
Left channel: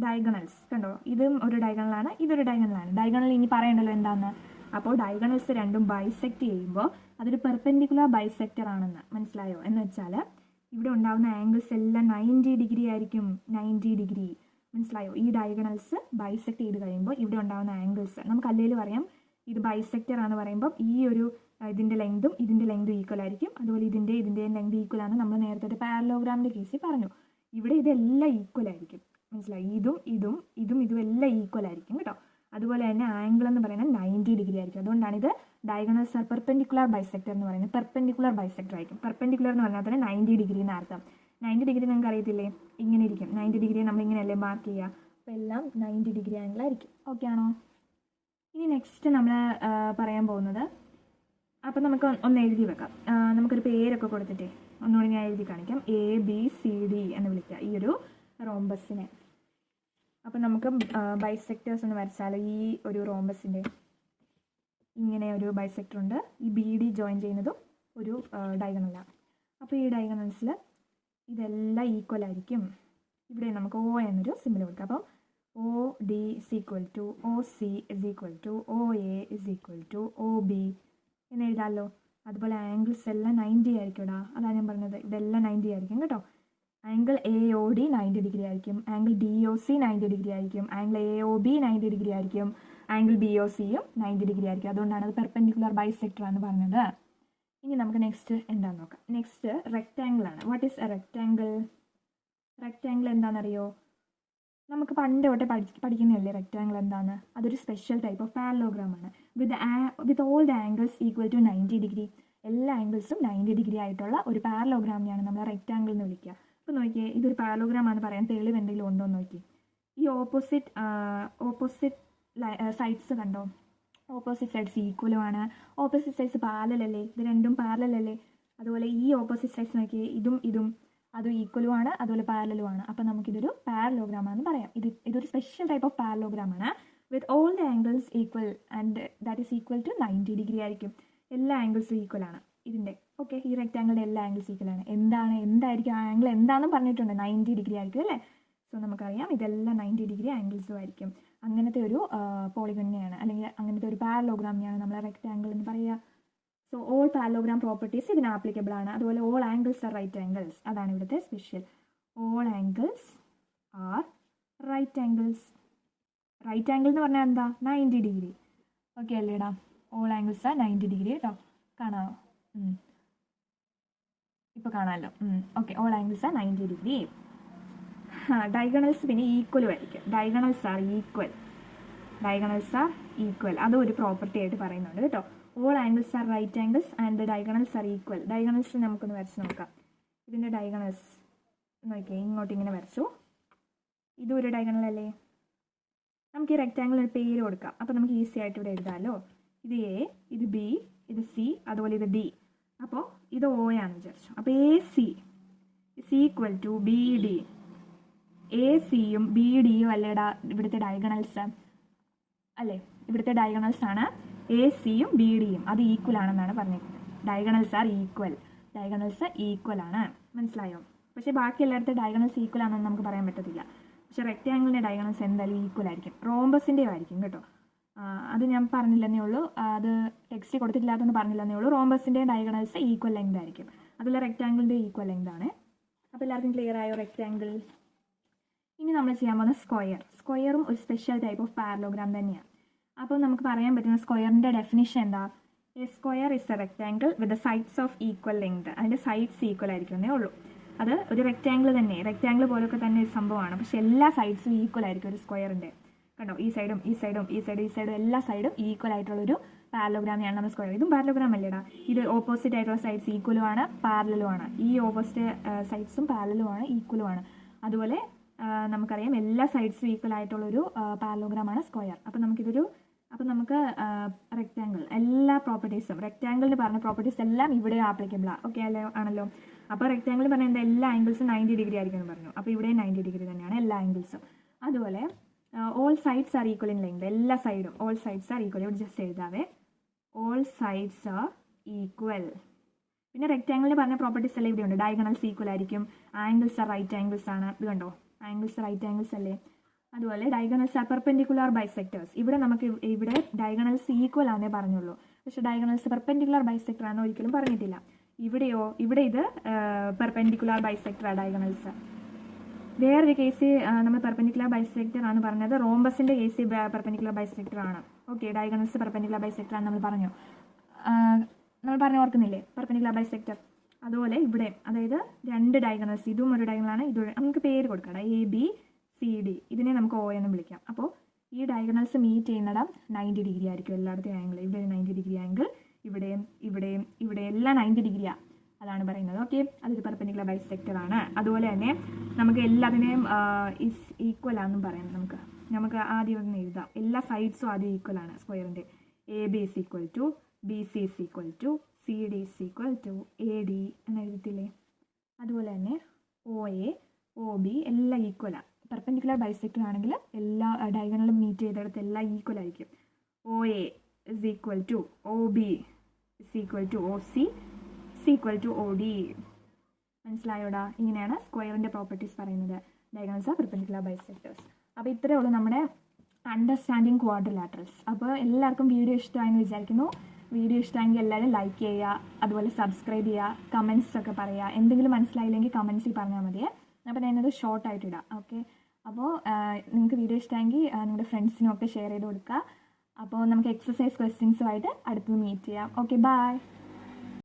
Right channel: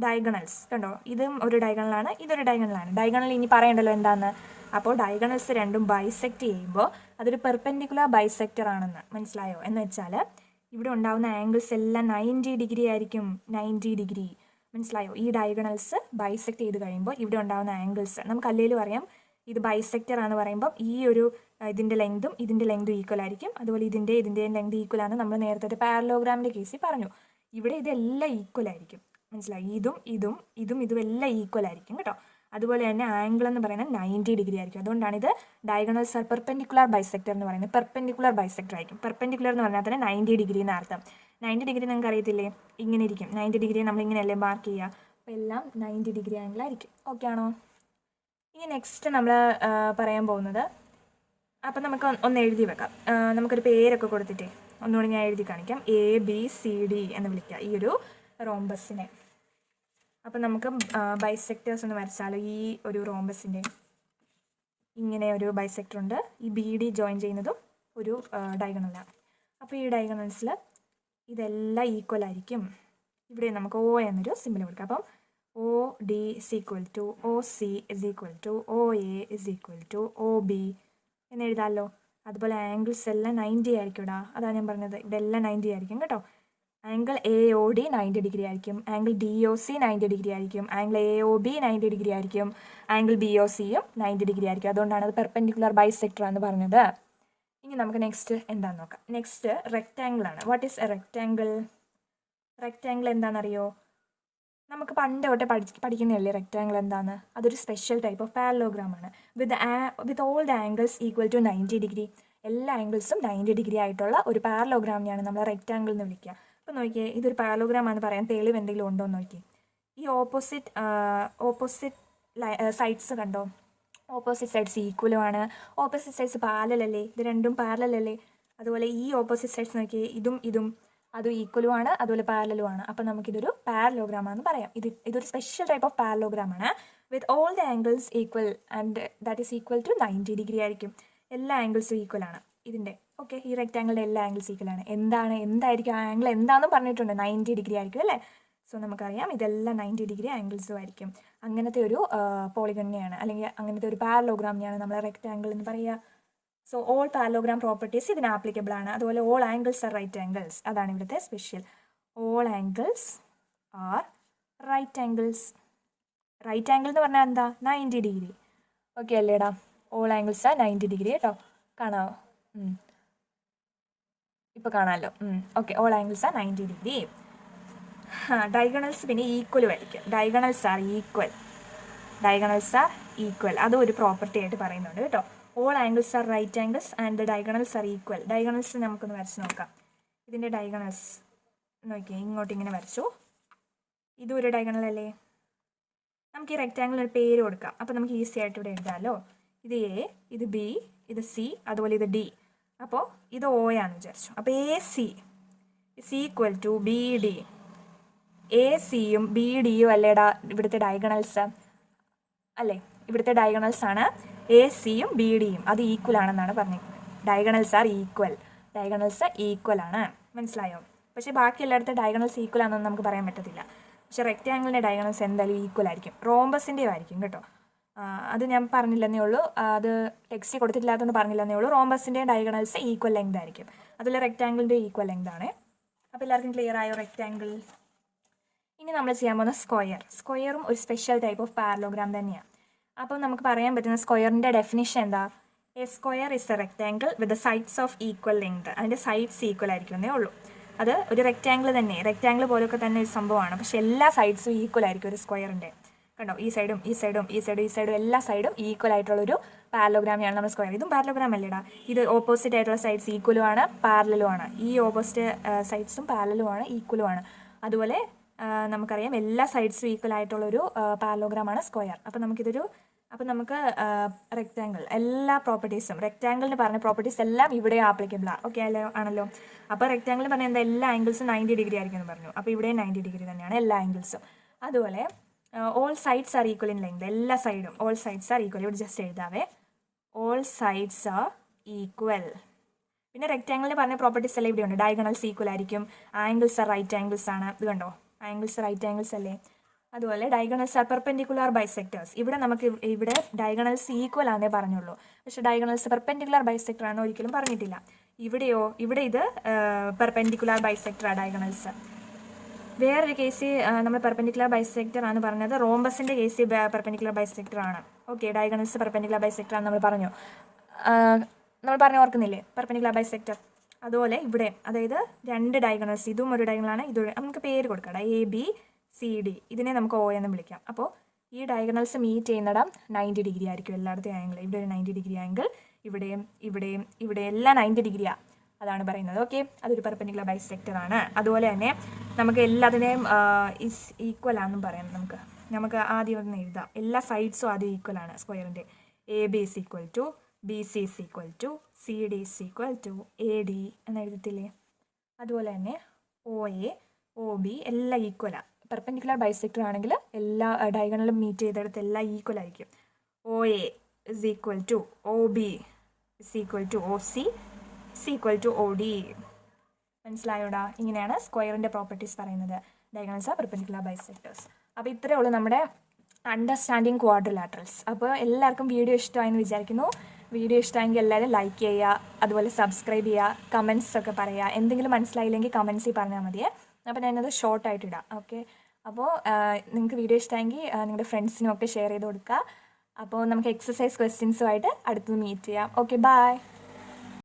ഡയഗണൽസ് കണ്ടോ? ഇതും ഒരു ഡയഗണലാണ്, ഇതൊരു ഡയഗണലാണ്. ഡയഗണൽ ഇനി പറയണ്ടല്ലോ എന്താണെന്ന്. അപ്പോൾ ഡയഗണൽസ് രണ്ടും ബൈസെക്റ്റ് ചെയ്യുമ്പോൾ അതൊരു പെർപെൻഡിക്കുലർ ബൈസെക്ടർ ആണെന്ന് മനസ്സിലായോ? എന്ന് വെച്ചാൽ ഇവിടെ ഉണ്ടാകുന്ന ആംഗിൾസ് എല്ലാം 90 ഡിഗ്രി ആയിരിക്കും. 90 ഡിഗ്രി മനസ്സിലായോ? ഈ ഡയഗണൽസ് ബൈസെക്റ്റ് ചെയ്ത് കഴിയുമ്പോൾ ഇവിടെ ഉണ്ടാകുന്ന ആംഗിൾസ് നമുക്ക് അല്ലെങ്കിലും അറിയാം. ഇത് ബൈസെക്ടർ ആണെന്ന് പറയുമ്പോൾ ഈ ഒരു ഇതിൻ്റെ ലെങ്തും ഈക്വൽ ആയിരിക്കും. അതുപോലെ ഇതിൻ്റെയും ലെങ്ത് ഈക്വൽ ആണ്. നമ്മൾ നേരത്തെ പാരലോഗ്രാമിൻ്റെ കേസിൽ പറഞ്ഞു. ഇവിടെ ഇതെല്ലാം ഈക്വൽ ആയിരിക്കും. മനസ്സിലായി? ഇതും എല്ലാം ഈക്വൽ ആയിരിക്കും കേട്ടോ. അതുപോലെ തന്നെ ആംഗിൾ എന്ന് പറയുന്നത് 90 ഡിഗ്രി ആയിരിക്കും. അതുകൊണ്ടാണ് ഇത് ഡയഗണൽസ് ആർ പെർപെൻഡിക്കുലർ ബൈസെക്ടർ എന്ന് പറയുന്നത്. പെർപെൻഡിക്കുലർ ബൈസെക്ടർ ആയിരിക്കും. പെർപെൻഡിക്കുലർ എന്ന് പറഞ്ഞാൽ തന്നെ 90 ഡിഗ്രി എന്ന് അർത്ഥം. 90 ഡിഗ്രി നിങ്ങൾക്ക് അറിയത്തില്ലേ? ഇങ്ങനെ ഇരിക്കും. 90 ഡിഗ്രി നമ്മൾ ഇങ്ങനെയല്ലേ മാർക്ക് ചെയ്യുക. അപ്പോൾ എല്ലാം 90 ഡിഗ്രി ആംഗിൾ ആയിരിക്കും. ഓക്കെ ആണോ? ഇനി നെക്സ്റ്റ് നമ്മൾ പറയാൻ പോകുന്നത്, അപ്പം നമുക്ക് ഒന്ന് എഴുതി വെക്കാം. നമുക്കൊരു പേരൊക്കെ കൊടുത്തിട്ടേ ഒന്നുകൂടി ഞാൻ എഴുതി കാണിക്കാം. ABCD എന്ന് വിളിക്കുക ഈ ഒരു റോംബസിനെ. അപ്പം നമുക്ക് ബൈസെക്ടേഴ്സ് ഒന്ന് വരച്ചാലോ. ഈ ഒരു റോംബസിൻ്റെ ഇങ്ങനെ ഒരു ബൈസെക്ടർ ഉണ്ട്. ഈ BD ജോയിൻ ചെയ്യുന്നതും ഒരു ഡയഗണലാണ്. അപ്പോൾ ഈ ഡയഗണൽസിൽ ഇതെല്ലാം ഈക്വൽ ആയിരിക്കും. ഇവിടെ നമുക്ക് O എന്നൊരു സിമ്പിൾ കൊടുക്കാം. അപ്പം OD is equal to OC is equal to OA is equal to OB എന്ന് എഴുതാമല്ലോ. അതുപോലെ ആംഗിൾസ് എല്ലാം 90 ആയിരിക്കും ഇടാ. അതാണ് ഞാൻ പറഞ്ഞത്, ഇതെല്ലാം 90 ആയിരിക്കും കേട്ടോ. ആംഗിൾ AOD 90 ഡിഗ്രി ആയിരിക്കും. ആംഗിൾ DOC 90 ഡിഗ്രി ആയിരിക്കും. ആംഗിൾ AOB 90 ഡിഗ്രി ആയിരിക്കും. ആംഗിൾ BOCയും 90 ഡിഗ്രി ആയിരിക്കും. അതുകൊണ്ടാണ് അത് പെർപെൻഡിക്കുലർ ബൈസെക്ടർ എന്ന് പറഞ്ഞത്. ഇനി നമുക്ക് നെക്സ്റ്റ് എന്താണെന്ന് നോക്കാം. നെക്സ്റ്റ് റെക്റ്റാങ്കിൾ ആണ്. What is A rectangle? Rectangle എന്താണെന്നറിയോ? നമുക്ക് പണ്ട് തൊട്ടേ പഠിക്കുന്നതല്ലേ റെക്റ്റാങ്കിൾ എന്താണ്? അതൊരു സ്പെഷ്യൽ ടൈപ്പ് ഓഫ് പാരലോഗ്രാം ആണ്. With all the angles equal to 90 degree. എല്ലാ ആംഗിൾസും 90 ഡിഗ്രി ആയിട്ടുള്ള ഒരു പാരലോഗ്രാമിനെയാണ് നമ്മൾ റെക്റ്റാങ്കിൾ എന്ന് വിളിക്കുക. അപ്പോൾ നോക്കിയേ, ഇതൊരു പാരലോഗ്രാം ആണെന്ന് പറയാൻ തെളിവ് എന്തെങ്കിലും ഉണ്ടോ എന്ന് നോക്കി. ഈ ഓപ്പോസിറ്റ് സൈഡ്സ് കണ്ടോ? ഓപ്പോസിറ്റ് സൈഡ്സ് ഈക്വലുമാണ്. ഓപ്പോസിറ്റ് സൈഡ്സ് പാരലല്ലേ? ഇത് രണ്ടും പാരലല്ലേ? അതുപോലെ ഈ ഓപ്പോസിറ്റ് സൈഡ്സ് നോക്കിയേ, ഇതും അതും ഈക്വലുമാണ്, അതുപോലെ പാരലുമാണ്. അപ്പോൾ നമുക്കിതൊരു പാരലോഗ്രാം ആണെന്ന് പറയാം. ഇതൊരു സ്പെഷ്യൽ ടൈപ്പ് ഓഫ് പാരലോഗ്രാം ആണ്. With all the angles equal and that is equal to 90 degree ആയിരിക്കും. എല്ലാ ആംഗിൾസും ഈക്വൽ ആണ് ഇതിൻ്റെ. ഓക്കെ, ഈ റെക്റ്റാങ്കിളിൻ്റെ എല്ലാ ആംഗിൾസ് ഈക്വൽ ആണ്. എന്തായിരിക്കും ആ ആംഗിൾ എന്താണെന്ന് പറഞ്ഞിട്ടുണ്ട്, 90 ഡിഗ്രി ആയിരിക്കും അല്ലേ? സോ നമുക്കറിയാം ഇതെല്ലാം 90 ഡിഗ്രി ആംഗിൾസും ആയിരിക്കും. അങ്ങനത്തെ ഒരു പോളിഗണിനെയാണ്, അല്ലെങ്കിൽ അങ്ങനത്തെ ഒരു പാരലോഗ്രാമിനെയാണ് നമ്മൾ റെക്റ്റാങ്കിൾ എന്ന് പറയുക. സോ ഓൾ പാരലോഗ്രാം പ്രോപ്പർട്ടീസ് ഇതിന് ആപ്ലിക്കബിൾ ആണ്. അതുപോലെ all angles are right angles, അതാണ് ഇവിടുത്തെ special. All angles are right angles. Right angle എന്ന് പറഞ്ഞാൽ എന്താ? 90 ഡിഗ്രി. ഓക്കെ അല്ലേടാ? ഓൾ ആംഗിൾസ് ആർ 90 ഡിഗ്രി കേട്ടോ. കാണാമോ? ഇപ്പോൾ കാണാമല്ലോ. Okay, all angles are 90 degree. Diagonals പിന്നെ ഈക്വലും ആയിരിക്കും. Diagonals are equal. അതും ഒരു പ്രോപ്പർട്ടി ആയിട്ട് പറയുന്നുണ്ട് കേട്ടോ. All angles are right angles and the diagonals are equal. Diagonals നമുക്കൊന്ന് വരച്ച് നോക്കാം. ഇതിൻ്റെ ഡയഗണൽസ് നോക്കിയേ, ഇങ്ങോട്ട് ഇങ്ങനെ വരച്ചു. ഇതും ഒരു ഡയഗണൽ അല്ലേ? നമുക്ക് ഈ റെക്റ്റാങ്കിളിന് പേര് കൊടുക്കാം. അപ്പോൾ നമുക്ക് ഈസി ആയിട്ട് ഇവിടെ എഴുതാമല്ലോ. ഇത് A, ഇത് B, ഇത് C, അതുപോലെ ഇത് D. അപ്പോൾ ഇത് O ആണെന്ന് വിചാരിച്ചു. അപ്പോൾ AC is equal to BD. ACയും BDയും അല്ലേടാ ഇവിടുത്തെ ഡയഗണൽസ് അല്ലേ? ഇവിടുത്തെ ഡയഗണൽസ് ആണ് ACയും BDയും. അത് ഈക്വൽ ആണെന്നാണ് പറഞ്ഞിരിക്കുന്നത്. ഡയഗണൽസ് ആർ ഈക്വൽ ആണ്. മനസ്സിലായോ? പക്ഷേ ബാക്കി എല്ലായിടത്തും ഡയഗണൽസ് ഈക്വൽ ആണെന്ന് നമുക്ക് പറയാൻ പറ്റത്തില്ല. പക്ഷേ റെക്റ്റാങ്കിളിൻ്റെ ഡയഗണൽസ് എന്തായാലും ഈക്വൽ ആയിരിക്കും. റോംബസിൻ്റെയും ആയിരിക്കും കേട്ടോ. അത് ഞാൻ പറഞ്ഞില്ലെന്നേ ഉള്ളൂ, അത് ടെക്സ്റ്റ് കൊടുത്തിട്ടില്ലാത്തതുകൊണ്ട് പറഞ്ഞില്ലെന്നേ ഉള്ളൂ. റോംബസിൻ്റെയും ഡയഗണൽസ് ഈക്വൽ ലെങ്ത് ആയിരിക്കും. അതുപോലെ റെക്റ്റാങ്കിളിൻ്റെ ഈക്വൽ ലെങ്ത് ആണ്. അപ്പോൾ എല്ലാവർക്കും ക്ലിയർ ആയോ റെക്റ്റാങ്കിൾ? ഇനി നമ്മൾ ചെയ്യാൻ പോകുന്ന സ്ക്വയറും ഒരു സ്പെഷ്യൽ ടൈപ്പ് ഓഫ് പാരലോഗ്രാം തന്നെയാണ്. അപ്പം നമുക്ക് പറയാൻ പറ്റുന്ന സ്ക്വയറിൻ്റെ ഡെഫിനിഷൻ എന്താ? A square is A rectangle with sides of equal length. അതിൻ്റെ സൈഡ്സ് ഈക്വൽ ആയിരിക്കുന്നേ ഉള്ളൂ. അത് ഒരു റെക്റ്റാങ്കിൾ തന്നെ, റെക്റ്റാങ്കിൾ പോലൊക്കെ തന്നെ ഒരു സംഭവമാണ്. പക്ഷേ എല്ലാ സൈഡ്സും ഈക്വൽ ആയിരിക്കും ഒരു സ്ക്വയറിൻ്റെ. കണ്ടോ? ഈ സൈഡും എല്ലാ സൈഡും ഈക്വൽ ആയിട്ടുള്ളൊരു പാരലോഗ്രാമിയാണ് നമ്മൾ സ്ക്വയർ. ഇതും പാരലോഗ്രാം അല്ലേടാ? ഇത് ഓപ്പോസിറ്റ് ആയിട്ടുള്ള സൈഡ്സ് ഈക്വലും ആണ്, പാരലലും ആണ്. ഈ ഓപ്പോസിറ്റ് സൈഡ്സും പാരലലും ആണ്, ഈക്വലും ആണ്. അതുപോലെ നമുക്കറിയാം എല്ലാ സൈഡ്സും ഈക്വൽ ആയിട്ടുള്ളൊരു പാരലോഗ്രാമാണ് സ്ക്വയർ. അപ്പോൾ നമുക്ക് റെക്റ്റാങ്കിൾ എല്ലാ പ്രോപ്പർട്ടീസും, റെക്റ്റാങ്കിളിന് പറഞ്ഞ പ്രോപ്പർട്ടീസ് എല്ലാം ഇവിടെ ആപ്ലിക്കബിളാണ്. ഓക്കെ ആണല്ലോ? അപ്പോൾ റെക്റ്റാങ്കിൾ പറഞ്ഞാൽ എന്താ? എല്ലാ ആംഗിൾസും 90 ഡിഗ്രി ആയിരിക്കും എന്ന് പറഞ്ഞു. അപ്പോൾ ഇവിടെ 90 ഡിഗ്രി തന്നെയാണ് എല്ലാ ആംഗിൾസും. അതുപോലെ all sides are equal in length. എല്ലാ സൈഡും ഓൾ സൈഡ്സ് ആർ ഈക്വൽ. ഇവിടെ ജസ്റ്റ് എഴുതാവേ, ഓൾ സൈഡ്സ് ആർ ഈക്വൽ. പിന്നെ റെക്റ്റാങ്കിളിന് പറഞ്ഞ പ്രോപ്പർട്ടീസ് എല്ലാം ഇവിടെ ഉണ്ട്. ഡയഗണൽസ് ഈക്വൽ ആയിരിക്കും. ആംഗിൾസ് ആർ റൈറ്റ് ആംഗിൾസ് ആണ്. ഇത് കണ്ടോ? ആംഗിൾസ് റൈറ്റ് ആംഗിൾസ് അല്ലേ? അതുപോലെ ഡയഗണൽസ് ആർ പെർപെൻഡിക്കുലർ ബൈസെക്ടേഴ്സ്. ഇവിടെ ഡയഗണൽസ് ഈക്വൽ ആണെന്നേ പറഞ്ഞുള്ളൂ. പക്ഷേ ഡയഗണൽസ് പെർപെൻഡിക്കുലർ ബൈസെക്ടർ ആണെന്ന് ഒരിക്കലും പറഞ്ഞിട്ടില്ല. ഇവിടെ ഇത് പെർപെൻഡിക്കുലർ ബൈസെക്ടറാണ് ഡയഗണൽസ്. വേറൊരു കേസ് നമ്മൾ പെർപെൻഡിക്കുലർ ബൈസെക്ടർ ആണ് പറഞ്ഞത്. റോംബസിൻ്റെ കേസ് പെർപെൻഡിക്കുലർ ബൈസെക്ടർ ആണ്. ഓക്കെ, ഡയഗണൽസ് പെർപെൻഡിക്കുലർ ബൈസെക്ടർ ആണ് നമ്മൾ പറഞ്ഞു ഓർക്കുന്നില്ലേ? Perpendicular bisector. അതുപോലെ ഇവിടെ, അതായത് രണ്ട് ഡയഗണൽസ്, ഇതും ഒരു ഡയഗണലാണ്, നമുക്ക് പേര് കൊടുക്കാം. A B CD ഇതിനെ നമുക്ക് O എന്ന് വിളിക്കാം. അപ്പോൾ ഈ ഡയഗണൽസ് മീറ്റ് ചെയ്യുന്നിടം 90 ഡിഗ്രി ആയിരിക്കും എല്ലായിടത്തും ആംഗിൾ. ഇവിടെ ഒരു 90 ഡിഗ്രി ആംഗിൾ, ഇവിടെ എല്ലാം 90 ഡിഗ്രിയാണ്. അതാണ് പറയുന്നത്. ഓക്കെ, അതൊരു പെർപെൻഡിക്കുലർ ബൈസെക്ടർ ആണ്. അതുപോലെ തന്നെ നമുക്ക് എല്ലാത്തിനെയും ഈക്വൽ ആണെന്നും പറയാം. നമുക്ക് ആദ്യം ഒന്ന് എഴുതാം. എല്ലാ സൈഡ്സും ആദ്യം ഈക്വൽ ആണ് സ്ക്വയറിൻ്റെ. AB is equal to BC is equal to CD is equal to AD എന്ന് എഴുതത്തില്ലേ? അതുപോലെ തന്നെ OA OB എല്ലാം ഈക്വലാണ്. പെർപെൻഡിക്കുലർ ബൈസെക്ടർ ആണെങ്കിൽ എല്ലാ ഡയഗണലും മീറ്റ് ചെയ്തെടുത്ത് എല്ലാം ഈക്വൽ ആയിരിക്കും. OA is equal to OB is equal to OC is equal to OD. മനസ്സിലായോടാ? ഇങ്ങനെയാണ് സ്ക്വയറിൻ്റെ പ്രോപ്പർട്ടീസ് പറയുന്നത്. Diagonals are perpendicular bisectors. അപ്പോൾ ഇത്രയേ ഉള്ളൂ നമ്മുടെ അണ്ടർസ്റ്റാൻഡിങ് ക്വാഡ്രിലാറ്ററൽസ്. അപ്പോൾ എല്ലാവർക്കും വീഡിയോ ഇഷ്ടമായെന്ന് വിചാരിക്കുന്നു. വീഡിയോ ഇഷ്ടമായെങ്കിൽ എല്ലാവരും ലൈക്ക് ചെയ്യുക, അതുപോലെ സബ്സ്ക്രൈബ് ചെയ്യുക, കമൻസ് ഒക്കെ പറയുക. എന്തെങ്കിലും മനസ്സിലായില്ലെങ്കിൽ കമൻസിൽ പറഞ്ഞാൽ മതിയേ. അപ്പോൾ ഞാനത് ഷോർട്ടായിട്ട് ഇടാം. ഓക്കെ, അപ്പോൾ നിങ്ങൾക്ക് വീഡിയോ ഇഷ്ടമായെങ്കിൽ നിങ്ങളുടെ ഫ്രണ്ട്സിനും ഒക്കെ ഷെയർ ചെയ്ത് കൊടുക്കുക. അപ്പോൾ നമുക്ക് എക്സസൈസ് ക്വസ്റ്റ്യൻസുമായിട്ട് അടുത്ത് മീറ്റ് ചെയ്യാം. Okay, by.